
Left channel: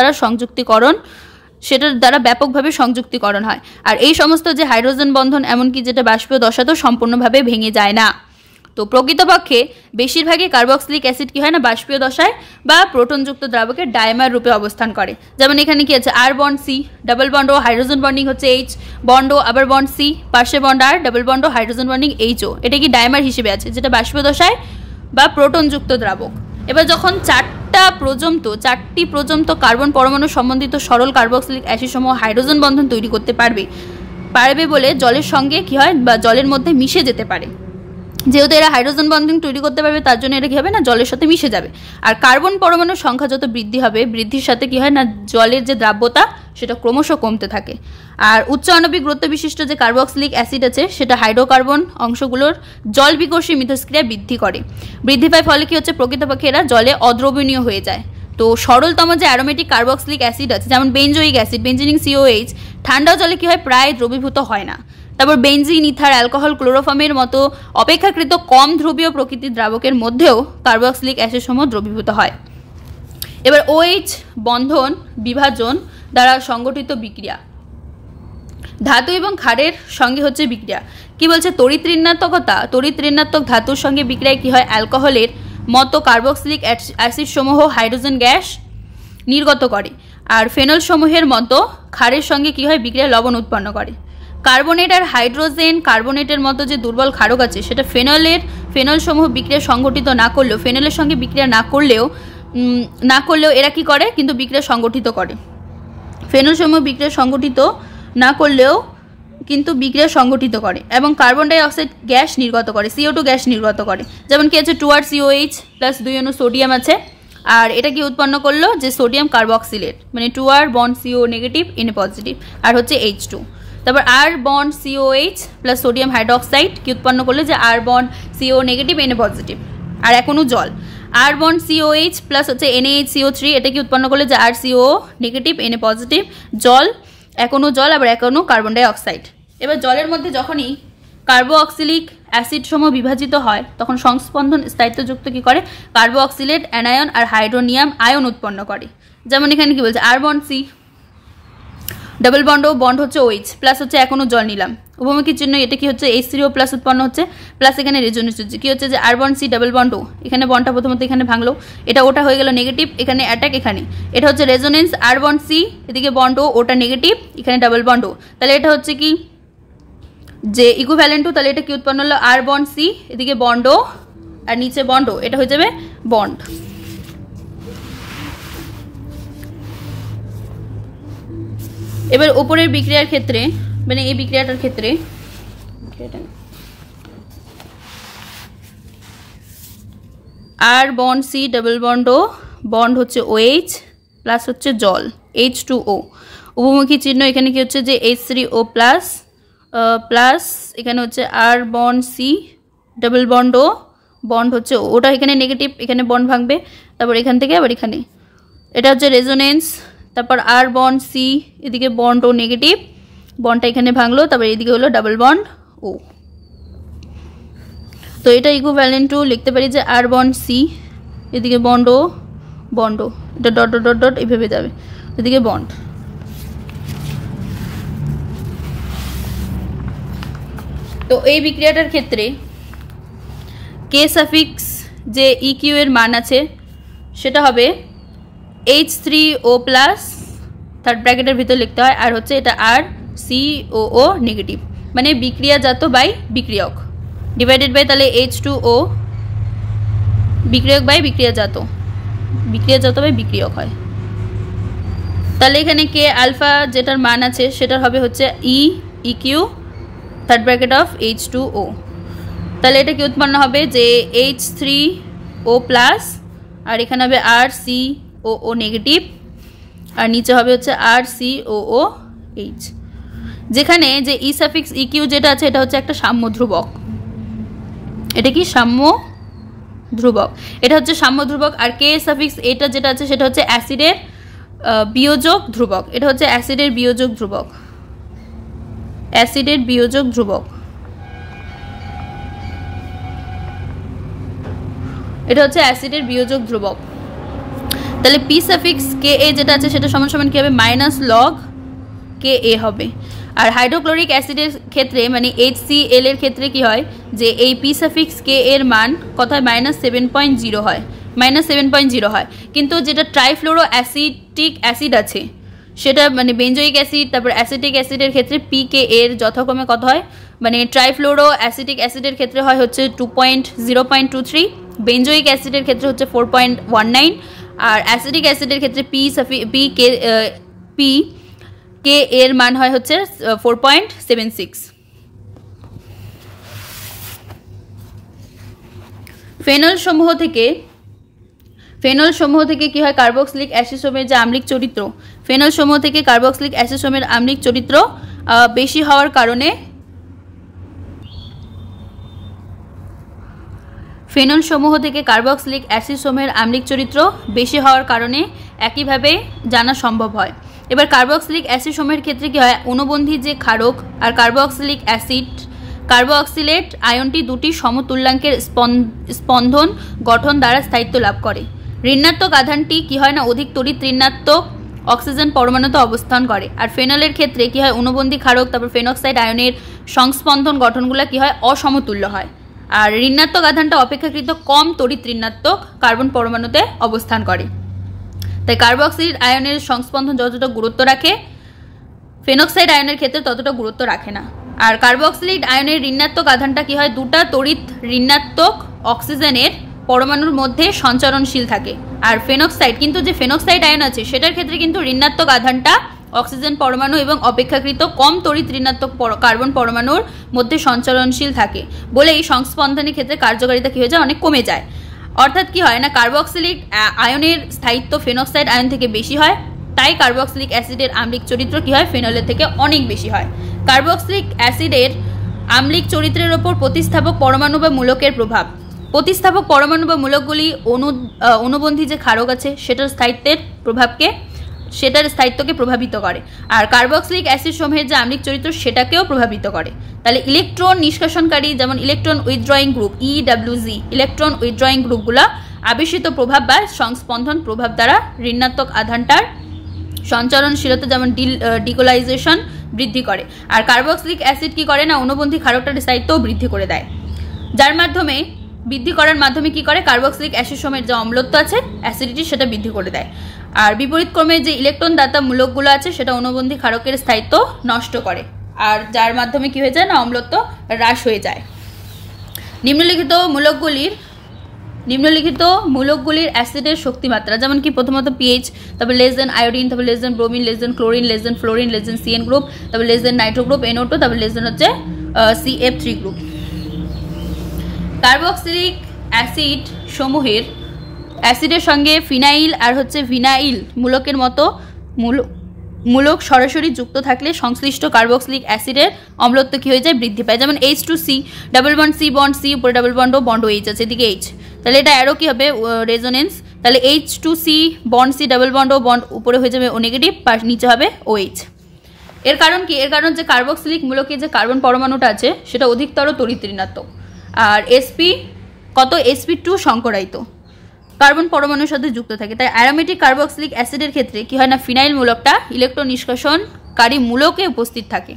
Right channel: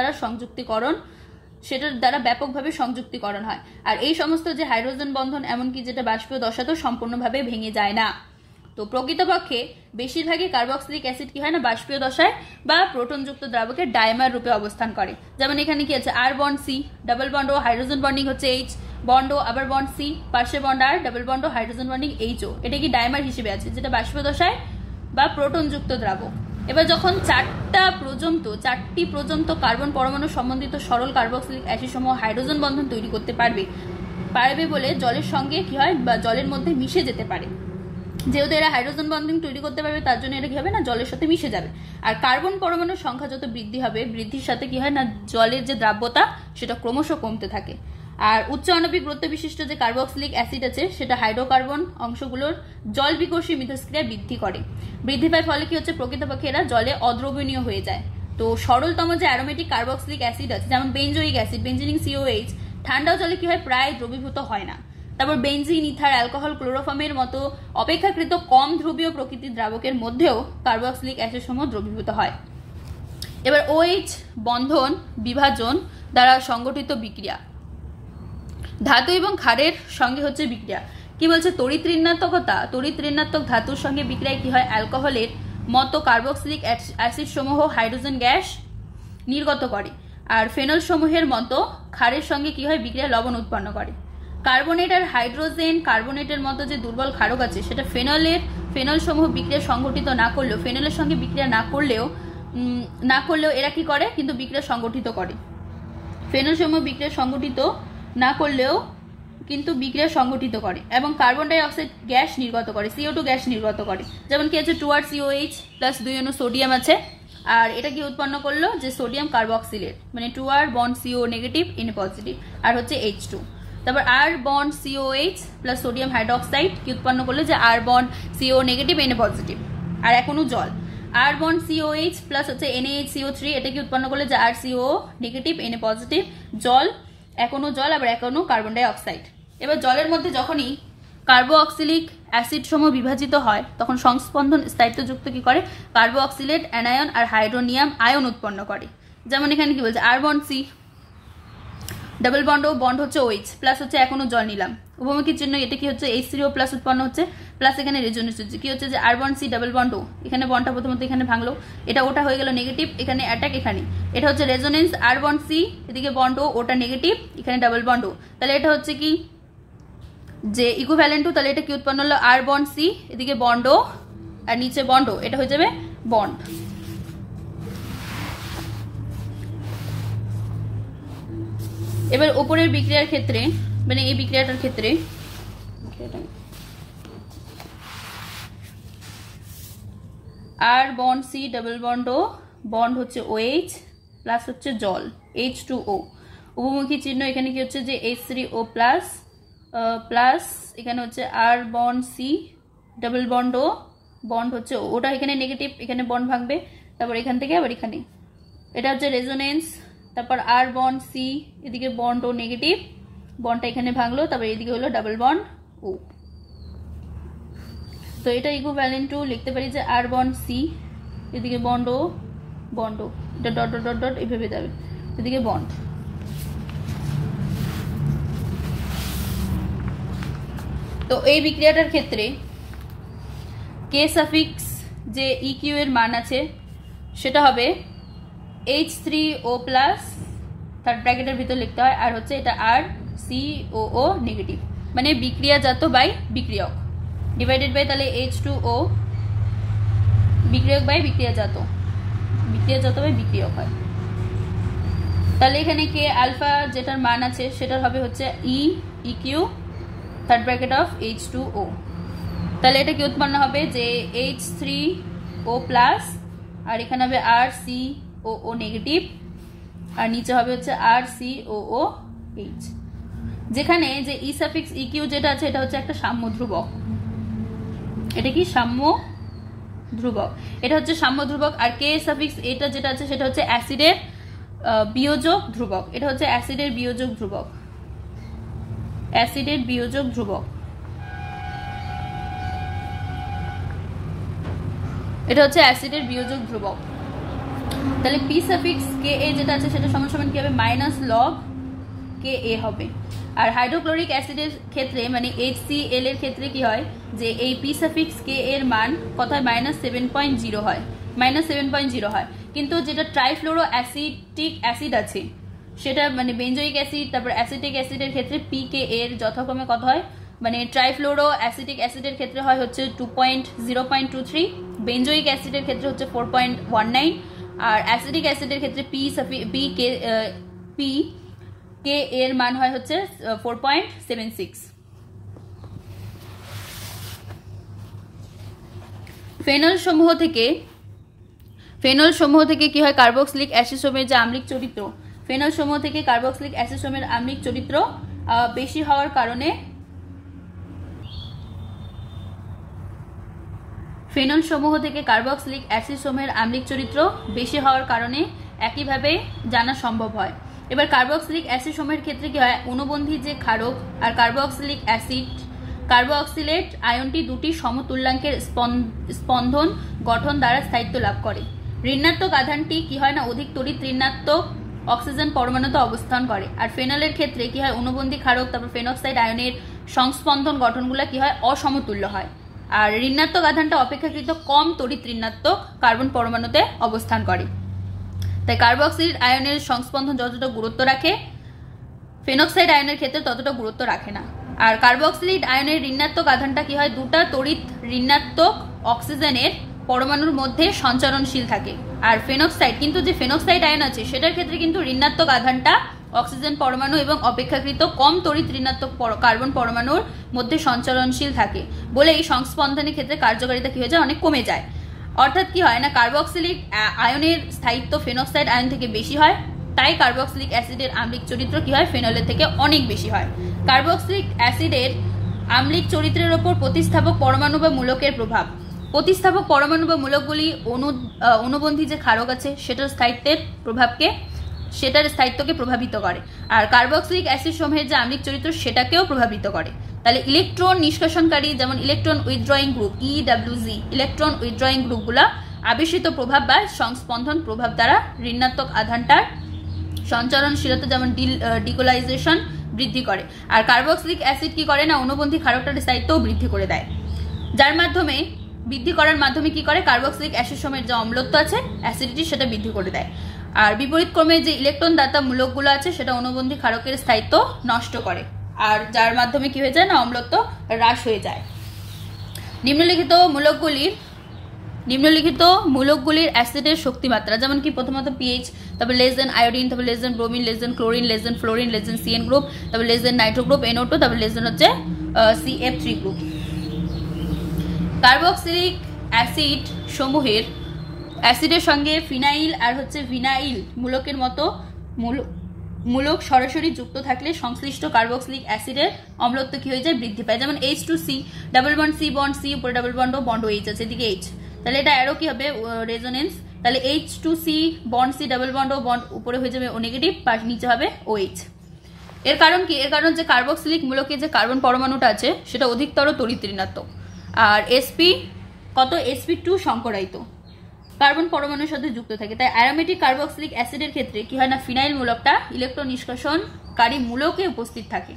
দ্বারা ব্যাপকভাবে সংযুক্তিকরণ হয়, আর এই সমস্ত যে হাইড্রোজেন বন্ধন এমনকি যেটা বাষ্পীয় দশাতেও সম্পূর্ণভাবে ভেঙে যায় না। তো প্রকৃতপক্ষে বেশিরভাগই কার্বক্সিলিক অ্যাসিড কি হয় না বাষ্পীয় দশায় বা প্রোটনযুক্ত দ্রাবকে ডাইমার রূপে অবস্থান করে। যেমন এখানে কি আছে আর বন্ড সি, ডাবল বন্ড ও হাইড্রোজেন বন্ডিং হচ্ছে H, বন্ড ও আবার বন্ড সি, পার্শ্বে বন্ড আর, ডাবল বন্ড ও হাইড্রোজেন বন্ডিং HO, এটা কি ডাইমার হিসেবে আছে যেটা বাষ্পীয় দশায় বা প্রোটনযুক্ত দ্রাবক। এবার যখন চারটি পর্যন্ত কার্বন পরমাণু সম্বন্ধিত সরল কার্বক্সিলিক অ্যাসিড সমূহ হাইড্রোজেন বন্ধন তৈরি করতে পারবে বলে জলের সঙ্গে কি হয় বা জলের মধ্যে মিশে যেতে পারে, যেহেতু এরা হাইড্রোজেন বন্ধন তৈরি করতে পারবে তার জন্য এটা কি হবে না জলের সাথে মিশে যাবে। আর কার্বন পরমাণুর সংখ্যা যত বৃদ্ধি হবে বৃদ্ধির সাথে কি হয় না জলের যে দ্রাব্যতা সেটা ক্রমশ কমতে থাকে। আর উচ্চ আণবিক গুরুত্ব বিশিষ্ট যে কার্বক্সিলিক অ্যাসিড আছে সেটা হাইড্রোকার্বন অংশগুলোর জল বিকর্ষী মিথস্ক্রিয়া বৃদ্ধি পায়, ফলে কি হচ্ছে প্রকৃতপক্ষে এরা জলে অদ্রবণীয় হয়ে যায়। তো সরলতম যে অ্যারোমেটিক কার্বক্সিলিক অ্যাসিড আছে যেমন বেঞ্জোইক অ্যাসিড, বেঞ্জিনিং COH, ঠান্ডা জলে কি হয় প্রায় দ্রবীভূত হয় না। তারপর বেঞ্জিন, ইথার, অ্যালকোহল, ক্লোরোফর্মের মতো অপেক্ষাকৃত কম ধ্রুবীয় প্রকৃতির দ্রাবকের মধ্যেও কার্বক্সিলিক অ্যাসিড সমূহ দ্রবীভূত হয়। এবার OH বন্ধন বিভাজন দ্বারা সংগঠিত বিক্রিয়া, ধাতু এবং ক্ষারের সঙ্গে হচ্ছে বিক্রিয়া কি বলছে তড়িৎ ঋণাত্মক ধাতুর সঙ্গে বিক্রিয়ায় কি হয় অ্যালকোহলের মতো কার্বক্সিলিক অ্যাসিড সমূহ হাইড্রোজেন গ্যাস নির্গত করে, আর ফেনল সমূহের মতো ক্ষারের সঙ্গে কি হয় বিক্রিয়া লবণ উৎপন্ন করে। কার্বনেট আর হাইড্রোজেন কার্বনেটের মতো যে দুর্বল ক্ষারক আছে সেটা ফেনল সমূহ বিক্রিয়া সংগঠিত না করলেও, ফেনলের সঙ্গে বিক্রিয়া না করলেও এরা কি করে কিন্তু বিক্রিয়া সংগঠিত করে। ফেনল সমূহ বিক্রিয়া সংগঠিত না করলেও কিন্তু বিক্রিয়া সংগঠিত করে এবং কার্বন ডাই অক্সাইড গ্যাস নির্গত করে, CO2 গ্যাস নির্গত করে। যেমন কি আছে 2R-COH প্লাস 2 অণু সোডিয়াম আছে, আর এটা কি উৎপন্ন করলো যে সোডিয়াম কার্বক্সিলেট, মানে 2R bond CO negative N positive আর হচ্ছে H2। তারপর R bond COH plus sodium hydroxide কি উৎপন্ন করলো যে R bond CO negative N positive আর এখনো জল। R বন্ড COH প্লাস হচ্ছে NaHCO3 এটা কি উৎপন্ন করলো যে RCO নেগেটিভ এন পজিটিভ জল, এখনো জল আবার এখনো কার্বন ডাই অক্সাইড। এবার জলের মধ্যে যখনই কার্বক্সিলিক অ্যাসিড সমূহ বিভাজিত হয় তখন সংস্পন্দন স্থায়িত্বযুক্ত কি করে কার্বক্সিলেট অ্যানায়ন আর হাইড্রোনিয়াম আয়ন উৎপন্ন করে। যেমন এখানে কি বলছে R bond C double bond হচ্ছে OH প্লাস হচ্ছে এখনো জল নিলাম, উভমুখী চিহ্ন, এটা কি হচ্ছে H3O প্লাস উৎপন্ন হচ্ছে, প্লাস এখানে রেজোনেন্স হচ্ছে, কি হচ্ছে যে R bond C double bond O, এখানে বন্ডটা প্রথমত এখানে ভাঙলো, এটা ওটা হয়ে গেল নেগেটিভ, এখানে অ্যাটাক, এখানে এটা হচ্ছে রেজোনেন্স, R বন্ড C এদিকে বন্ড O, ওটা নেগেটিভ, এখানে ডাবল বন্ড O, তাহলে এটা হচ্ছে কি যে ইকুইভ্যালেন্ট টু, তাহলে এটা কি উৎপন্ন হলো R বন্ড C এদিকে বন্ড O আর নিচে বন্ড O, এটা হয়ে যাবে বন্ড। এবার উপরের বিক্রিয়ার ক্ষেত্রে মানে এই বিক্রিয়াটার ক্ষেত্রে R bond C double bond O, bond হচ্ছে OH প্লাস হচ্ছে জল H2O, উভমুখী চিহ্ন, এখানে কি হচ্ছে যে H3O প্লাস প্লাস এখানে হচ্ছে R bond C double bond O, bond হচ্ছে ওটা এখানে নেগেটিভ, এখানে বন্ড ভাঙবে, তারপর এখান থেকে আবার এখানে এটা হচ্ছে রেজোনেন্স, তারপর R বন্ড C এদিকে বন্ড O নেগেটিভ, বন্ডটা এখানে ভাঙলো, তারপর এদিকে হলো ডাবল বন্ড O। তো এটা ইকুইভ্যালেন্ট টু লিখতে পারি যে R বন্ড C এদিকে বন্ড O, এটা ডট ডট ডট ডট এইভাবে যাবে, এদিকে বন্ড। তো এই বিক্রিয়াটার ক্ষেত্রে K সাফিক্স যে EQ এর মান আছে সেটা হবে H3O প্লাস, থার্ড ব্র্যাকেটের ভিতর লিখতে হয়, আর হচ্ছে এটা RCOO নেগেটিভ, মানে বিক্রিয়াজাত বাই বিক্রিয়ক ডিভাইডেড বাই তাহলে H2O বিক্রিয়ক বাই বিক্রিয়াজাত বাই বিক্রিয়ক হয়। তাহলে এখানে K আলফা যেটার মান আছে সেটার হবে হচ্ছে EQ third bracket of H2O, তাহলে এটা কি উৎপন্ন হবে যে H3O প্লাস আর এখানে হবে RCOO নেগেটিভ আর নিচে হবে হচ্ছে RCOOH, যেখানে যে E সাফিক্স EQ যেটা আছে এটা হচ্ছে একটা সাম্য ধ্রুবক, এটা কি সাম্য ধ্রুবক, এটা হচ্ছে সাম্য ধ্রুবক, আর K সাফিক্স এটা যেটা আছে সেটা হচ্ছে অ্যাসিডের বিয়োজক ধ্রুবক, এটা হচ্ছে অ্যাসিডের বিয়োজক ধ্রুবক, এটা হচ্ছে অ্যাসিডের বিয়োজক ধ্রুবক। তাহলে P সাফিক্স Ka যেটা আছে সেটা সমান সমান কি হবে মাইনাস লগ Ka হবে, আর হাইড্রোক্লোরিক অ্যাসিডের ক্ষেত্রে মানে HCl এর ক্ষেত্রে কি হয় যে এই P সাফিক্স K এর মান কথায় -7.0 হয়, -7.0 হয়, কিন্তু যেটা ট্রাইফ্লোরো অ্যাসিটিক অ্যাসিড আছে সেটা মানে বেঞ্জোইক অ্যাসিড তারপর অ্যাসিটিক অ্যাসিডের ক্ষেত্রে PK এর যথাক্রমে কত হয়, মানে ট্রাইফ্লোরো অ্যাসিটিক অ্যাসিডের ক্ষেত্রে হয় হচ্ছে 0.23, বেঞ্জোইক অ্যাসিডের ক্ষেত্রে হচ্ছে 4.19, আর অ্যাসিটিক অ্যাসিডের ক্ষেত্রে K এর মান হয় হচ্ছে 4.76। ফেনল সমূহ থেকে কি হয় কার্বক্সিলিক অ্যাসিড যে আম্লিক চরিত্র, ফেনল সমূহ থেকে কার্বক্সিলিক অ্যাসিড আম্লিক চরিত্র বেশি হওয়ার কারণে ফেনল সমূহ থেকে কার্বক্সিলিক অ্যাসিড সমূহের আম্লিক চরিত্র বেশি হওয়ার কারণে একইভাবে জানা সম্ভব হয়। এবার কার্বক্সিলিক অ্যাসিড সমূহের ক্ষেত্রে কি হয় অনুবন্ধী যে ক্ষারক আর কার্বক্সিলিক অ্যাসিড কার্বক্সিলেট আয়নটি দুটি সমতুল্যাঙ্কের স্পন্দন গঠন দ্বারা স্থায়িত্ব লাভ করে। ঋণাত্মক আধানটি কি হয় না অধিক তড়িৎ ঋণাত্মক অক্সিজেন পরমাণুতে অবস্থান করে, আর ফেনলের ক্ষেত্রে কি হয় অনুবন্ধী ক্ষারক তারপর ফেনক্সাইড আয়নের সংস্পন্দন গঠনগুলো কি হয় অসমতুল্য হয়, আর ঋণাত্মক আধানটা অপেক্ষাকৃত কম তড়িৎ ঋণাত্মক কার্বন পরমাণুতে অবস্থান করে। তাই কার্বক্সিল আয়নের সংস্পন্দন যতটা গুরুত্ব রাখে ফেনক্সাইড আয়নের ক্ষেত্রে ততটা গুরুত্ব রাখে না। আর কার্বক্সিলিক আয়নের ঋণাত্মক আধানটা কি হয় দুটা তড়িৎ ঋণাত্মক অক্সিজেনের পরমাণুর মধ্যে সঞ্চারণশীল থাকে, আর ফেনক্সাইড কিন্তু যে ফেনক্সাইড আয়ন আছে সেটার ক্ষেত্রে কিন্তু ঋণাত্মক আধানটা অক্সিজেন পরমাণু এবং অপেক্ষাকৃত কম তড়িৎ ঋণাত্মক কার্বন পরমাণুর মধ্যে সঞ্চারণশীল থাকে বলে এই সংস্পন্দনের ক্ষেত্রে কার্যকারিতা কি হয়ে যায় অনেক কমে যায়। অর্থাৎ কি হয় না কার্বক্সিলিক আয়নের স্থায়িত্ব ফেনক্সাইড আয়ন থেকে বেশি হয়, তাই কার্বক্সিলিক অ্যাসিডের আম্লিক চরিত্র কি হয় ফেনলের থেকে অনেক বেশি হয়। কার্বক্সিলিক অ্যাসিডের আম্লিক চরিত্রের ওপর প্রতিস্থাপক পরমাণু বা মূলকের প্রভাব, প্রতিস্থাপক পরমাণু বা মূলকগুলি অনুবন্ধী যে ক্ষারক আছে সেটার স্থায়িত্বকে প্রভাবিত করে, আর কার্বক্সিলিক অ্যাসিড সমূহের যে আম্লিক চরিত্র সেটাকেও প্রভাবিত করে। তাহলে ইলেকট্রন নিষ্কাশনকারী যেমন electron withdrawing group EWG electron withdrawing গ্রুপগুলো আবেশিত প্রভাব বা সংস্পন্দন প্রভাব দ্বারা ঋণাত্মক আধানটার সঞ্চরণশীলতা যেমন ডিকোলাইজেশন বৃদ্ধি করে। আর কার্বক্সিলিক অ্যাসিড কি করে না, অনুবন্ধী ক্ষারকটার স্থায়িত্বও বৃদ্ধি করে দেয়, যার মাধ্যমে বৃদ্ধি করার মাধ্যমে কি করে কার্বক্সিলিক অ্যাসিড সময়ের যে অম্লত্ব আছে অ্যাসিডিটি সেটা বৃদ্ধি করে দেয়। আর বিপরীত ক্রমে যে ইলেকট্রন দাতা মূলকগুলো আছে সেটা অনুবন্ধী ক্ষারকের স্থায়িত্ব নষ্ট করে, আর যার মাধ্যমে কি হয়ে যায় না অম্লত্ব হ্রাস হয়ে যায়। নিম্নলিখিত মূলকগুলির অ্যাসিডের শক্তিমাত্রা যেমন কি প্রথমত পিএইচ, তারপর লেস দেন আয়োডিন, তারপর less than bromine, less than chlorine, less than fluorine, less than CN group, তারপর less than nitro group NO2, তারপর লেস দেন হচ্ছে CF3 গ্রুপ। কার্বক্সিলিক অ্যাসিড সমূহের অ্যাসিডের সঙ্গে ফিনাইল আর হচ্ছে ভিনাইল মূলকের মতো মূলক সরাসরি যুক্ত থাকলে সংশ্লিষ্ট কার্বক্সিলিক অ্যাসিডের অম্লত্ব কি হয়ে যায় বৃদ্ধি পায়। যেমন H2C, double bond C bond C, উপরে double bond O bond H আছে, এদিকে H, তাহলে এটা অ্যারো কি হবে রেজোনেন্স, তাহলে H2C bond C double bond O bond উপরে হয়ে যাবে O নেগেটিভ, আর নিচে হবে OH। এর কারণ কি, এর কারণ যে কার্বক্সিলিক মূলকে যে কার্বন পরমাণুটা আছে সেটা অধিকতর তড়িৎ ঋণাত্মক, আর sp2 সংকরায়িত কার্বন পরমাণুর সাথে যুক্ত থাকে। তাই অ্যারোমেটিক কার্বক্সিলিক অ্যাসিডের ক্ষেত্রে কি হয় না ফিনাইল মূলকটা ইলেকট্রন নিষ্কাশনকারী মূলকে উপস্থিত থাকে,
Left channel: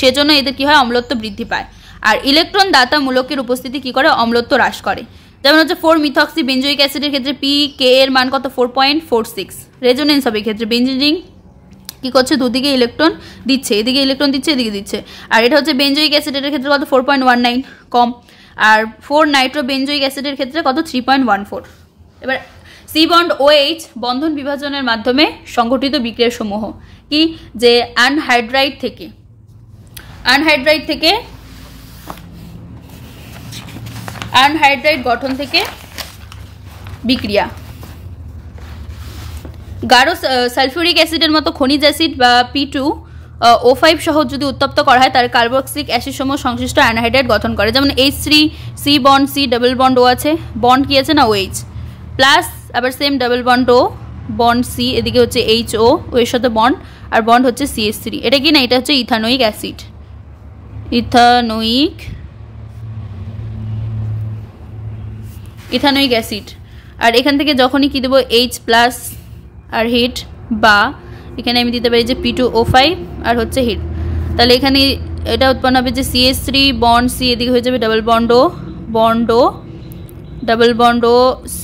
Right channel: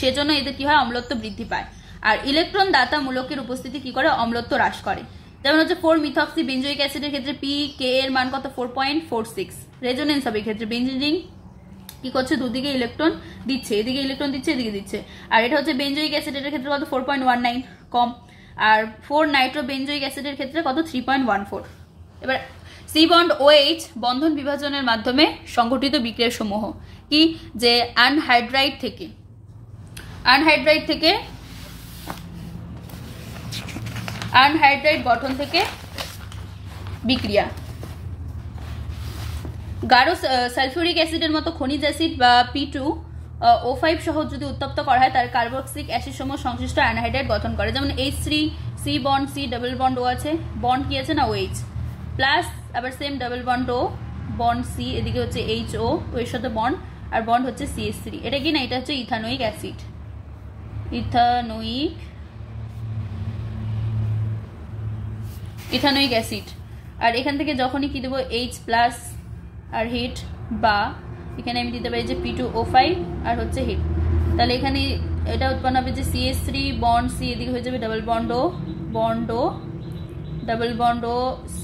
সেজন্য এদের কি হয় অম্লত্ব বৃদ্ধি পায়। আর ইলেকট্রন দাতা মূলকের উপস্থিতি কি করে অম্লত্ব হ্রাস করে। যেমন হচ্ছে 4-মিথক্সি বেঞ্জোইক অ্যাসিডের ক্ষেত্রে PK এর মান কত 4.46, রেজোনেন্স হবে ক্ষেত্রে বেঞ্জিন রিং কি করছে দুদিকে ইলেকট্রন দিচ্ছে, এদিকে ইলেকট্রন দিচ্ছে এদিকে দিচ্ছে। আর এটা হচ্ছে বেঞ্জোইক অ্যাসিডের ক্ষেত্রে কত 4.19 কম, আর 4 নাইট্রো বেঞ্জোইক অ্যাসিডের ক্ষেত্রে কত 3.14। এবার C বন্ড OH বন্ধন বিভাজনের মাধ্যমে সংঘটিত বিক্রিয়া সমূহ কি, যে আনহাইড্রাইড গঠন থেকে বিক্রিয়া। গাঢ় সালফিউরিক অ্যাসিডের মতো খনিজ অ্যাসিড বা P2O5 সহ যদি উত্তপ্ত করা হয় তার কার্বক্সিলিক অ্যাসিড সমূহ সংশ্লিষ্ট অ্যানহাইড্রাইড গঠন করে। যেমন H3C bond C double bond O আছে, বন্ড কি আছে না OH, প্লাস আবার same double bond O bond C, এদিকে হচ্ছে HO ও এর সাথে বন্ড, আর বন্ড হচ্ছে CH3। এটা কি না, এটা হচ্ছে ইথানোয়িক অ্যাসিড, ইথানোয়িক অ্যাসিড। আর এখান থেকে যখনই কি দেবো H প্লাস আর হিট, বা এখানে আমি দিতে পারি যে P2O5 আর হচ্ছে হিট, তাহলে এখানে এটা উৎপন্ন হবে যে CH3 বন্ড C, এদিকে হয়ে যাবে double bond O double bond O C,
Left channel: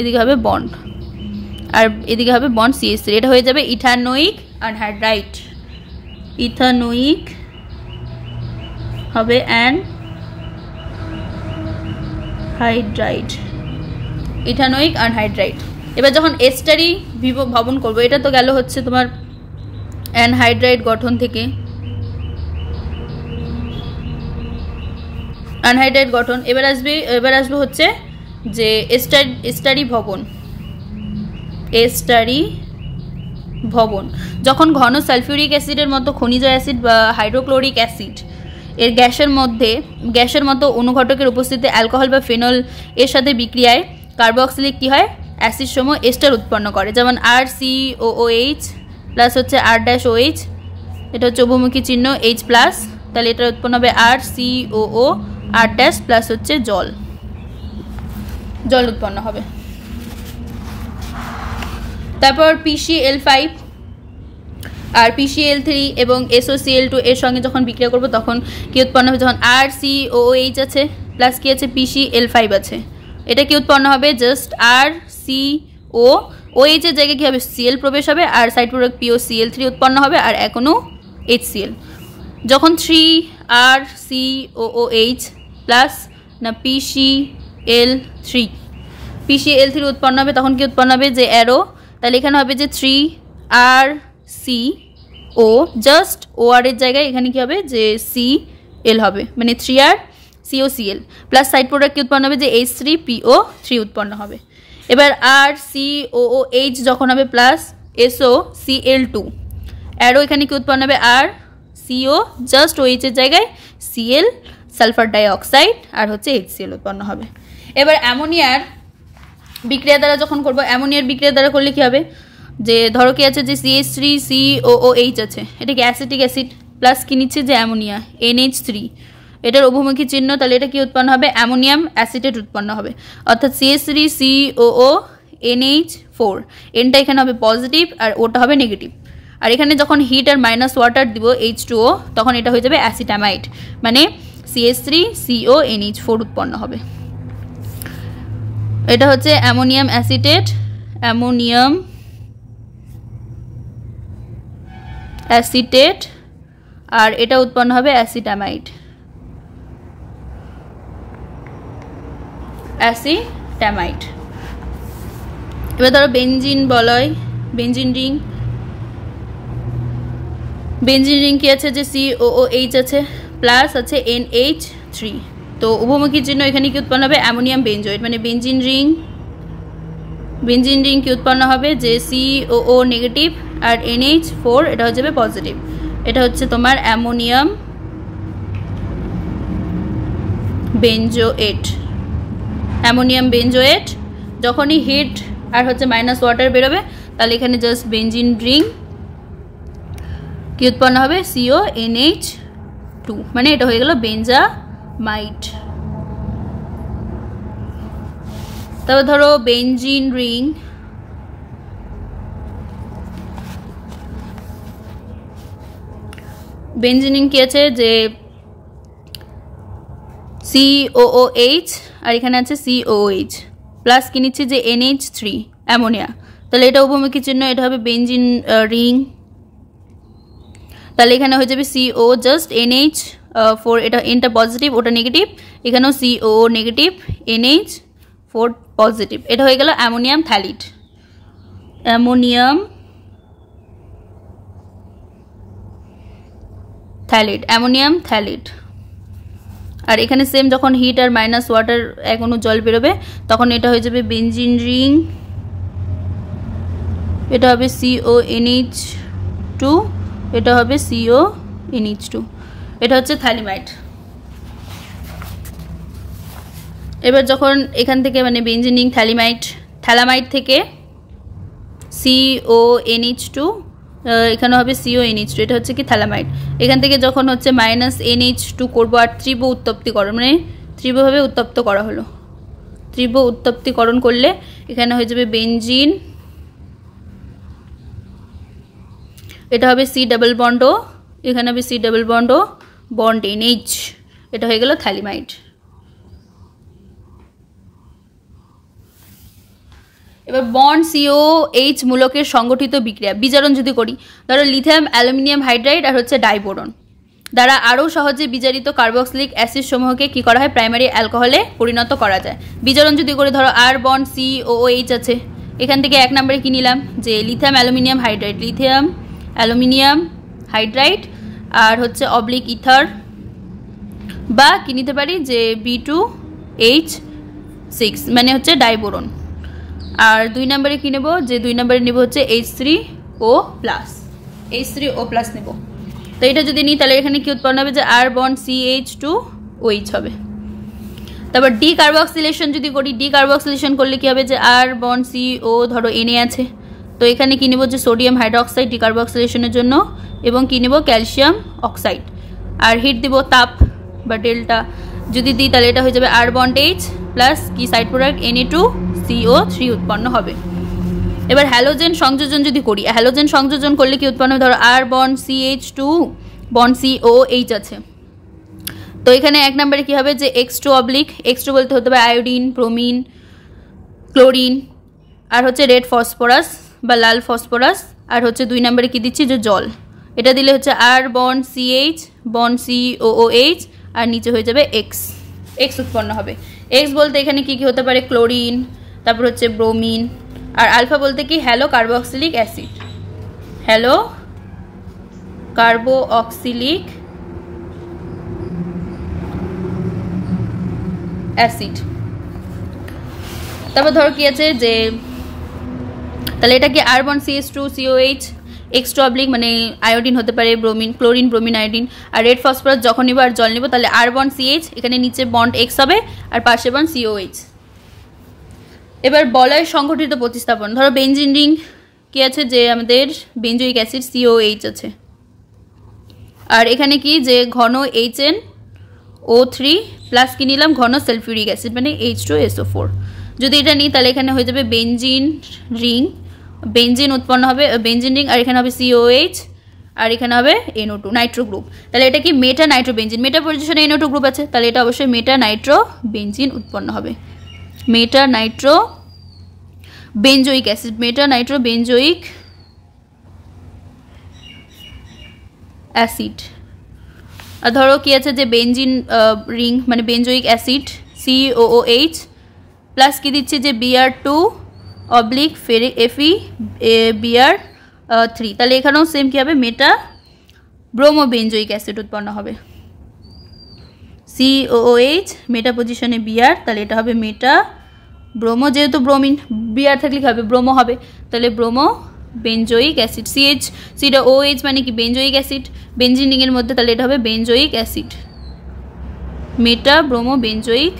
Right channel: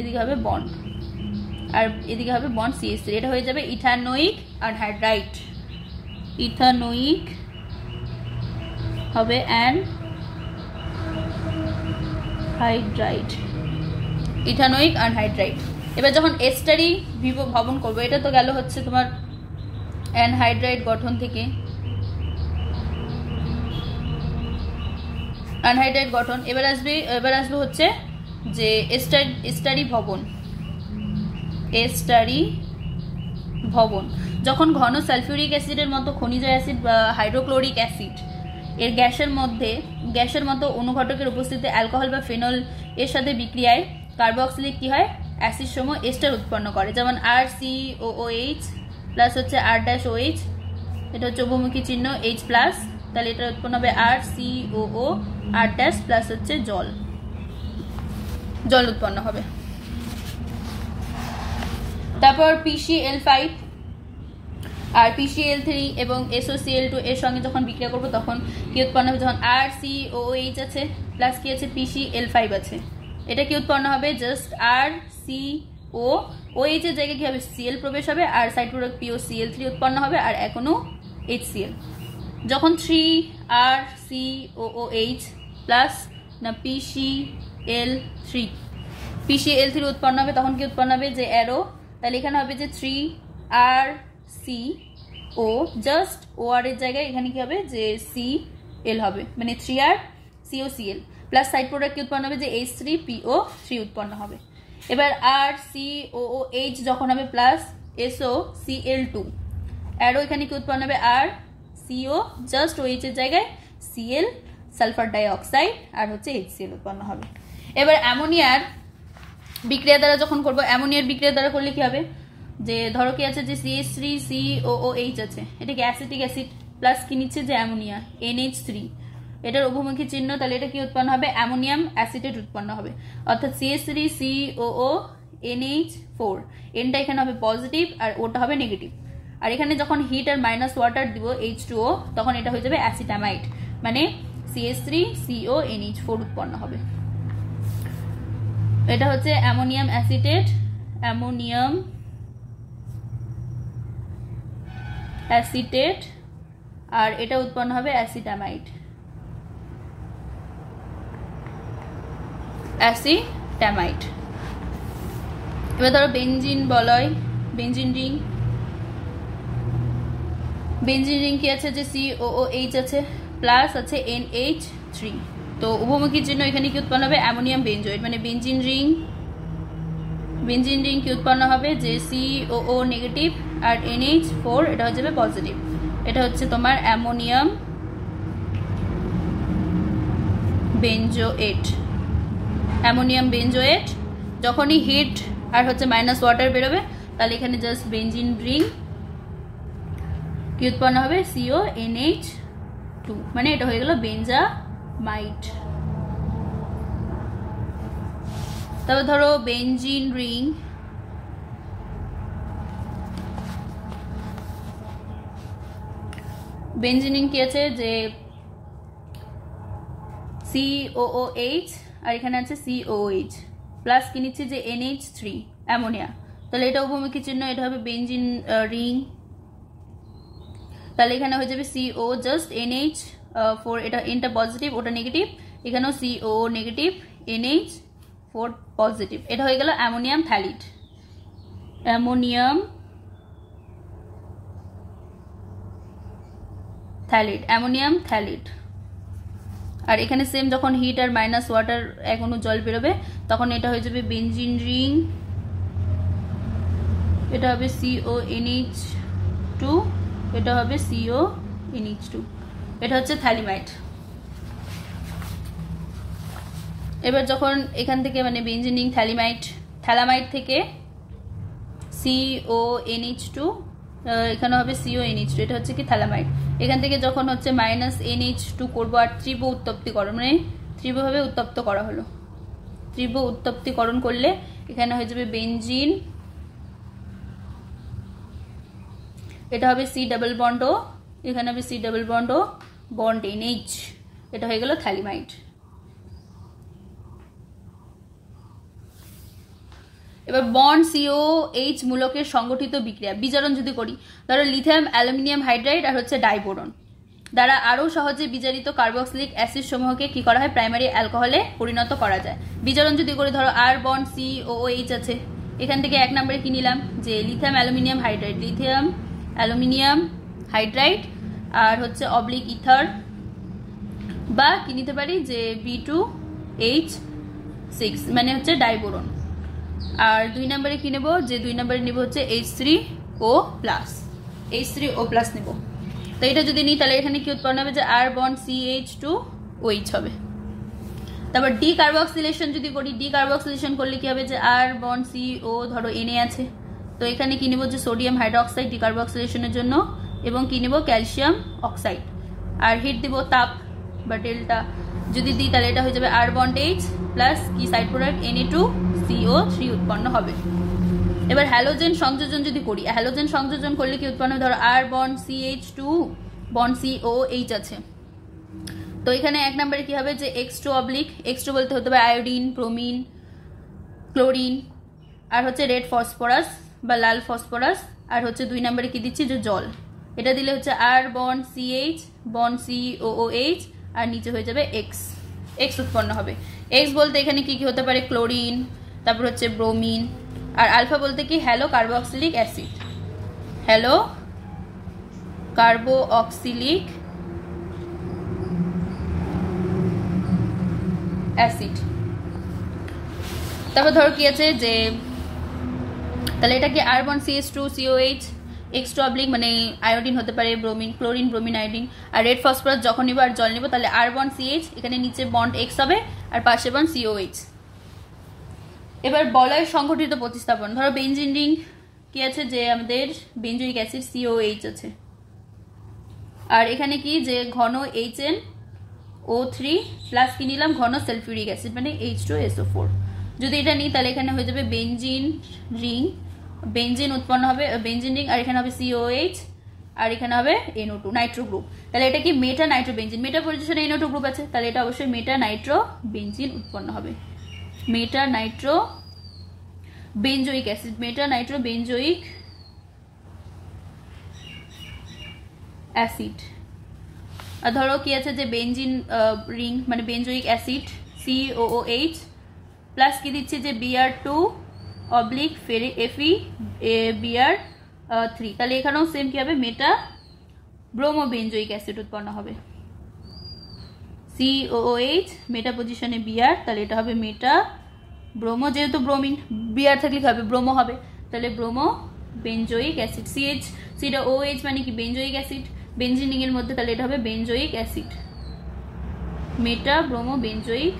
এদিকে হবে বন্ড, আর এদিকে হবে বন্ড CH3, এটা হয়ে যাবে ইথানোয়িক আনহাইড্রাইড, ইথানোয়িক হবে অ্যানহাইড্রাইড, ইথানোয়িক আনহাইড্রাইড। এবার যখন এস্টারি ভবন করবো, এটা তো গেল হচ্ছে তোমার অ্যানহাইড্রাইড গঠন থেকে, অ্যানহাইড্রাইড গঠন। এবার আসবে হচ্ছে যে এস্টারি ভবন, যখন ঘন সালফিউরিক অ্যাসিডের মতো খনিজ অ্যাসিড বা হাইড্রোক্লোরিক অ্যাসিড এর গ্যাসের মতো অনুঘটকের উপস্থিতিতে অ্যালকোহল বা ফেনল এর সাথে বিক্রিয়ায় কার্বক্সিলিক কি হয় অ্যাসিড সমূহ এস্টার উৎপন্ন করে। যেমন RCOOH প্লাস হচ্ছে R-OH, এটা হচ্ছে উভমুখী চিহ্ন H প্লাস, তাহলে এটা উৎপন্ন হবে RCOO R- প্লাস হচ্ছে জল উৎপন্ন হবে। তারপর PCl5 আর PCl3 এবং SOCl2 এর সঙ্গে যখন বিক্রিয়া করব তখন কি উৎপন্ন হবে, যখন RCOOH আছে প্লাস কি আছে PCl5 আছে, এটা কি উৎপন্ন হবে জাস্ট RCOOH এর জায়গায় কি হবে Cl প্রবেশ হবে, আর সাইড প্রোডাক্ট POCl3 উৎপন্ন হবে, আর এখনো HCl। যখন 3RCOOH প্লাস না PCl3 উৎপন্ন হবে তখন কি উৎপন্ন হবে যে অ্যারো, তাহলে এখানে হবে যে 3RCO জাস্ট OR এর জায়গায় এখানে কি হবে যে Cl হবে, মানে 3RCOCl প্লাস সাইড প্রোডাক্ট কি উৎপন্ন হবে যে H3PO3 উৎপন্ন হবে। এবার RCOOH যখন হবে প্লাস SOCl2, অ্যারো এখানে কি উৎপন্ন হবে RCO জাস্ট OH এর জায়গায় Cl সালফার ডাইঅক্সাইড আর হচ্ছে HCl উৎপন্ন হবে। এবার অ্যামোনিয়ার বিক্রিয়া দ্বারা যখন করব, অ্যামোনিয়ার বিক্রিয়া দ্বারা করলে কি হবে, যে ধরো কি আছে যে CH3COOH আছে, এটা কি অ্যাসিটিক অ্যাসিড প্লাস কি নিচ্ছে যে অ্যামোনিয়া NH3, এটার উভমুখী চিহ্ন, তাহলে এটা কি উৎপন্ন হবে অ্যামোনিয়াম অ্যাসিটেট উৎপন্ন হবে, অর্থাৎ CH3COO NH4, এনটা এখানে হবে পজিটিভ আর ওটা হবে নেগেটিভ, আর এখানে যখন হিট আর মাইনাস ওয়াটার দিব H2O তখন এটা হয়ে যাবে অ্যাসিটামাইড, মানে CH3CONH4 উৎপন্ন হবে। এটা হচ্ছে অ্যামোনিয়াম অ্যাসিটেট, অ্যামোনিয়াম অ্যাসিটেট, আর এটা উৎপন্ন হবে অ্যাসিটামাইড, অ্যাসিটামাইড। এবার ধরো বেনজিন বলয়, বেনজিন রিং, বেনজিন রিং কি আছে যে COOH আছে প্লাস আছে NH3, তো উভমুখী চিহ্ন এখানে কি উৎপন্ন হবে অ্যামোনিয়াম বেনজোয়েট, মানে বেনজিন রিং কি উৎপন্ন হবে যে COO নেগেটিভ আর NH4 এটা হয়ে যাবে পজিটিভ। এটা হচ্ছে তোমার অ্যামোনিয়াম বেনজোয়েট, অ্যামোনিয়াম বেনজোয়েট। যখনই হিট আর হচ্ছে মাইনাস ওয়াটার বেরোবে তাহলে এখানে জাস্ট বেনজিন রিং কি উৎপন্ন হবে CONH2, মানে এটা হয়ে গেল বেনজামাইড। তারপর ধরো বেনজিন রিং, বেনজিন রিং কি আছে যে COOH আর এখানে আছে COOH প্লাস কি নিচ্ছে যে NH3 অ্যামোনিয়া, তাহলে এটা উভমুখী চিহ্ন, এটা হবে বেনজিন রিং। তাহলে এখানে হয়ে যাবে CO জাস্ট NH4, এটা এনটা পজিটিভ ওটা নেগেটিভ, এখানেও CO নেগেটিভ NH4 পজিটিভ, এটা হয়ে গেল অ্যামোনিয়াম থ্যালিড, অ্যামোনিয়াম থ্যালিড, অ্যামোনিয়াম থ্যালিড। আর এখানে সেম যখন হিট আর মাইনাস ওয়াটার এক অণু জল বেরোবে তখন এটা হয়ে যাবে বেনজিন রিং, এটা হবে CONH2, এটা হবে CONH2, এটা হচ্ছে থ্যালিমাইড। এবার যখন এখান থেকে মানে বেনজিন রিং থ্যালিমাইড, থ্যালামাইড থেকে CONH2, এখানে হবে CONH2, এটা হচ্ছে কি থ্যালামাইড। এখান থেকে যখন হচ্ছে মাইনাস NH2 করবো আর তীব্র উত্তপ্তিকরণ, মানে তীব্রভাবে উত্তপ্ত করা হলো, তীব্র উত্তপ্তিকরণ করলে এখানে হয়ে যাবে বেনজিন, এটা হবে C ডাবল বন্ড O, এখানে হবে C double bond O bond NH, এটা হয়ে গেল থ্যালিমাইড। এবার বন্ড COH মূলকের সংগঠিত বিক্রিয়া বিজারণ যদি করি, ধরো লিথিয়াম অ্যালুমিনিয়াম হাইড্রাইড আর হচ্ছে ডাইবোরন দ্বারা আরও সহজে বিজারিত কার্বক্সিলিক অ্যাসিড সমূহকে কি করা হয় প্রাইমারি অ্যালকোহলে পরিণত করা যায়। বিজারণ যদি করে ধরো আর বন্ড COOH আছে, এখান থেকে এক নম্বরে কি নিলাম যে lithium aluminium hydride, lithium aluminium hydride আর হচ্ছে অবলিক ইথার, বা কি নিতে পারি যে B2H6 মানে হচ্ছে ডাইবোরন। আর দুই নম্বরে কি নেব যে দুই নম্বরে নেব হচ্ছে H3O+, H3O+ নেব। তো এটা যদি নিই তাহলে এখানে কি উৎপন্ন হবে যে আর বন্ড CH2OH হবে। তারপর ডি কার্বক্সিলেশন যদি করি, ডি কার্বক্সিলেশন করলে কি হবে যে আর বন্ড CO ধরো Na আছে, তো এখানে কি নেব যে সোডিয়াম হাইড্রোক্সাইড ডি কার্বক্সিলেশনের জন্য, এবং কি নেব ক্যালসিয়াম অক্সাইড। আর হিট দিব তাপ বা ডেল্টা যদি দিই তাহলে এটা হয়ে যাবে আর বন্ড H প্লাস কি সাইড প্রোডাক্ট Na2CO3 উৎপন্ন হবে। এবার হ্যালোজেন সংযোজন যদি করি, হ্যালোজেন সংযোজন করলে কি উৎপন্ন হবে, ধরো আর বন্ড CH2 বন্ড COH আছে, তো এখানে এক নম্বরে কি হবে যে X2 অবলিক, X2 বলতে হতে হবে আয়োডিন, ব্রোমিন, ক্লোরিন, আর হচ্ছে রেড ফসফরাস বা লাল ফসফরাস, আর হচ্ছে দুই নম্বরে কি দিচ্ছি যে জল, এটা দিলে হচ্ছে আর বন্ড CH বন্ড COOH আর নিচে হয়ে যাবে X উৎপন্ন হবে। X বলতে এখানে কি কি হতে পারে ক্লোরিন, তারপর হচ্ছে ব্রোমিন, আর আলফা বলতে কি hello carboxylic acid, hello carboxylic acid. তারপর ধরো কি আছে যে তাহলে এটা কি আর বন্ড CH2COH, X2 অবলিক মানে আয়োডিন হতে পারে, ব্রোমিন, ক্লোরিন, ব্রোমিন, আয়োডিন, আর রেড ফসফরাস যখন নিব আর জল নিব তাহলে আর বন্ড CH, এখানে নিচে বন্ড X হবে আর পাশে বন্ড COH। এবার বলয় সংগঠিত প্রতিস্থাপন, ধরো বেনজিন রিং কি আছে যে আমাদের বেনজোইক অ্যাসিড COH আছে, আর এখানে কি যে ঘন HNO3 প্লাস কি নিলাম ঘন সালফিউরিক অ্যাসিড মানে H2SO4। যদি এটা নিই তাহলে এখানে হয়ে যাবে বেনজিন রিং বেঞ্জিন উৎপন্ন হবে, বেঞ্জিন রিং, আর এখানে হবে COH, আর এখানে হবে NO2 নাইট্রো গ্রুপ। তাহলে এটা কি মেটা নাইট্রো বেঞ্জিন, মেটা পজিশনে NO2 গ্রুপ আছে, তাহলে এটা অবশ্যই মেটা নাইট্রো বেঞ্জিন উৎপন্ন হবে। মেটা নাইট্রো বেঞ্জোইক অ্যাসিড, মেটা নাইট্রো বেঞ্জোইক অ্যাসিড। আর ধরো কি আছে যে বেঞ্জিন রিং মানে বেঞ্জোইক অ্যাসিড COOH প্লাস কি দিচ্ছে যে Br2/Fe Br3, তাহলে এখানেও সেম কি হবে মেটা ব্রোমো বেঞ্জোইক অ্যাসিড উৎপন্ন হবে। COOH মেটা পজিশনে Br, তাহলে এটা হবে মেটা ব্রোমো, যেহেতু ব্রোমিন Br থাকলে কি হবে ব্রোমো হবে, তাহলে ব্রোমো বেঞ্জোইক অ্যাসিড। COOH মানে কি বেঞ্জোইক অ্যাসিড বেঞ্জিন রিংয়ের মধ্যে, তাহলে এটা হবে বেঞ্জোইক অ্যাসিড, মেটা ব্রোমো বেঞ্জোইক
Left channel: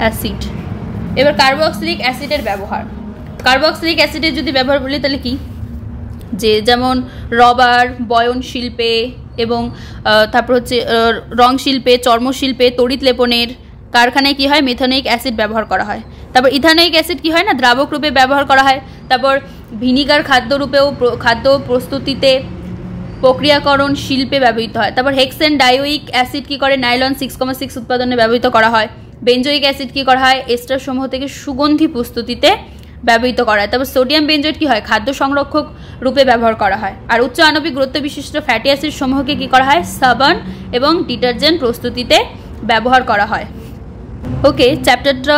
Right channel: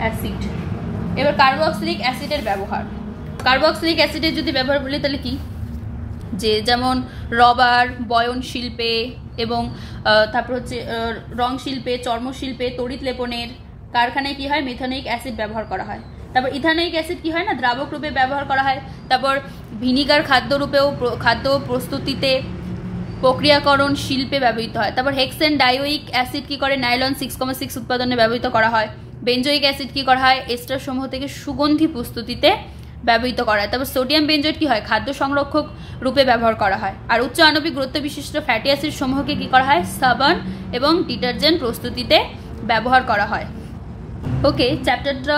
অ্যাসিড। এবার কার্বক্সিলিক অ্যাসিডের ব্যবহার। কার্বক্সিলিক অ্যাসিডের যদি ব্যবহার বলি তাহলে কি, যে যেমন রবার বয়ন শিল্পে এবং তারপর হচ্ছে রং শিল্পে, চর্মশিল্পে, তড়িৎ লেপনের কারখানায় কি হয় মেথনোয়িক অ্যাসিড ব্যবহার করা হয়। তারপর ইথানোয়িক অ্যাসিড কি হয় না দ্রাবক রূপে ব্যবহার করা হয়। তারপর ভিনিগার খাদ্যরূপেও, খাদ্য প্রস্তুতিতে, প্রক্রিয়াকরণ শিল্পে ব্যবহৃত হয়। তারপর হেক্সেন ডাইওয়িক অ্যাসিড কি করে নাইলন 6,6 উৎপাদনে ব্যবহৃত করা হয়। বেঞ্জোইক অ্যাসিড কি করা হয় এস্টার সমূহ থেকে সুগন্ধি প্রস্তুতিতে ব্যবহৃত করা হয়। তারপর সোডিয়াম বেঞ্জোয়েট কি হয় খাদ্য সংরক্ষক রূপে ব্যবহার করা হয়। আর উচ্চ আণবিক গুরুত্ব বিশিষ্ট ফ্যাটি অ্যাসিড সমূহকে কি করা হয় সাবান এবং ডিটারজেন্ট প্রস্তুতিতে ব্যবহার করা হয়। ওকে, চ্যাপ্টারটা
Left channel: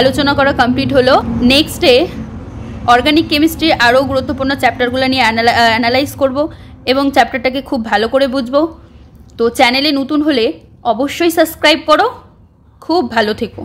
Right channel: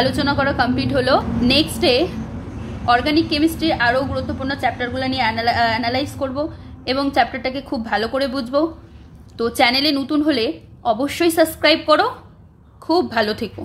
আলোচনা করা কমপ্লিট হলো। নেক্সটে অর্গানিক কেমিস্ট্রির আরও গুরুত্বপূর্ণ চ্যাপ্টারগুলো নিয়ে অ্যানালাইজ করব এবং চ্যাপ্টারটাকে খুব ভালো করে বুঝবো। তো চ্যানেলে নতুন হলে অবশ্যই সাবস্ক্রাইব করো। খুব ভালো থেকো।